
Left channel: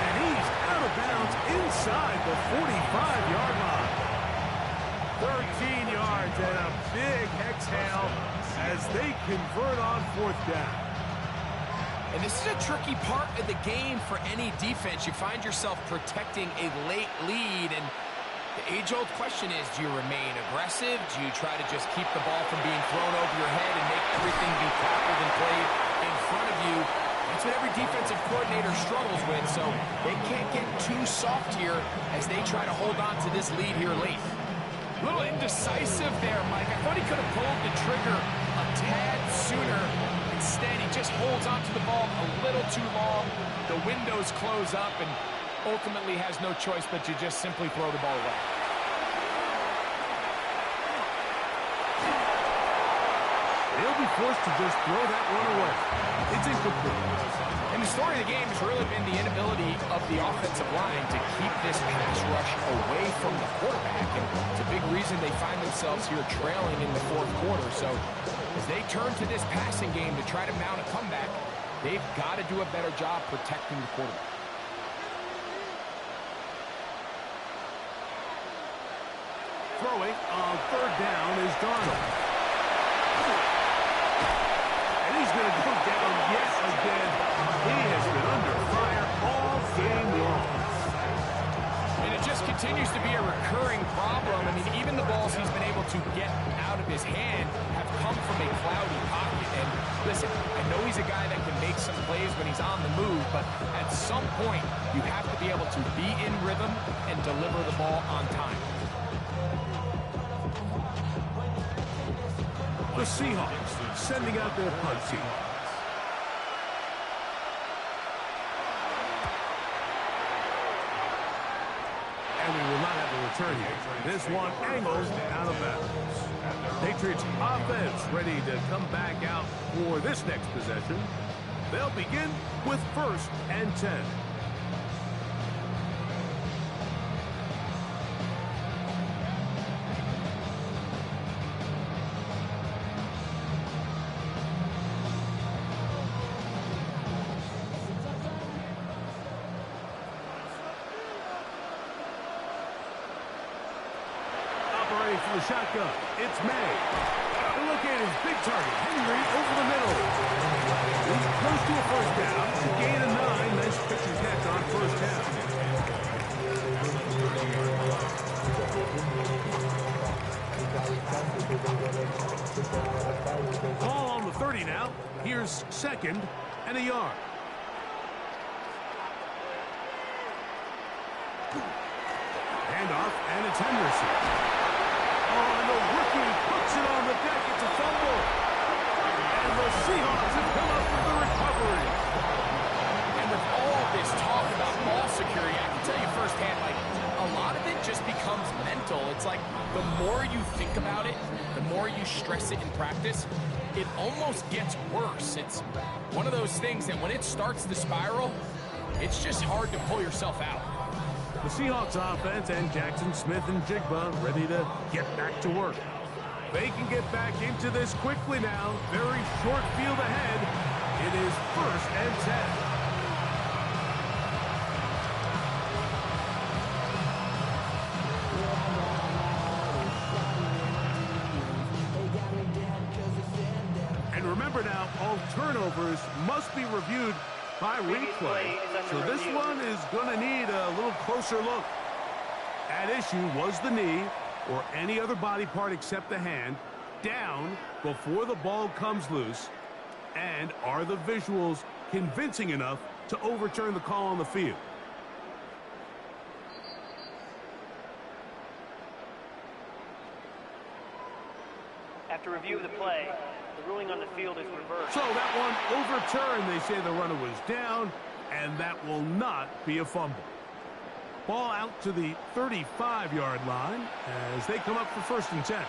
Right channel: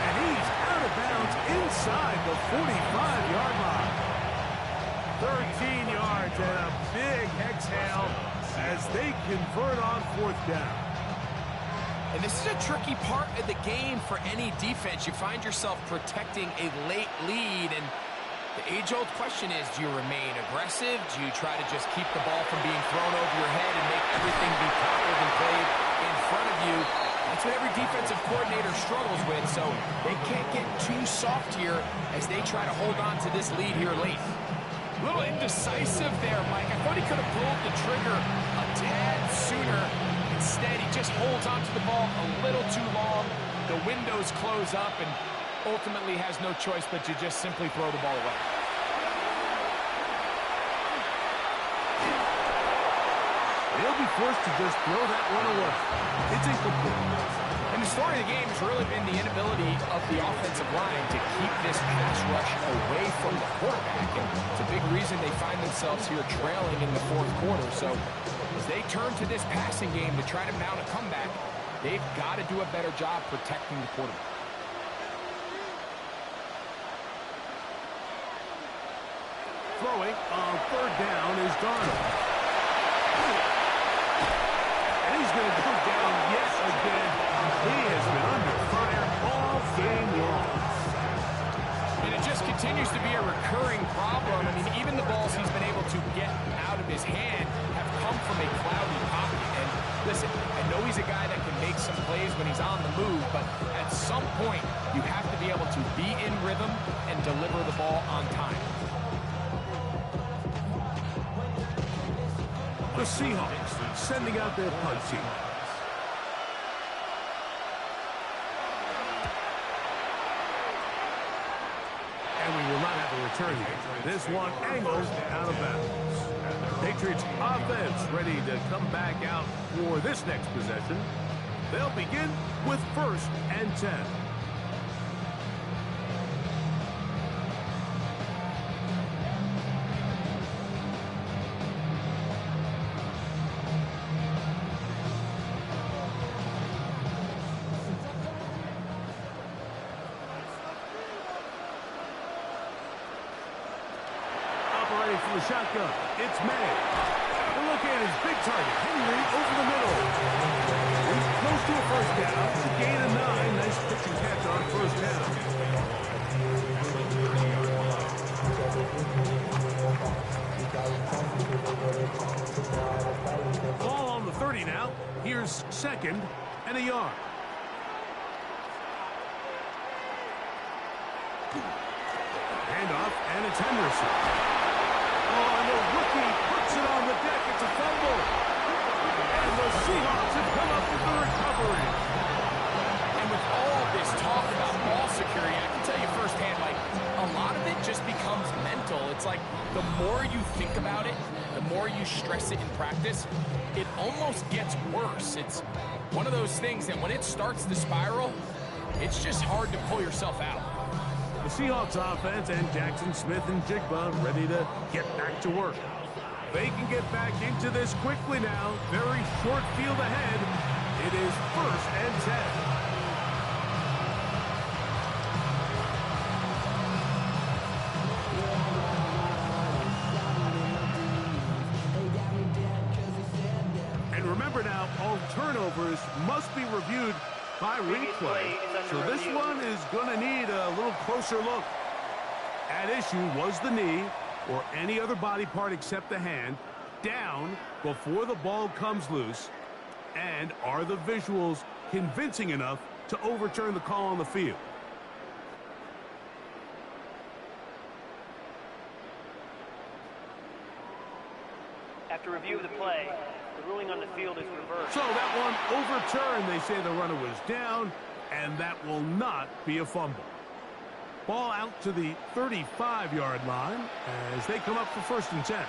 And he's out of bounds inside the 45-yard line. 13 yards and a big exhale as they convert on 4th down. And this is a tricky part of the game for any defense. You find yourself protecting a late lead, and the age-old question is, do you remain aggressive? Do you try to just keep the ball from being thrown over your head and make everything be tackled and played in front of you? That's what every defensive coordinator struggles with, so they can't get too soft here as they try to hold on to this lead here late. A little indecisive there, Mike. I thought he could have pulled the trigger a tad sooner. Instead, he just holds onto the ball a little too long. The windows close up, and ultimately has no choice but to just simply throw the ball away. They'll be forced to just throw that one away. It's incomplete. And the story of the game has really been the inability of the offensive line to keep this pass rush away from the quarterback. And it's a big reason they find themselves here trailing in the 4th quarter. So as they turn to this passing game to try to mount a comeback, they've got to do a better job protecting the quarterback. Throwing on third down is Darnold. And he's going to go down yet again. He has been under fire all game long. And it just continues to be a recurring problem. I mean, even the balls he's been able to get out of his hand have come from a cloudy pocket. And listen, I know he's a guy that can make some plays when he's on the move, but at some point, you have to be able to be in rhythm and deliver the ball on time. The Seahawks sending out their punt team. And we will not have a return here. This one angled out of bounds. Patriots offense ready to come back out for this next possession. They'll begin with 1st and 10. Operating from the shotgun, it's May. And look at his big target, Henry, over the middle. He's close to a first down. It's a gain of 9. Nice pitch and catch on first down. Ball on the 30 now. Here's 2nd and a yard. Handoff, and it's Henderson. Oh, and the rookie puts it on the deck. It's a fumble. And the Seahawks have come up with the recovery. And with all this talk about ball security, I can tell you firsthand, like, a lot of it just becomes mental. It's like the more you think about it, the more you stress it in practice, it almost gets worse. It's one of those things that when it starts to spiral, it's just hard to pull yourself out. The Seahawks offense and Jackson Smith and Jigba ready to get back to work. They can get back into this quickly now. Very short field ahead. It is 1st and 10. And remember now, all turnovers must be reviewed by replay. So this one is going to need a little closer look. At issue was the knee or any other body part except the hand down before the ball comes loose. And are the visuals convincing enough to overturn the call on the field? After review of the play, the ruling on the field is reversed. So that one overturned. They say the runner was down, and that will not be a fumble. Ball out to the 35-yard line as they come up for 1st and 10.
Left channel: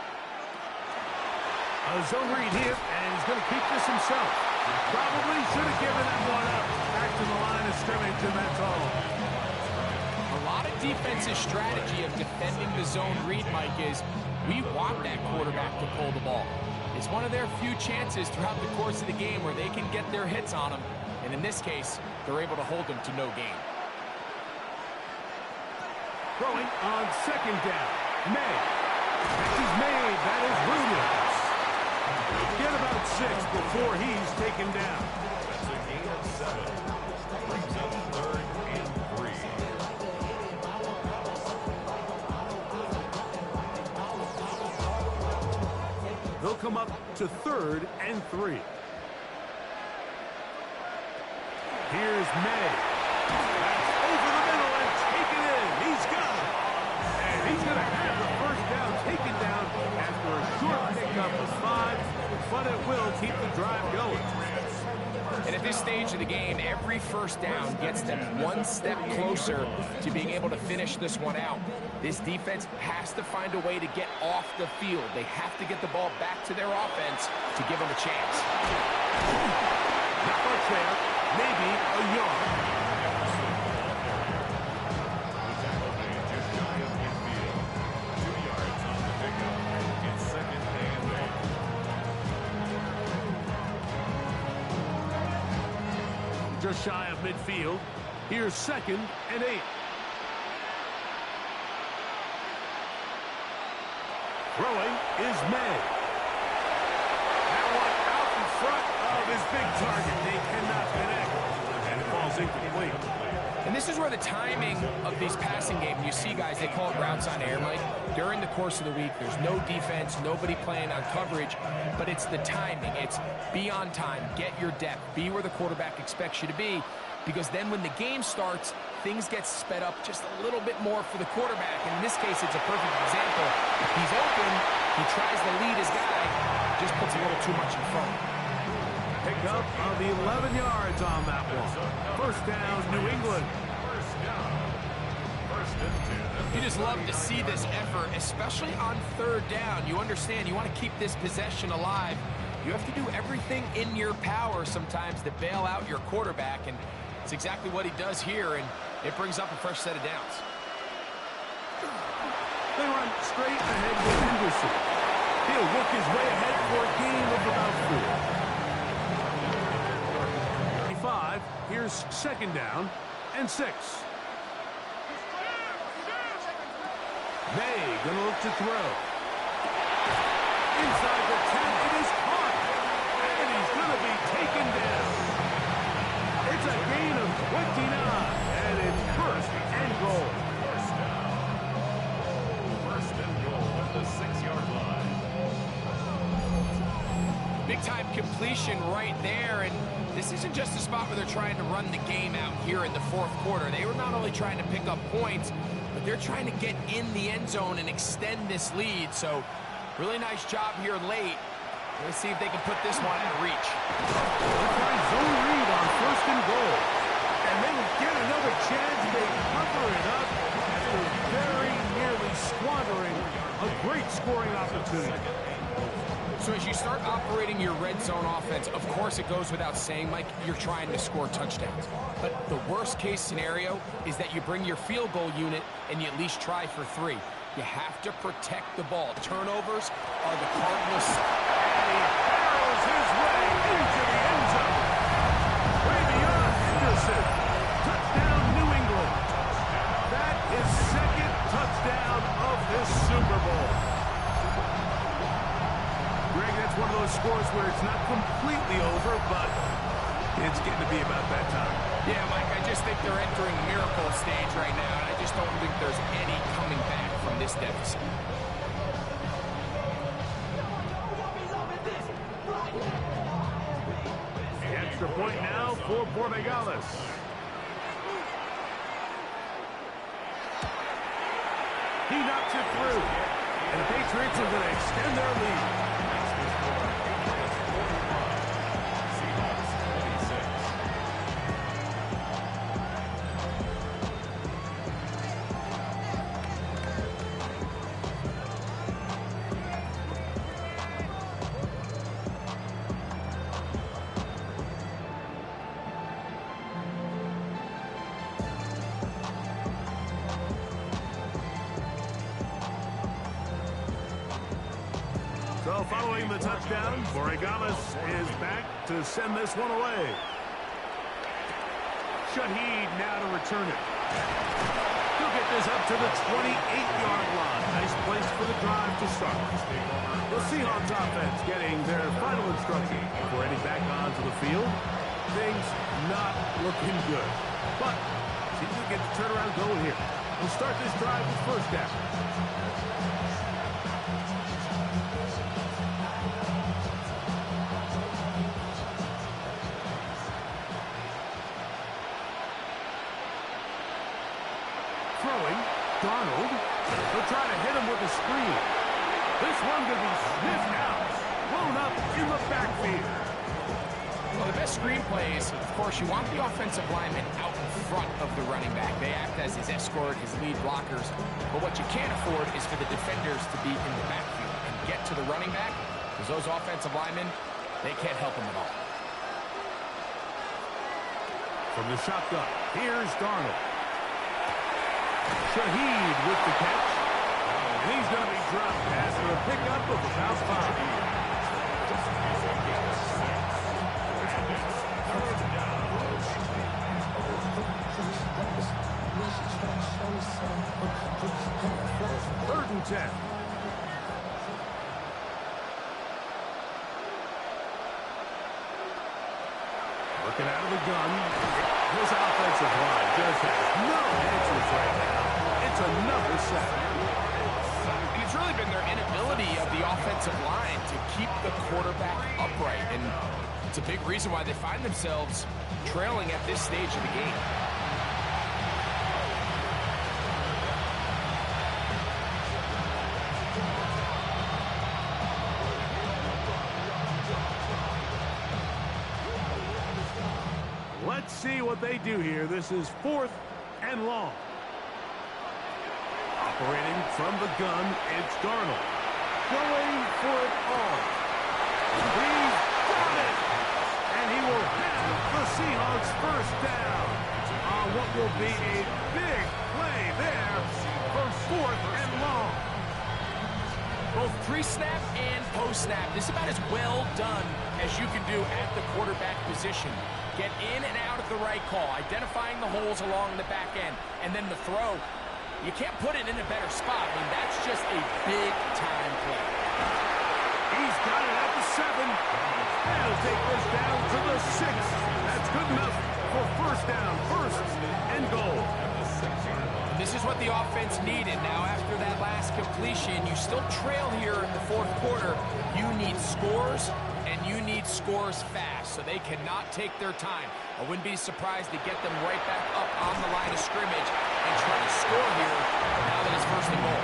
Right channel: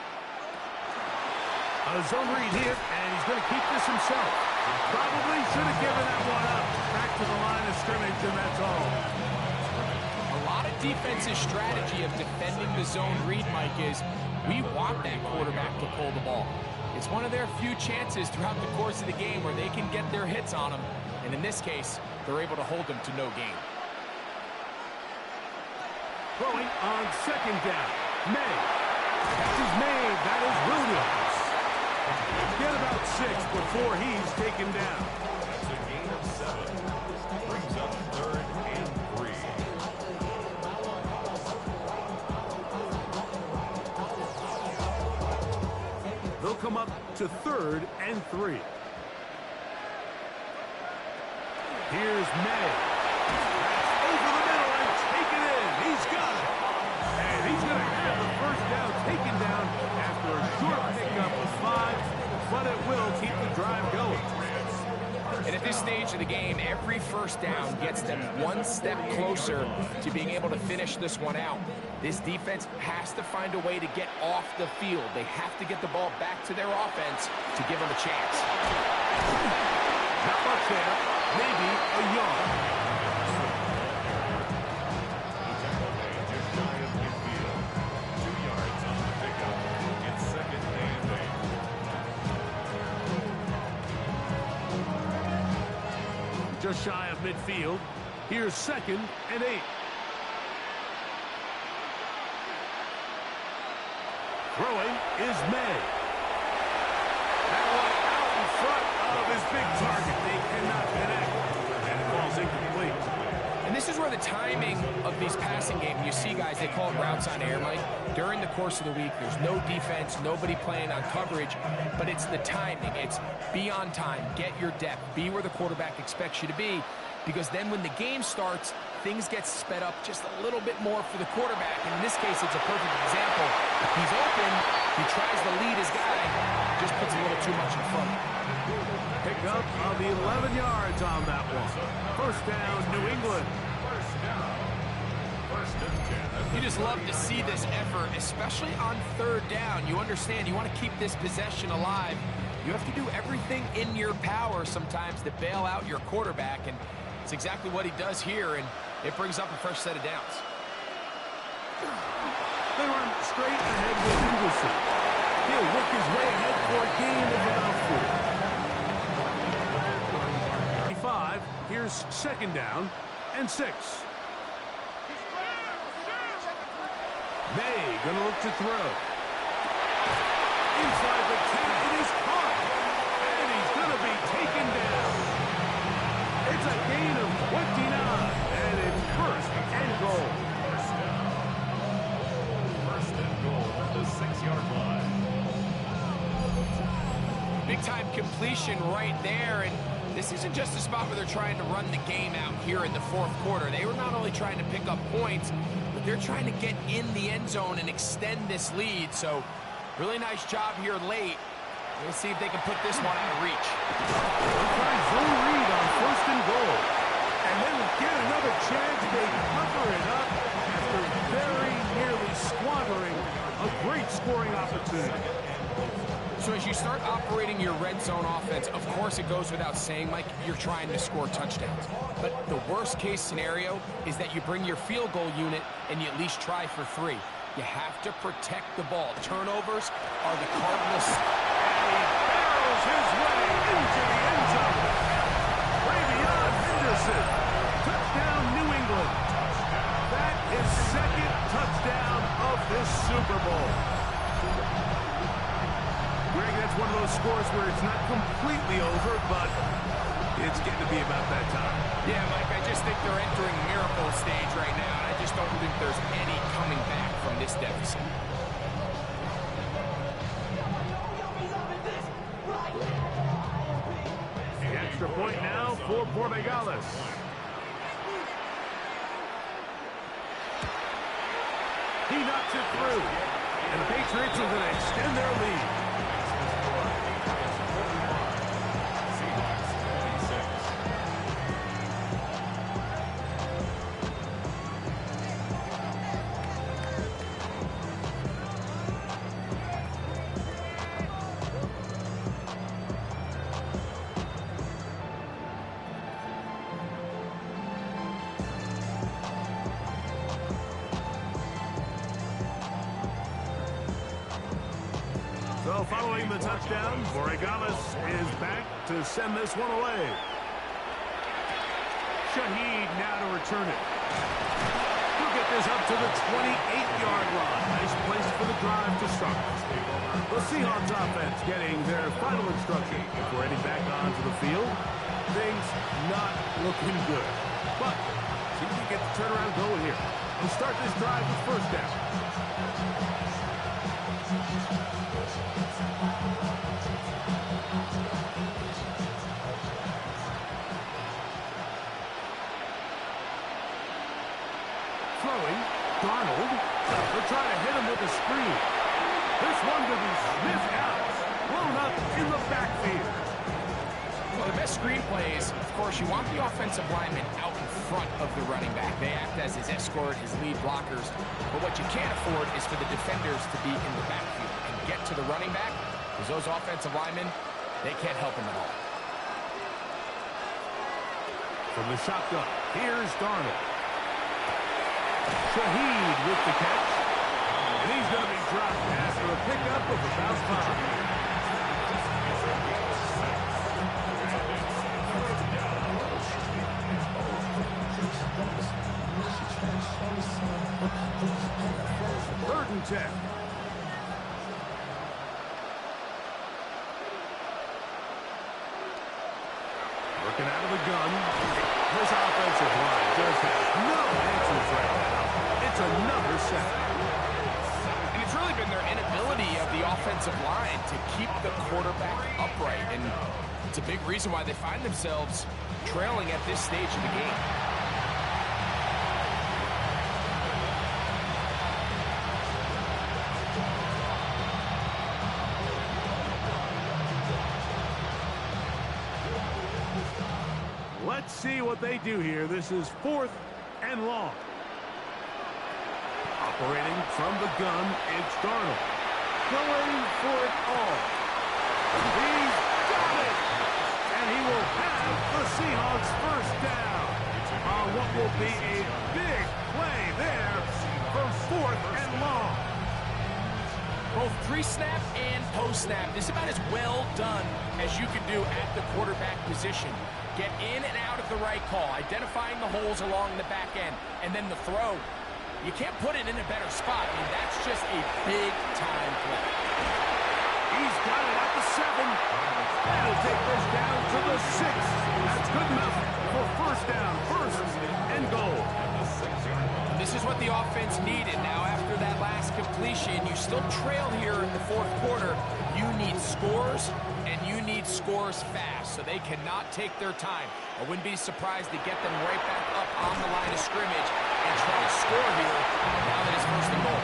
A zone read here, and he's going to keep this himself. Probably should have given that one up. Back to the line of scrimmage, and that's all. A lot of defense's strategy of defending the zone read, Mike, is we want that quarterback to pull the ball. It's one of their few chances throughout the course of the game where they can get their hits on them. And in this case, they're able to hold them to no gain. Throwing on 2nd down. May. Catch is made. That is Williams. Get about 6 before he's taken down. That's a gain of 7. Brings up 3rd and 3. They'll come up to 3rd and 3. Here's May. That's over the middle and taken in. He's got it. And he's going to have the first down taken down after a short pickup of 5, but it will keep the drive going. And at this stage of the game, every first down gets them one step closer to being able to finish this one out. This defense has to find a way to get off the field. They have to get the ball back to their offense to give them a chance. Not much there. Maybe a yard. The tackle made just shy of midfield. 2 yards on the pickup. It's 2nd and 8. Just shy of midfield. Here's 2nd and 8. Throwing is May. That one out in front of his big target. They cannot connect. And it falls incomplete. And this is where the timing of these passing games, you see guys, they call it routes on air, Mike. During the course of the week, there's no defense, nobody playing on coverage, but it's the timing. It's be on time, get your depth, be where the quarterback expects you to be, because then when the game starts, things get sped up just a little bit more for the quarterback. And in this case, it's a perfect example. He's open, he tries to lead his guy, just puts a little too much in front. Pickup of 11 yards on that one. First down, New England. First down. First and 10. You just love to see this effort, especially on third down. You understand, you want to keep this possession alive. You have to do everything in your power sometimes to bail out your quarterback, and it's exactly what he does here, and it brings up a fresh set of downs. They run straight ahead with Henderson. He'll work his way ahead for a gain of about 4. 5. Here's second down and 6. May gonna look to throw. Inside the 10, it is caught. And he's gonna be taken down. It's a gain of 29, and it's first and goal. First down. First and goal at the 6-yard line. Big-time completion right there, and this isn't just a spot where they're trying to run the game out here in the fourth quarter. They were not only trying to pick up points, but they're trying to get in the end zone and extend this lead. So, really nice job here late. Let's see if they can put this one out of reach. They'll try zone read on first and goal. And they will get another chance. They cover it up after very nearly squandering a great scoring opportunity. So as you start operating your red zone offense, of course it goes without saying, Mike, you're trying to score touchdowns. But the worst case scenario is that you bring your field goal unit and you at least try for 3. You have to protect the ball. Turnovers are the Cardinals. And he barrels his way into the end zone. Way beyond Henderson. Touchdown, New England. That is second touchdown of this Super Bowl. Greg, that's one of those scores where it's not completely over, but it's getting to be about that time. Yeah, Mike, I just think they're entering miracle stage right now, and I just don't think there's any coming back from this deficit. Extra point now for Borregales. He knocks it through, and the Patriots are going to extend their lead. Patriots 45. Seahawks 26. So following the touchdown, Borregales is back to send this one away. Shaheed now to return it. He'll get this up to the 28-yard line. Nice place for the drive to start. The Seahawks offense getting their final instruction before heading back onto the field. Things not looking good. But see if we get the turnaround going here. We'll start this drive with first down. Throwing, Darnold. They'll try to hit him with a screen. This one going to be sniffed out. Blown up in the backfield. Well, the best screen plays, of course, you want the offensive lineman out in front of the running back. They act as his escort, his lead blockers. But what you can't afford is for the defenders to be in the backfield and get to the running back, because those offensive linemen, they can't help him at all. From the shotgun, here's Darnold. Shaheed with the catch. And he's going to be dropped after a pickup of about 5. Third and 10. Working out of the gun. This offensive line just has no answers right now. It's another sack. And it's really been their inability of the offensive line to keep the quarterback upright. And it's a big reason why they find themselves trailing at this stage of the game. Let's see what they do here. This is 4th and long. Operating from the gun, it's Darnold. Going for it all. He's got it! And he will have the Seahawks first down on what will be a big play there for 4th and long. Both pre-snap and post-snap, this is about as well done as you can do at the quarterback position. Get in and out of the right call, identifying the holes along the back end, and then the throw. You can't put it in a better spot. I mean, that's just a big-time play. He's got it at the 7. And he'll take this down to the 6. That's good enough for first down, 1st and goal. And this is what the offense needed. Now, after that last completion, you still trail here in the 4th quarter. You need scores, and you need scores fast, so they cannot take their time. I wouldn't be surprised to get them right back up on the line of scrimmage and try to score here now that it's 1st and goal.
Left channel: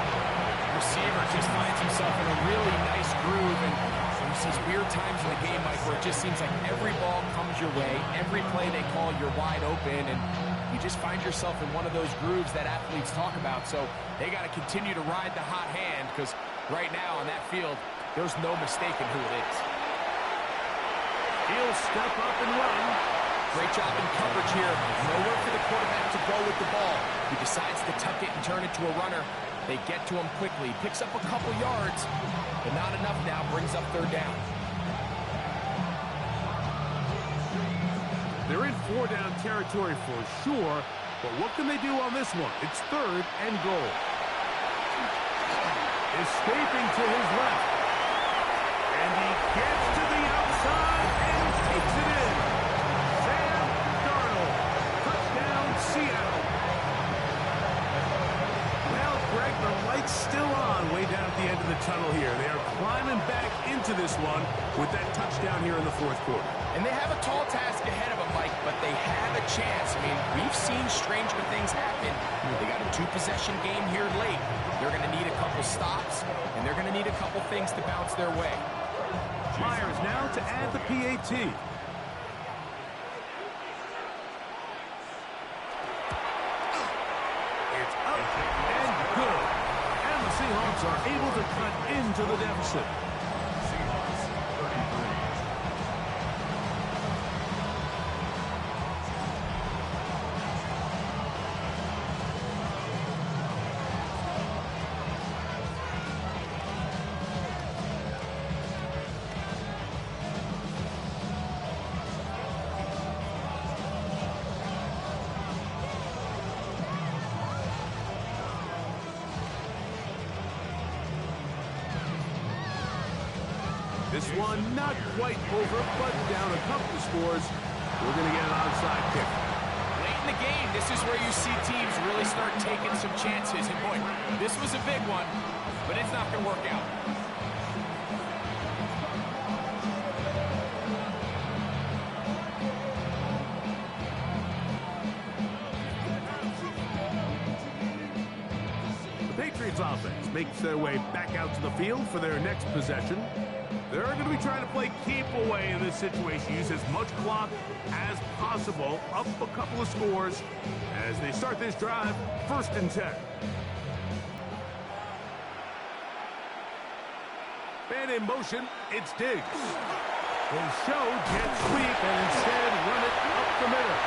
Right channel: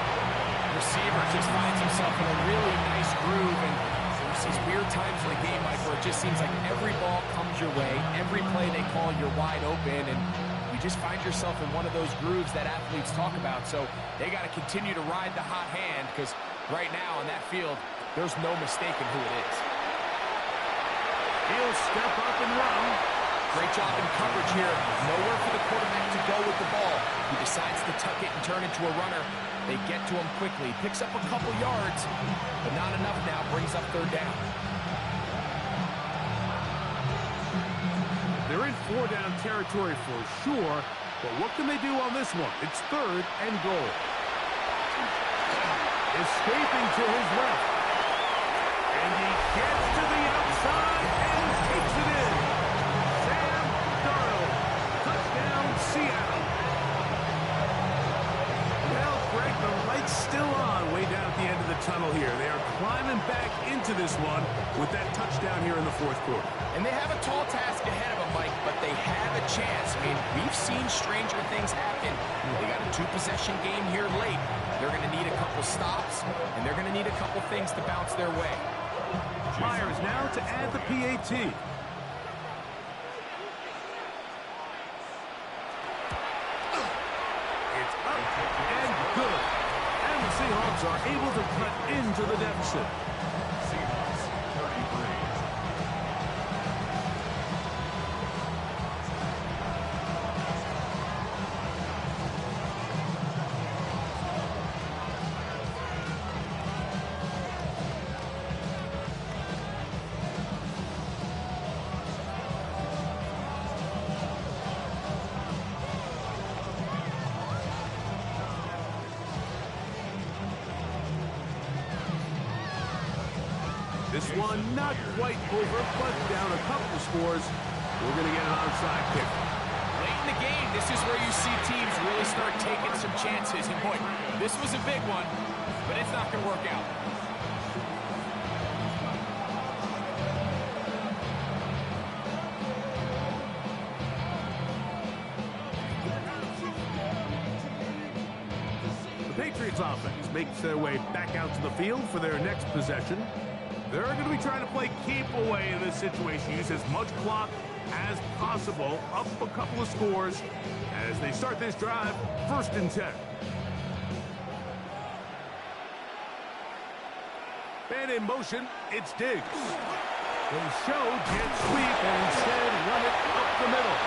Receiver just finds himself in a really nice groove, and there's these weird times in the game, Mike, where it just seems like every ball comes your way, every play they call, you're wide open, and you just find yourself in one of those grooves that athletes talk about. So they got to continue to ride the hot hand, because right now on that field, there's no mistaking who it is. He'll step up and run. Great job in coverage here. Nowhere for the quarterback to go with the ball. He decides to tuck it and turn it to a runner. They get to him quickly. Picks up a couple yards, but not enough now. Brings up 3rd down. They're in 4-down territory for sure, but what can they do on this one? It's 3rd and goal. Escaping to his left. And he gets to the outside and takes it in. Sam Darnold. Touchdown, Seattle. Well, Greg, the light's still on way down at the end of the tunnel here. They are climbing back into this one with that touchdown here in the 4th quarter. And they have a tall task ahead of them, Mike, but they have a chance. I mean, we've seen stranger things happen. They got a 2-possession game here late. They're going to need a couple stops, and they're going to need a couple things to bounce their way. Myers now to add the PAT. It's up and good. And the Seahawks are able to cut into the deficit. Seahawks 33. This one not quite over, but down a couple of scores. We're going to get an onside kick. Late in the game, this is where you see teams really start taking some chances. And boy, this was a big one, but it's not going to work out. The Patriots offense makes their way back out to the field for their next possession. They're going to be trying to play keep away in this situation. Use as much clock as possible. Up a couple of scores as they start this drive. 1st and 10. And in motion, it's Diggs. They show jet sweep and instead run it up the middle.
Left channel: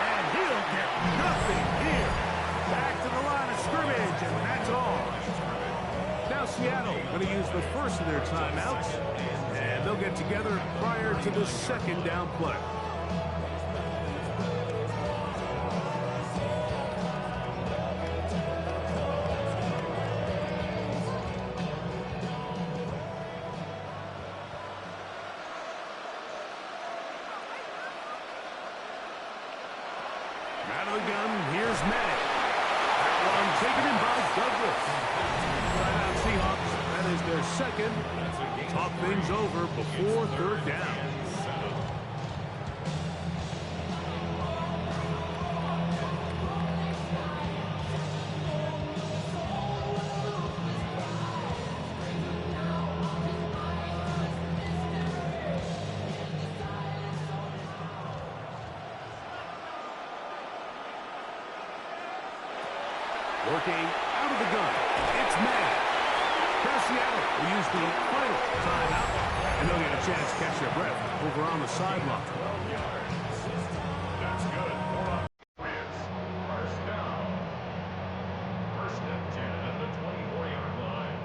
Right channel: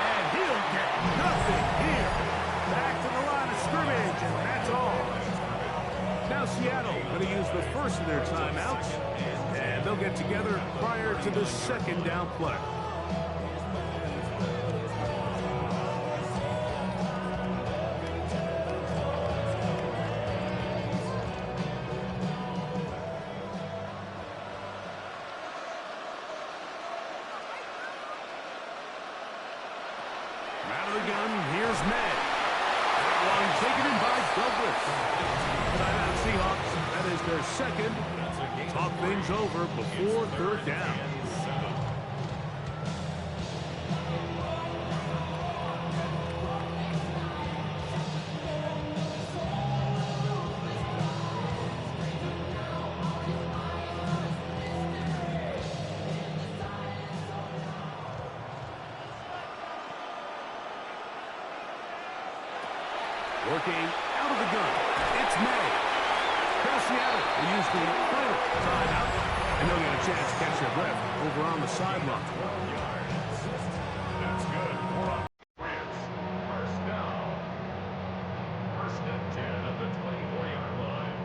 And he'll get nothing here. Back to the line of scrimmage, and that's all. Now Seattle going to use the first of their timeouts, and they'll get together prior to the 2nd down play. Out of the gun, here's May. That one taken in by Douglas. Timeout Seahawks. That is their second. Talk things over before third down. Working out of the gun, it's May. Now Seattle will use the final timeout, and they'll get a chance to catch their breath over on the sideline. 12 yards. That's good. More on Patriots. First down. First and 10 at the 24-yard line.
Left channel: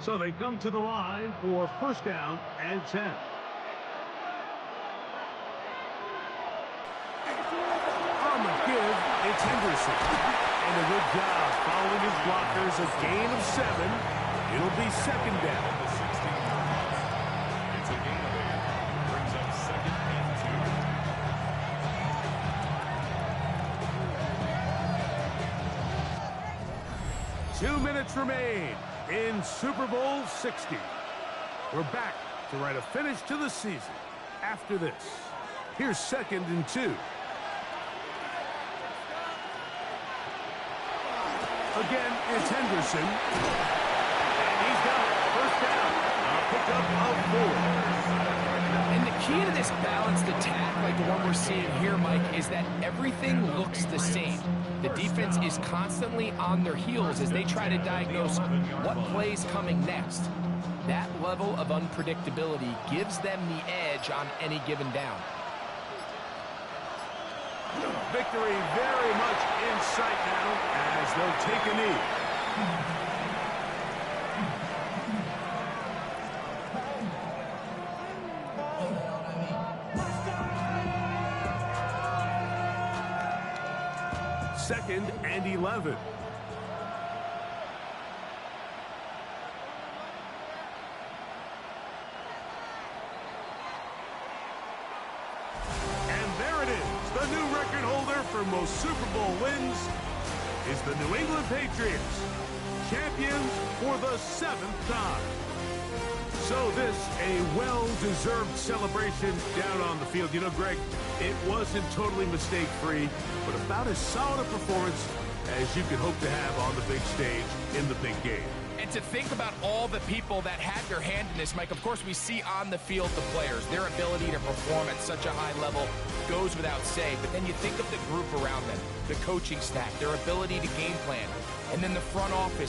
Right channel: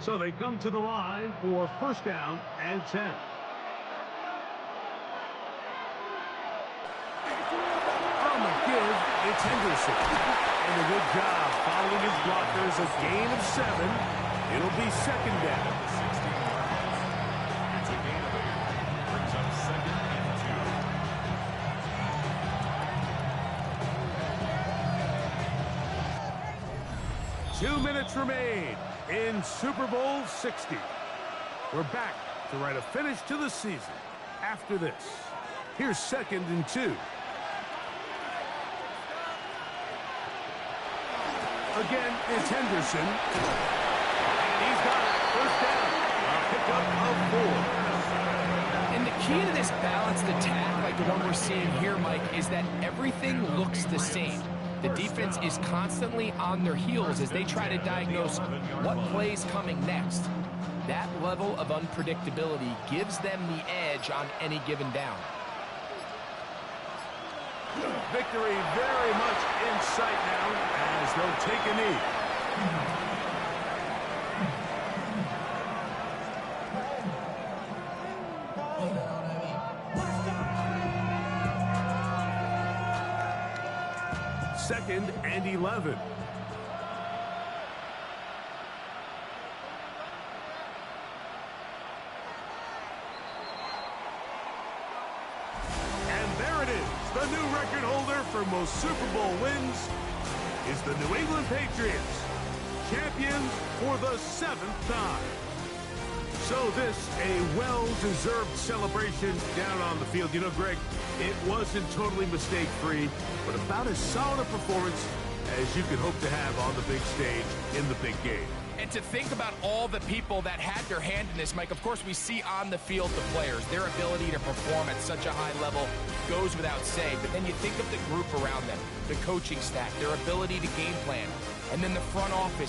So they come to the line for first down and 10. On the give, it's Henderson. And a good job following his blockers. A gain of 7. It'll be second down. At the 16-yard line. It's a gain of 8. Brings up second and 2. 2 minutes remain in Super Bowl 60. We're back to write a finish to the season after this. Here's second and 2. Again, it's Henderson. And he's got it. First down. A pickup of 4. And the key to this balanced attack, like the one we're seeing here, Mike, is that everything looks the same. The defense is constantly on their heels as they try to diagnose what play's coming next. That level of unpredictability gives them the edge on any given down. Victory very much in sight now as they'll take a knee. Second and 11. And there it is. The new record holder for most Super Bowl wins is the New England Patriots, champions for the 7th time. So this, a well-deserved celebration down on the field. You know, Greg, it wasn't totally mistake-free, but about as solid a performance as you could hope to have on the big stage in the big game. And to think about all the people that had their hand in this, Mike, of course we see on the field the players. Their ability to perform at such a high level goes without say. But then you think of the group around them, the coaching staff, their ability to game plan, and then the front office